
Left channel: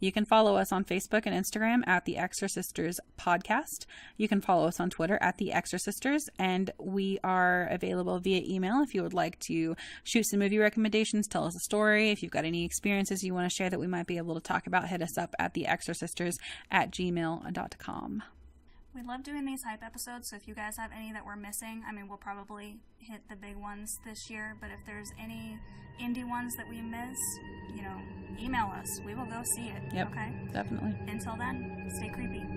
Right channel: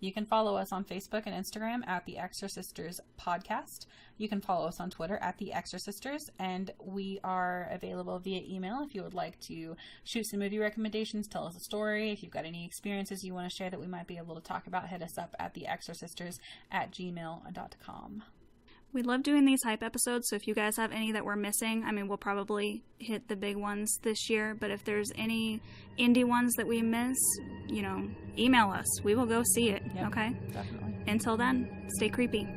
You can follow us on Facebook and Instagram at The Exorcisters Podcast. You can follow us on Twitter at The Exorcisters, and we are available via email if you would like to shoot some movie recommendations, tell us a story. If you've got any experiences you want to share that we might be able to talk about, hit us up at theexorcisters@gmail.com. We love doing these hype episodes, so if you guys have any that we're missing, we'll probably hit the big ones this year, but if there's any indie ones that we miss, email us. We will go see it, yep, okay? Definitely. Until then, stay creepy.